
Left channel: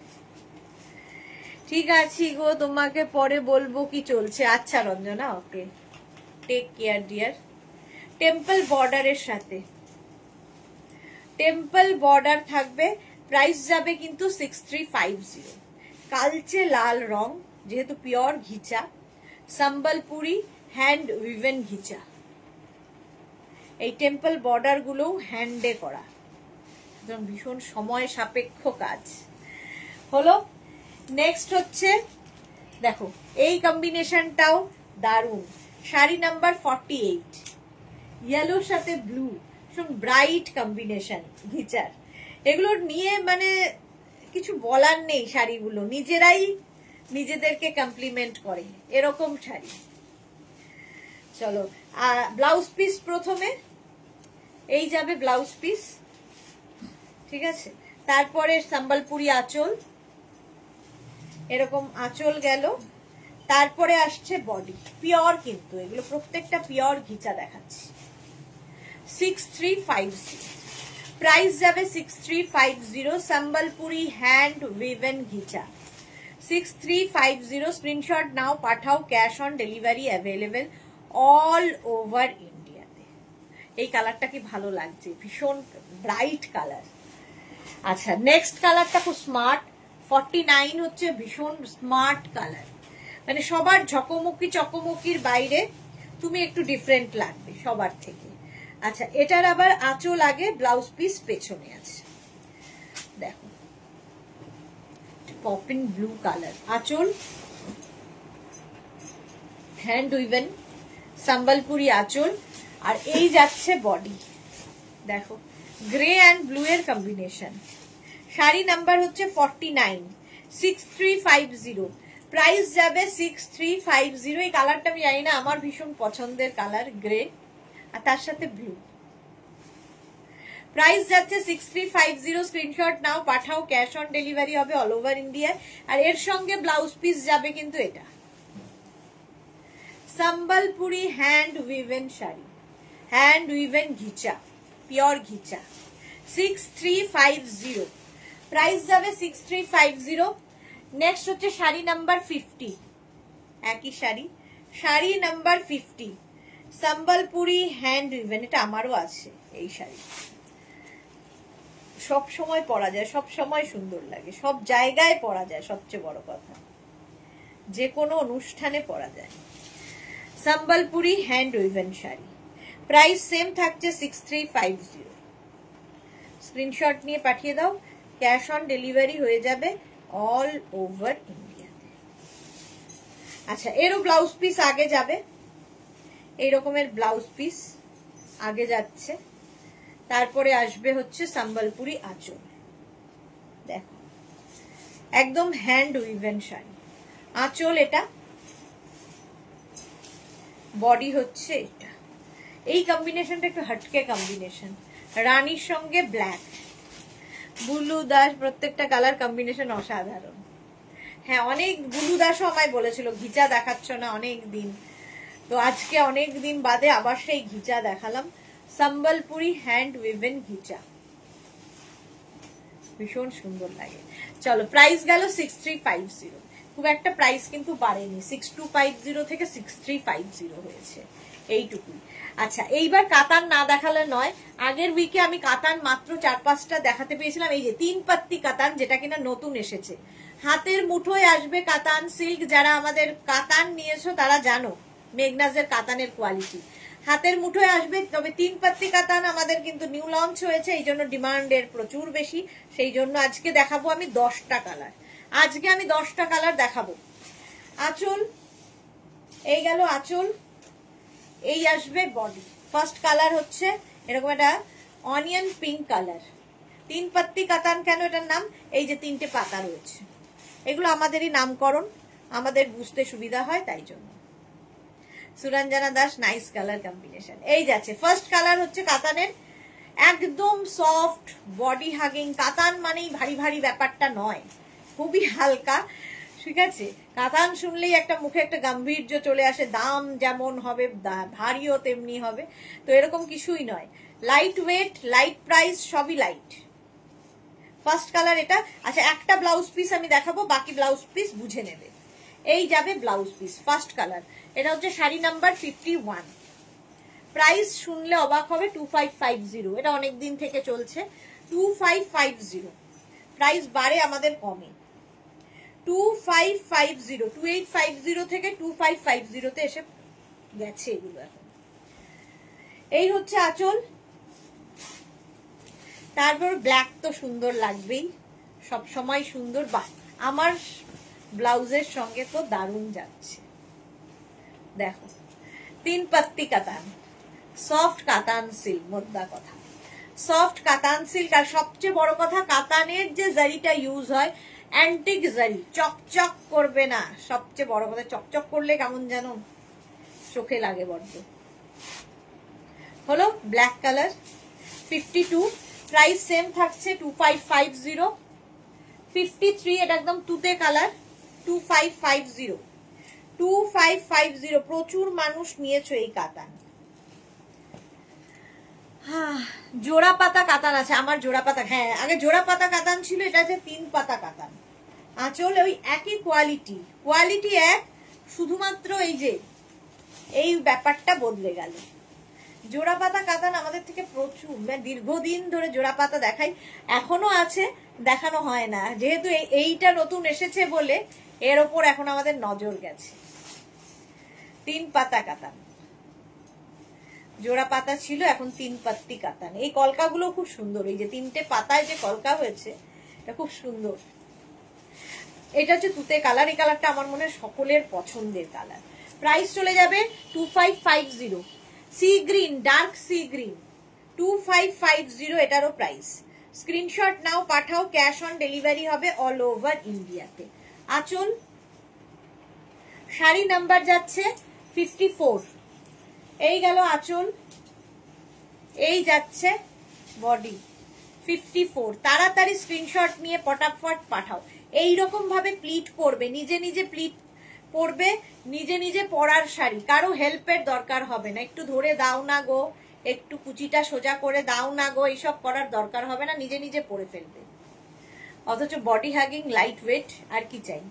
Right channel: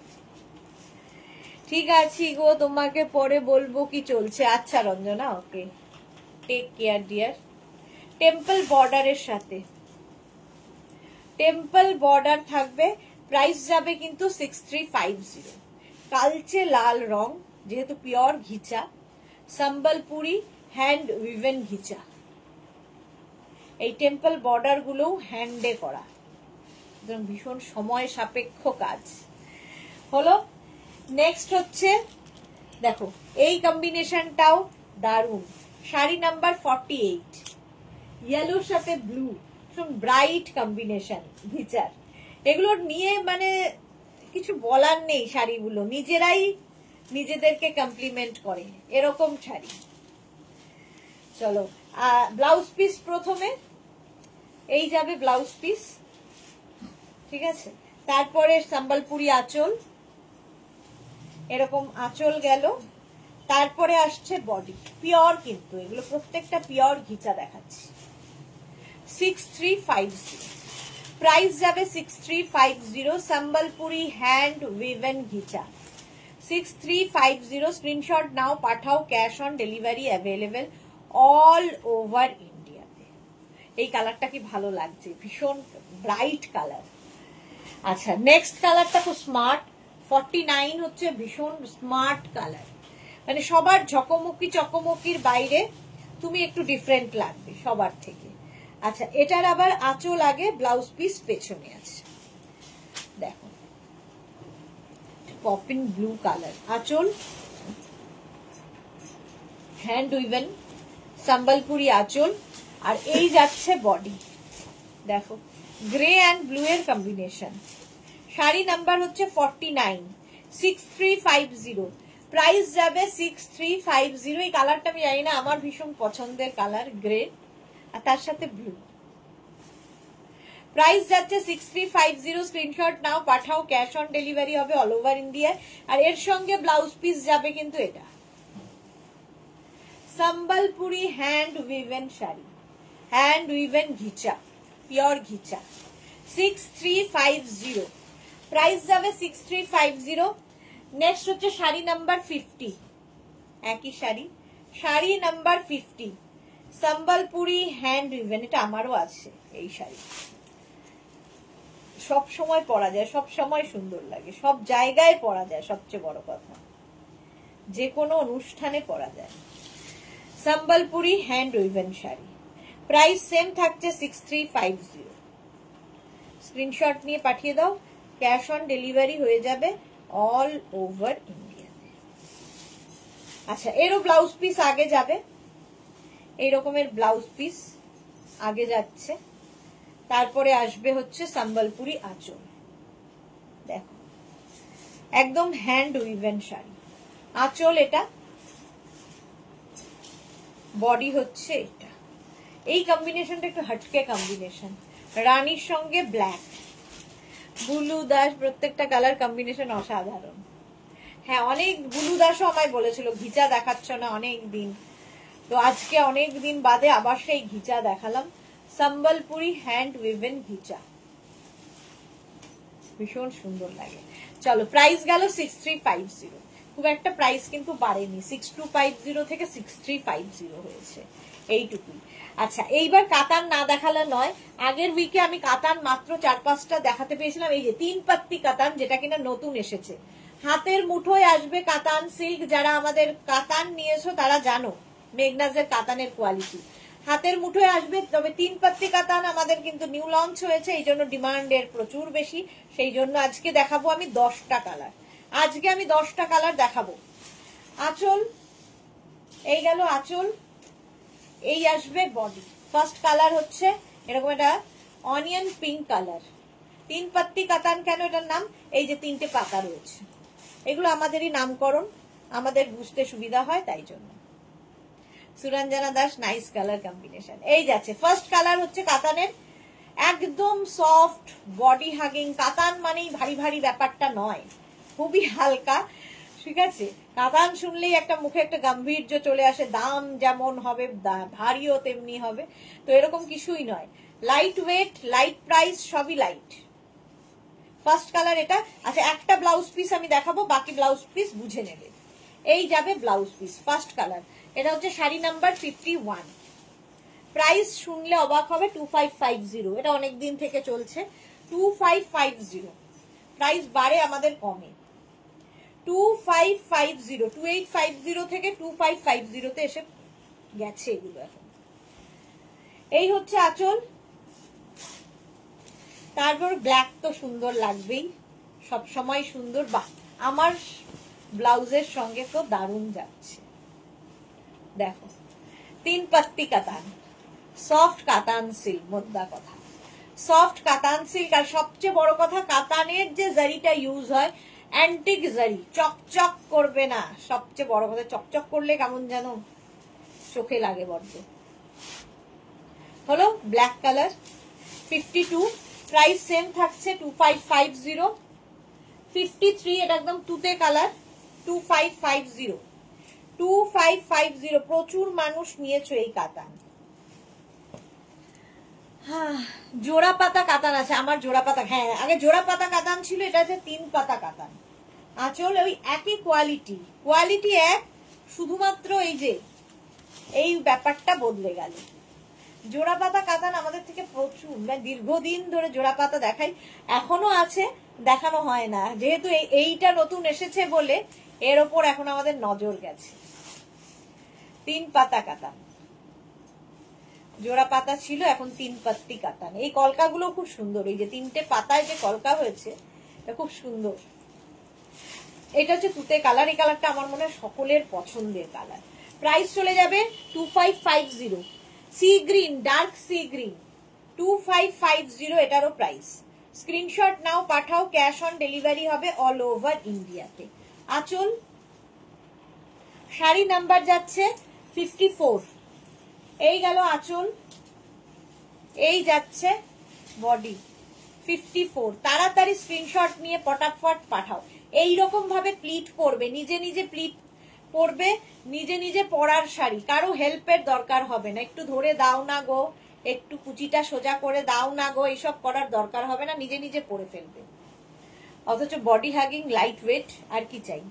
ঠিক আছে গো, তোমাকে পরে বলবো কি চলছে। আচ্ছা রঞ্জনা, ওকে, টেক কেয়ার ডিয়ার। টেম্পল বর্ডারের সাথে, টেম্পল বর্ডার থাকবে, প্রাইস যাবে কিন্তু 6350। কালচে লাল রং, যেহেতু পিওর ঘিচা, সম্বলপুরি হ্যান্ড উইভেন ঘিচা। এই টেম্পল বর্ডার গুলোও হ্যান্ডে করা, ভীষণ সময় সাপেক্ষ কাজ হলো। নেক্সট হচ্ছে দেখো এই কম্বিনেশনটাও দারুণ। শাড়ি নাম্বার 48, ইয়েলোর সাথে ব্লু, ভীষণ ব্রাইট কম্বিনেশন ঘিচার। এগুলো নিয়ে মানে কিছু বলার নেই, শাড়িগুলো নিজেরাই নিজেদেরকে কমপ্লিমেন্ট করে এরকম শাড়ি। চলো ব্লাউজ পিস প্রথমে এই যাবে ব্লাউজ পিস, ঠিক আছে। তারপরে সম্বলপুরি আঁচল, এরকম আঁচল গেল। তারপরে আসছে বডি, পিওর কিন্তু এগুলো প্রত্যেকটা পিওর ঘিচা দেখাচ্ছে। 6350 প্রাইস যাবে 6350, Sambalpuri hand woven ghicha 6350। Screenshot নাও, পাঠাও, cash on delivery available all over ইন্ডিয়াতে। এই কালারটা কি ভালো লাগছে, ভীষণ ব্রাইট কালার। আচ্ছা নেক্সট কালারটা খুব স্মার্ট, 49 হচ্ছে ভীষণ স্মার্ট কালার, মানে সবার ঝকমকি চকমকির বাইরে তুমি একটু ডিফারেন্ট লাগবে সবার থেকে। আচ্ছা এটার আবার আঁচল আগে, ব্লাউজ পিস পেছনে আছে। দেখো পপিন ব্লু কালার, আঁচল হ্যান্ড উইভেন সম্বলপুরি আঁচল, আর এই যাচ্ছে বডি। দেখো গ্রে অ্যান্ড ব্লু এর কম্বিনেশন। শাড়ি নাম্বার হচ্ছে 49, 6350, প্রাইস যাবে 6350। এই কালারটা আমি জানি না, আমার ভীষণ পছন্দের কালার, গ্রে আর তার সাথে ব্লু। প্রাইস যাচ্ছে 6350। স্ক্রিনশট নাও, পাঠাও, ক্যাশ অন ডেলিভারি হবে অল ওভার ইন্ডিয়া। আর এর সঙ্গে ব্লাউজ পিস যাবে কিন্তু এটা Sambalpuri hand woven sari, hand woven ghicha, pure ghicha 6350, price যাবে 6350। নেক্সট হচ্ছে শাড়ি নাম্বার 50, একই sari, sari number 50 Sambalpuri hand woven. এটা আমারও আছে এই শাড়ি, সব সময় পরা যায়, সব সময় সুন্দর লাগে, সব জায়গায় পরা যায়, সবচেয়ে বড় কথা যে কোনো অনুষ্ঠানে পরা যায়। Sambalpuri hand woven sari, price same থাকছে 6350। স্ক্রিনশট নিয়ে পাঠিয়ে দাও, ক্যাশ অন ডেলিভারি হয়ে যাবে অল ওভার ইন্ডিয়াতে। আচ্ছা এরও ব্লাউজ পিস আগে যাবে, এই রকমের ব্লাউজ পিস আগে যাচ্ছে। তারপরে আসবে হচ্ছে সম্বলপুরি আঁচল। দেখো একদম হ্যান্ড উইভেন শাড়ি, আঁচল এটা, বডি হচ্ছে এটা। এই কম্বিনেশনটা একটু হটকে কম্বিনেশন, রানীর সঙ্গে ব্ল্যাক, বুলু দাস, প্রত্যেকটা কালার কম্বিনেশন অসাধারণ। হ্যাঁ অনেক বুলু দাসও আমায় বলেছিল ঘিচা দেখাচ্ছ না অনেক দিন, তো আজকে অনেক দিন বাদে আবার সেই ঘিচা দেখালাম। সম্বলপুরি হ্যান্ড উইভেন ঘিচা, ভীষণ সুন্দর লাগে। চলো প্রাইস গেল 6350, খুব একটা প্রাইস কিন্তু বাড়েনি, 6250 থেকে 6350 হয়েছে, এইটুকুই। আচ্ছা এইবার কাতান না দেখালে নয়, আগের উইকে আমি কাতান মাত্র 4-5টা দেখাতে পেয়েছিলাম। এই যে 3 পাত্তি কাতান, যেটা কিনা নতুন এসেছে, হাতের মুঠোয় আসবে কাতান সিল্ক। যারা আমাদের কাতান নিয়েছো তারা জানো মেঘনাজের কাতানের কোয়ালিটি, হাতের মুঠোয় আসবে। তবে 3 পাত্তি কাতান আমাদের কিন্তু নিউ লঞ্চ হয়েছে, এই জন্য ডিমান্ডের প্রচুর বেশি, সেই জন্য আজকে দেখাবো আমি 10টা কালার। আজকে আমি 10টা কালার দেখাবো। আঁচল, এই গেল আঁচল, এই আসবে বডি। ফার্স্ট কালার হচ্ছে এরকম একটা অনিয়ন পিঙ্ক কালার। 3 পাত্তি কাতান কেন এটার নাম? এই যে 3টে পাতা রয়েছে, এগুলো আমাদেরই নামকরণ, আমাদের বুঝতে সুবিধা হয় তাই জন্য। Suranjana Das, nice colour combination. এই যাচ্ছে ফার্স্ট কালার হচ্ছে কাতানের, একদম সফট বডি হাগিং। কাতান মানেই ভারী ভারী ব্যাপারটা নয়, খুবই হালকা, ঠিক আছে। কাতান শুনলেই একটা মুখে একটা গাম্ভীর্য চলে আসে, দাম যেমন হবে ভারীও তেমনি হবে, তো এরকম কিছুই নয়। লাইট ওয়েট, লাইট প্রাইস, সবই লাইট। ফার্স্ট কালার এটা। আচ্ছা একটা ব্লাউজ পিস আমি দেখাবো, বাকি ব্লাউজ পিস বুঝে নেবে। এই যাবে ব্লাউজ পিস, ফার্স্ট কালার। এটা হচ্ছে শাড়ি নাম্বার 51। প্রাইস শুনলে অবাক হবে, 2550। এটা অনেকদিন থেকে চলছে 2550, প্রাইস বাড়ে আমাদের কমে। 2550, 2850 থেকে 2550 তে এসে গেছে এগুলো এখন। এই হচ্ছে আঁচল। তারপর ব্ল্যাক তো সুন্দর লাগবেই, সব সময় সুন্দর। বাহ, আমার ব্লাউজের সঙ্গে তো দারুণ যাচ্ছে। দেখো 3 পাত্তি কাতান, সফট কাতান সিল্ক, মোদ্দা কথা সফট কাতান সিল্ক। আর সবচেয়ে বড় কথা, কাতানের যে জারিটা ইউজ হয় অ্যান্টিক জারি, চকচক করবে না। সবচেয়ে বড় কথা, চকচক করলে কেমন যেন চোখে লাগে বড্ড। হলো ব্ল্যাক কালার 52, প্রাইস সেম থাকছে 2550। 53 এটা একদম তুতে কালার, 2550, 2550। প্রচুর মানুষ নিয়েছো এই কাতান। জোড়া পাতা কাতান আছে, আমার জোড়া পাতা, হ্যাঁ আগে জোড়া পাতা কাতান ছিল, এটা হচ্ছে 3 পাতা কাতান। আঁচল ওই একই কোয়ালিটি, কোয়ালিটি এক, শুধুমাত্র এই যে এই ব্যাপারটা বদলে গেল। জোড়া পাতা কাতান আমাদের থেকে প্রচুর, মানে দীর্ঘদিন ধরে জোড়া পাতা দেখাই, এখনো আছে, দেখানো হয় না, যেহেতু এইটা নতুন এসেছে বলে এর ওপর এখন আমাদের নজর গেছে। 3 পাতা কাতান, জোড়া পাতা ছিল, এখন 3 পাত্তি কাতান। এই কলকাগুলো খুব সুন্দর, এই যে 3টে পাতায় যে কলকা হয়েছে এটা খুব সুন্দর। এটা হচ্ছে তুতে কালার, এই কালারটা আমার মনে হয় সকলের পছন্দের কালার। প্রাইস চলে যাবে 2550। Sea green, dark sea green, 2550 এটারও প্রাইস। স্ক্রিনশট নাও, পাঠাও, ক্যাশ অন ডেলিভারি হবে অল ওভার ইন্ডিয়াতে। আঁচল, শাড়ি নাম্বার যাচ্ছে 54। এই গেল আঁচল, এই যাচ্ছে বডি 54। তাড়াতাড়ি স্ক্রিনশট নিয়ে পটাফট পাঠাও। এইরকম ভাবে প্লিট পরবে, নিজে নিজে প্লিট পরবে, নিজে নিজে পরার শাড়ি, কারো হেল্পের দরকার হবে না। একটু ধরে দাও না গো, একটু কুচিটা সোজা করে দাও না গো, এইসব করার দরকার হবে না, নিজে নিজে পরে ফেলবে। অথচ বডি হ্যাগিং, লাইট ওয়েট, আর কি চাই।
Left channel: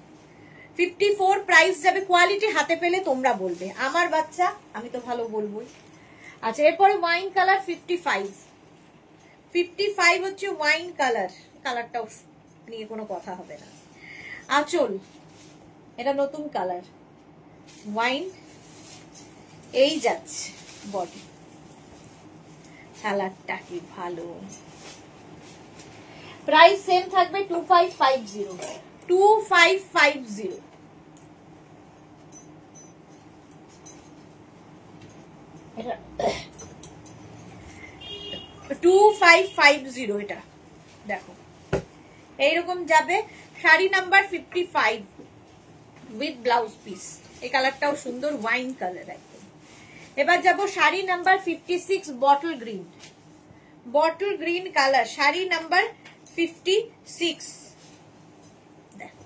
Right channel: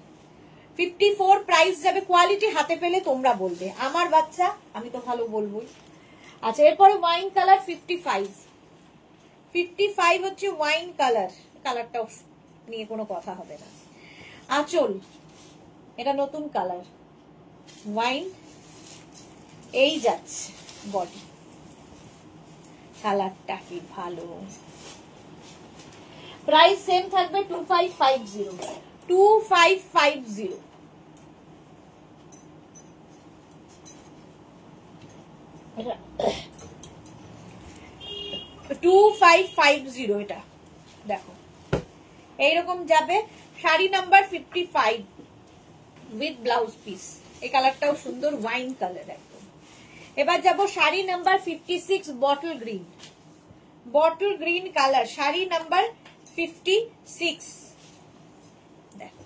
54 প্রাইস যাবে। কোয়ালিটি হাতে পেলে তোমরা বলবে, আমার বাচ্চা আমি তো ভালো বলবোই। আচ্ছা এরপরে ওয়াইন কালার 55। 55 হচ্ছে ওয়াইন কালার, কালারটাও নিয়ে কোনো কথা হবে না। আঁচল, এটা নতুন কালার ওয়াইন, এই যাচ্ছে বডি, কালারটা কি ভালো। প্রাইস সেম থাকবে 2550, 2550। 2550 এটা দেখো, এইরকম যাবে। Sari number 55 with blouse piece, এই কালারটাও সুন্দর, ওয়াইন কালার একদম। এবার যাব sari number 56, bottle green, bottle green colour, sari number 56। দেখো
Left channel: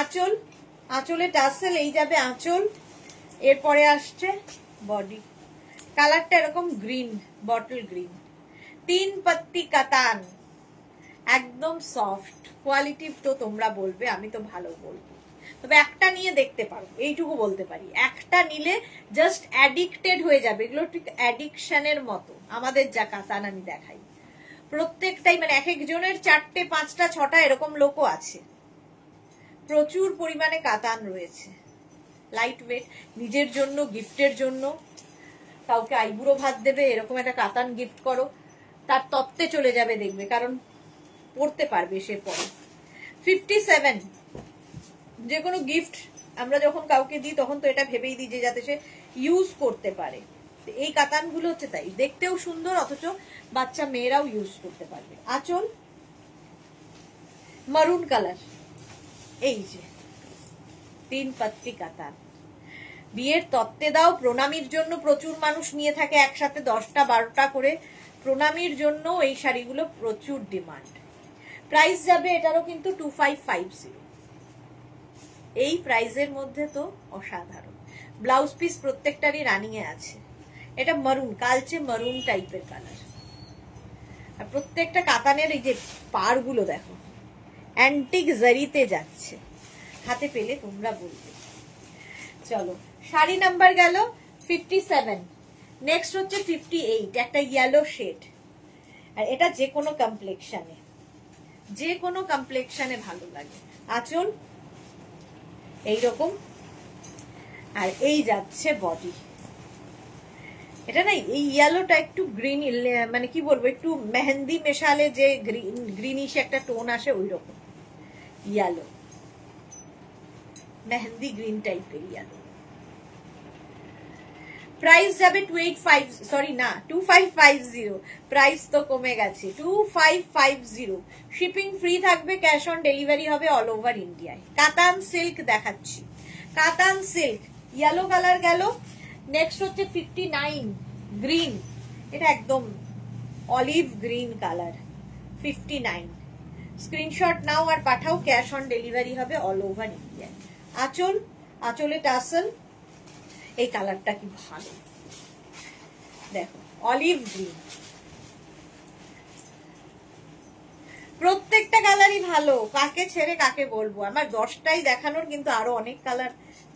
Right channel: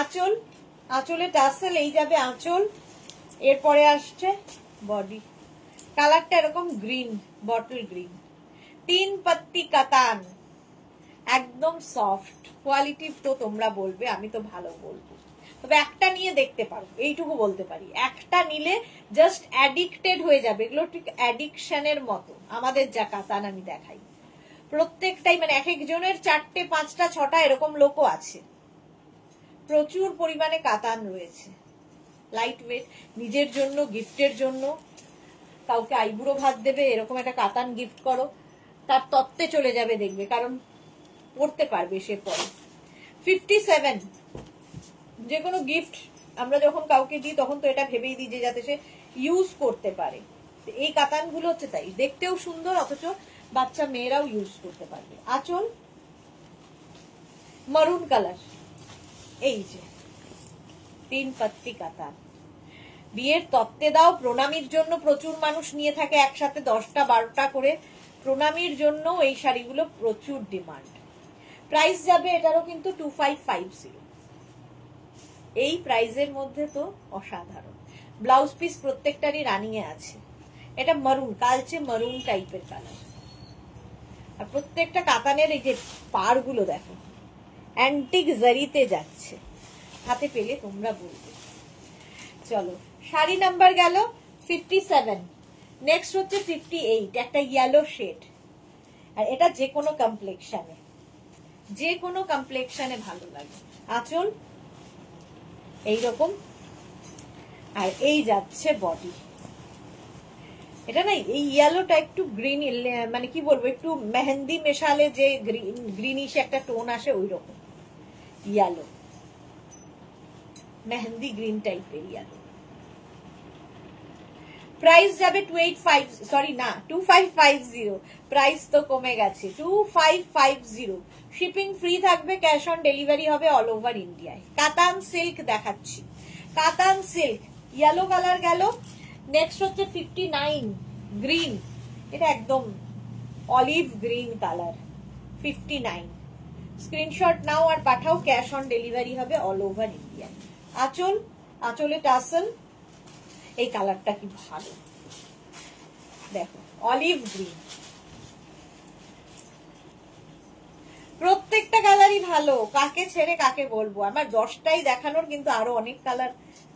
আঁচল, আঁচলে টাসেল, এই যাবে আঁচল। এরপরে আসছে বডি, কালারটা এরকম গ্রিন, বটল গ্রিন, 3 পাত্তি কাতান, একদম সফট কোয়ালিটি। তো তোমরা বলবে, আমি তো ভালো বলবো, তবে একটা নিয়ে দেখতে পারো, এইটুকু বলতে পারি। একটা নিলে জাস্ট অ্যাডিক্টেড হয়ে যাবে। এগুলো ঠিক অ্যাডিকশনের মতো। আমাদের যা কাতান আমি দেখাই, প্রত্যেকটাই মানে এক একজনের 4টে 5টা 6টা এরকম লোকও আছে। প্রচুর পরিমাণে কাতান রয়েছে, লাইট ওয়েট, নিজের জন্য, গিফটের জন্য, কাউকে আইবুড়ো ভাত দেবে, এরকম একটা কাতান গিফট করো, তার তত্ত্বে চলে যাবে দেখবে, কারণ পড়তে পারবে সে পরে। 57, যে কোনো গিফট আমরা যখন কাউকে দিই তখন তো এটা ভেবেই দিই যে যাতে সে ইউজ করতে পারে। এই কাতানগুলো হচ্ছে তাই, দেখতেও সুন্দর, অথচ বাচ্চা মেয়েরাও ইউজ করতে পারবে। আঁচল মারুন কালার, এই যে 3 পাত্তি কাতান। বিয়ের তত্ত্বে দাও, প্রণামীর জন্য প্রচুর মানুষ নিয়ে থাকে একসাথে 10টা 12টা করে। প্রণামীর জন্য এই শাড়িগুলো প্রচুর ডিমান্ড। প্রাইস যাবে এটারও কিন্তু 2550। এই প্রাইজের মধ্যে তো অসাধারণ। ব্লাউজ পিস প্রত্যেকটারই রানিং এ আছে। এটা মারুন, কালচে মারুন টাইপের কালার। আর প্রত্যেকটা কাতানের এই যে পাড়গুলো দেখো, অ্যান্টিক জারিতে যাচ্ছে। হাতে পেলে তোমরা বলবে। চলো, শাড়ি নাম্বার গেল 57। নেক্সট হচ্ছে 58, একটা ইয়েলো শেড। আর এটা যে কোনো কমপ্লেক্সনে, যে কোনো কমপ্লেক্সনে ভালো লাগে। আঁচল এইরকম, আর এই যাচ্ছে বডি। এটা না, এই ইয়েলোটা একটু গ্রিন, মানে কি বলবো, একটু মেহেন্দি মেশালে যে গ্রিনিশ একটা টোন আসে, ওই রকম ইয়েলো, মেহেন্দি গ্রিন টাইপের ইয়েলো। প্রাইস যাবে 2550। প্রাইস তো কমে গেছে, 2550। শিপিং ফ্রি থাকবে, ক্যাশ অন ডেলিভারি হবে অল ওভার ইন্ডিয়ায়। কাতান সিল্ক দেখাচ্ছি, কাতান সিল্ক ইয়েলো কালার গেল। নেক্সট হচ্ছে 59 গ্রিন, এটা একদম অলিভ গ্রিন কালার। 59 স্ক্রিনশট নাও আর পাঠাও, ক্যাশ অন ডেলিভারি হবে অল ওভার ইন্ডিয়ায়। আঁচল, আঁচলে টাসেল, এই কালারটা কি ভালো দেখো, অলিভ গ্রিন। প্রত্যেকটা কালারই ভালো, কাকে ছেড়ে কাকে বলবো। আমার 10টাই দেখানোর, কিন্তু আরো অনেক কালার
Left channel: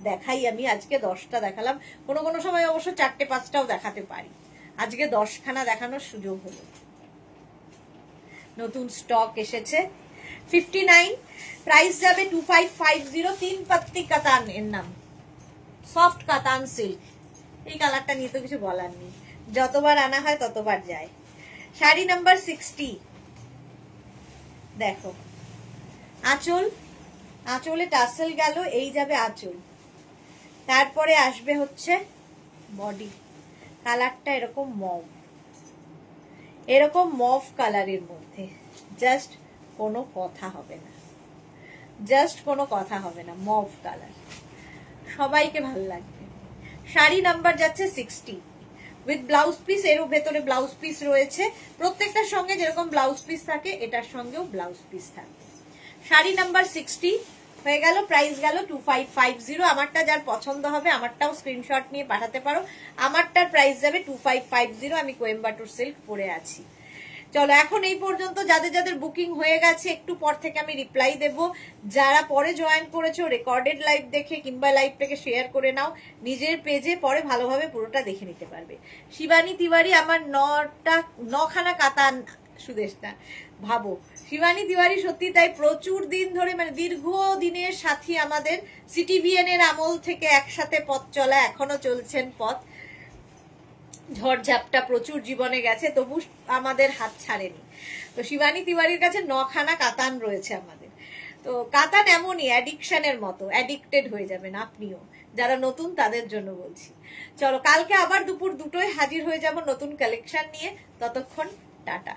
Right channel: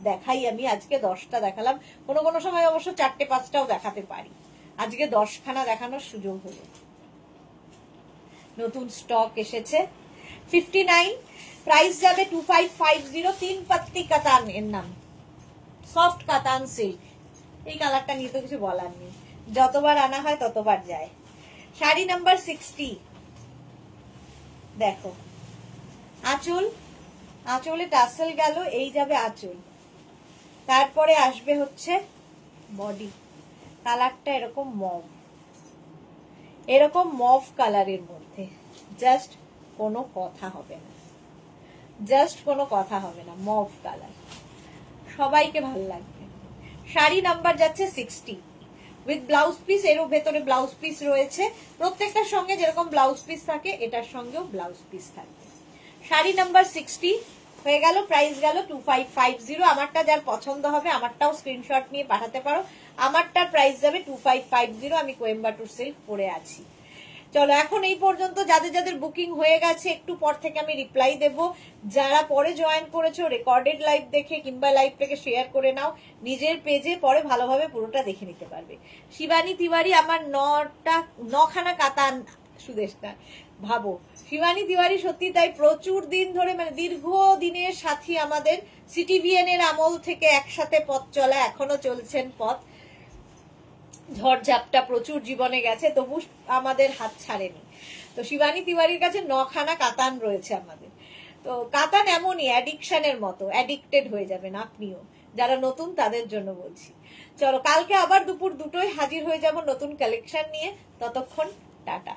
দেখাই আমি। আজকে 10টা দেখালাম, কোনো কোনো সময় অবশ্য 4টে 5টাও দেখাতে পারি। আজকে 10খানা দেখানোর সুযোগ হলো। নতুন স্টক এসেছে। 59 প্রাইস যাবে 2550। 3 পাত্তি কাতান এর নাম, সফট কাতান সিল্ক। এই কালারটা নিয়ে তো কিছু বলার নেই, যতবার আনা হয় ততবার যায়। শাড়ি নাম্বার 60 দেখো, আঁচল, আঁচলে টাসেল গেল, এই যাবে আঁচল। তারপরে আসবে হচ্ছে বডি। কালারটা এরকম মভ, এরকম মভ কালারের মধ্যে, জাস্ট কোনো কথা হবে না, জাস্ট কোনো কথা হবে না। মভ কালার সবাইকে ভালো লাগবে। শাড়ি নাম্বার যাচ্ছে 60 উইথ ব্লাউজ পিস। এর ভেতরে ব্লাউজ পিস রয়েছে, প্রত্যেকটার সঙ্গে যেরকম ব্লাউজ পিস থাকে এটার সঙ্গেও ব্লাউজ পিস থাকবে। শাড়ি নাম্বার 60 হয়ে গেল, প্রাইস গেল 2550। আমারটা যার পছন্দ হবে আমারটাও স্ক্রিনশট নিয়ে পাঠাতে পারো। আমারটার প্রাইস যাবে 2550। আমি কোয়েম্বাটুর সিল্ক পরে আছি। চলো, এখন এই পর্যন্ত যাদের যাদের বুকিং হয়ে গেছে, একটু পর থেকে আমি রিপ্লাই দেব। যারা পরে জয়েন করেছো, রেকর্ডেড লাইভ দেখে কিংবা লাইভটাকে শেয়ার করে নাও নিজের পেজে, পরে ভালোভাবে পুরোটা দেখে নিতে পারবে। শিবানী তিওয়ারি আমার 9খানা কাতান, সুদেশটা ভাবো। শিবানী তিওয়ারি সত্যি তাই, প্রচুর দিন ধরে, মানে দীর্ঘ দিনের সাথী আমাদের। সিটিভিএন এর আমল থেকে একসাথে পথ চলা, এখনো চলছেন পথ। ঝড়ঝাপটা প্রচুর জীবনে গেছে, তবু আমাদের হাত ছাড়েনি। তো শিবানী তিওয়ারির কাছে 9খানা কাতান রয়েছে আমাদের। তো কাতান এমনই অ্যাডিকশনের মতো, অ্যাডিক্টেড হয়ে যাবেন আপনিও। যারা নতুন তাদের জন্য বলছি। চলো, কালকে আবার দুপুর 2টোয় হাজির হয়ে যাব নতুন কালেকশন নিয়ে। ততক্ষণ টাটা।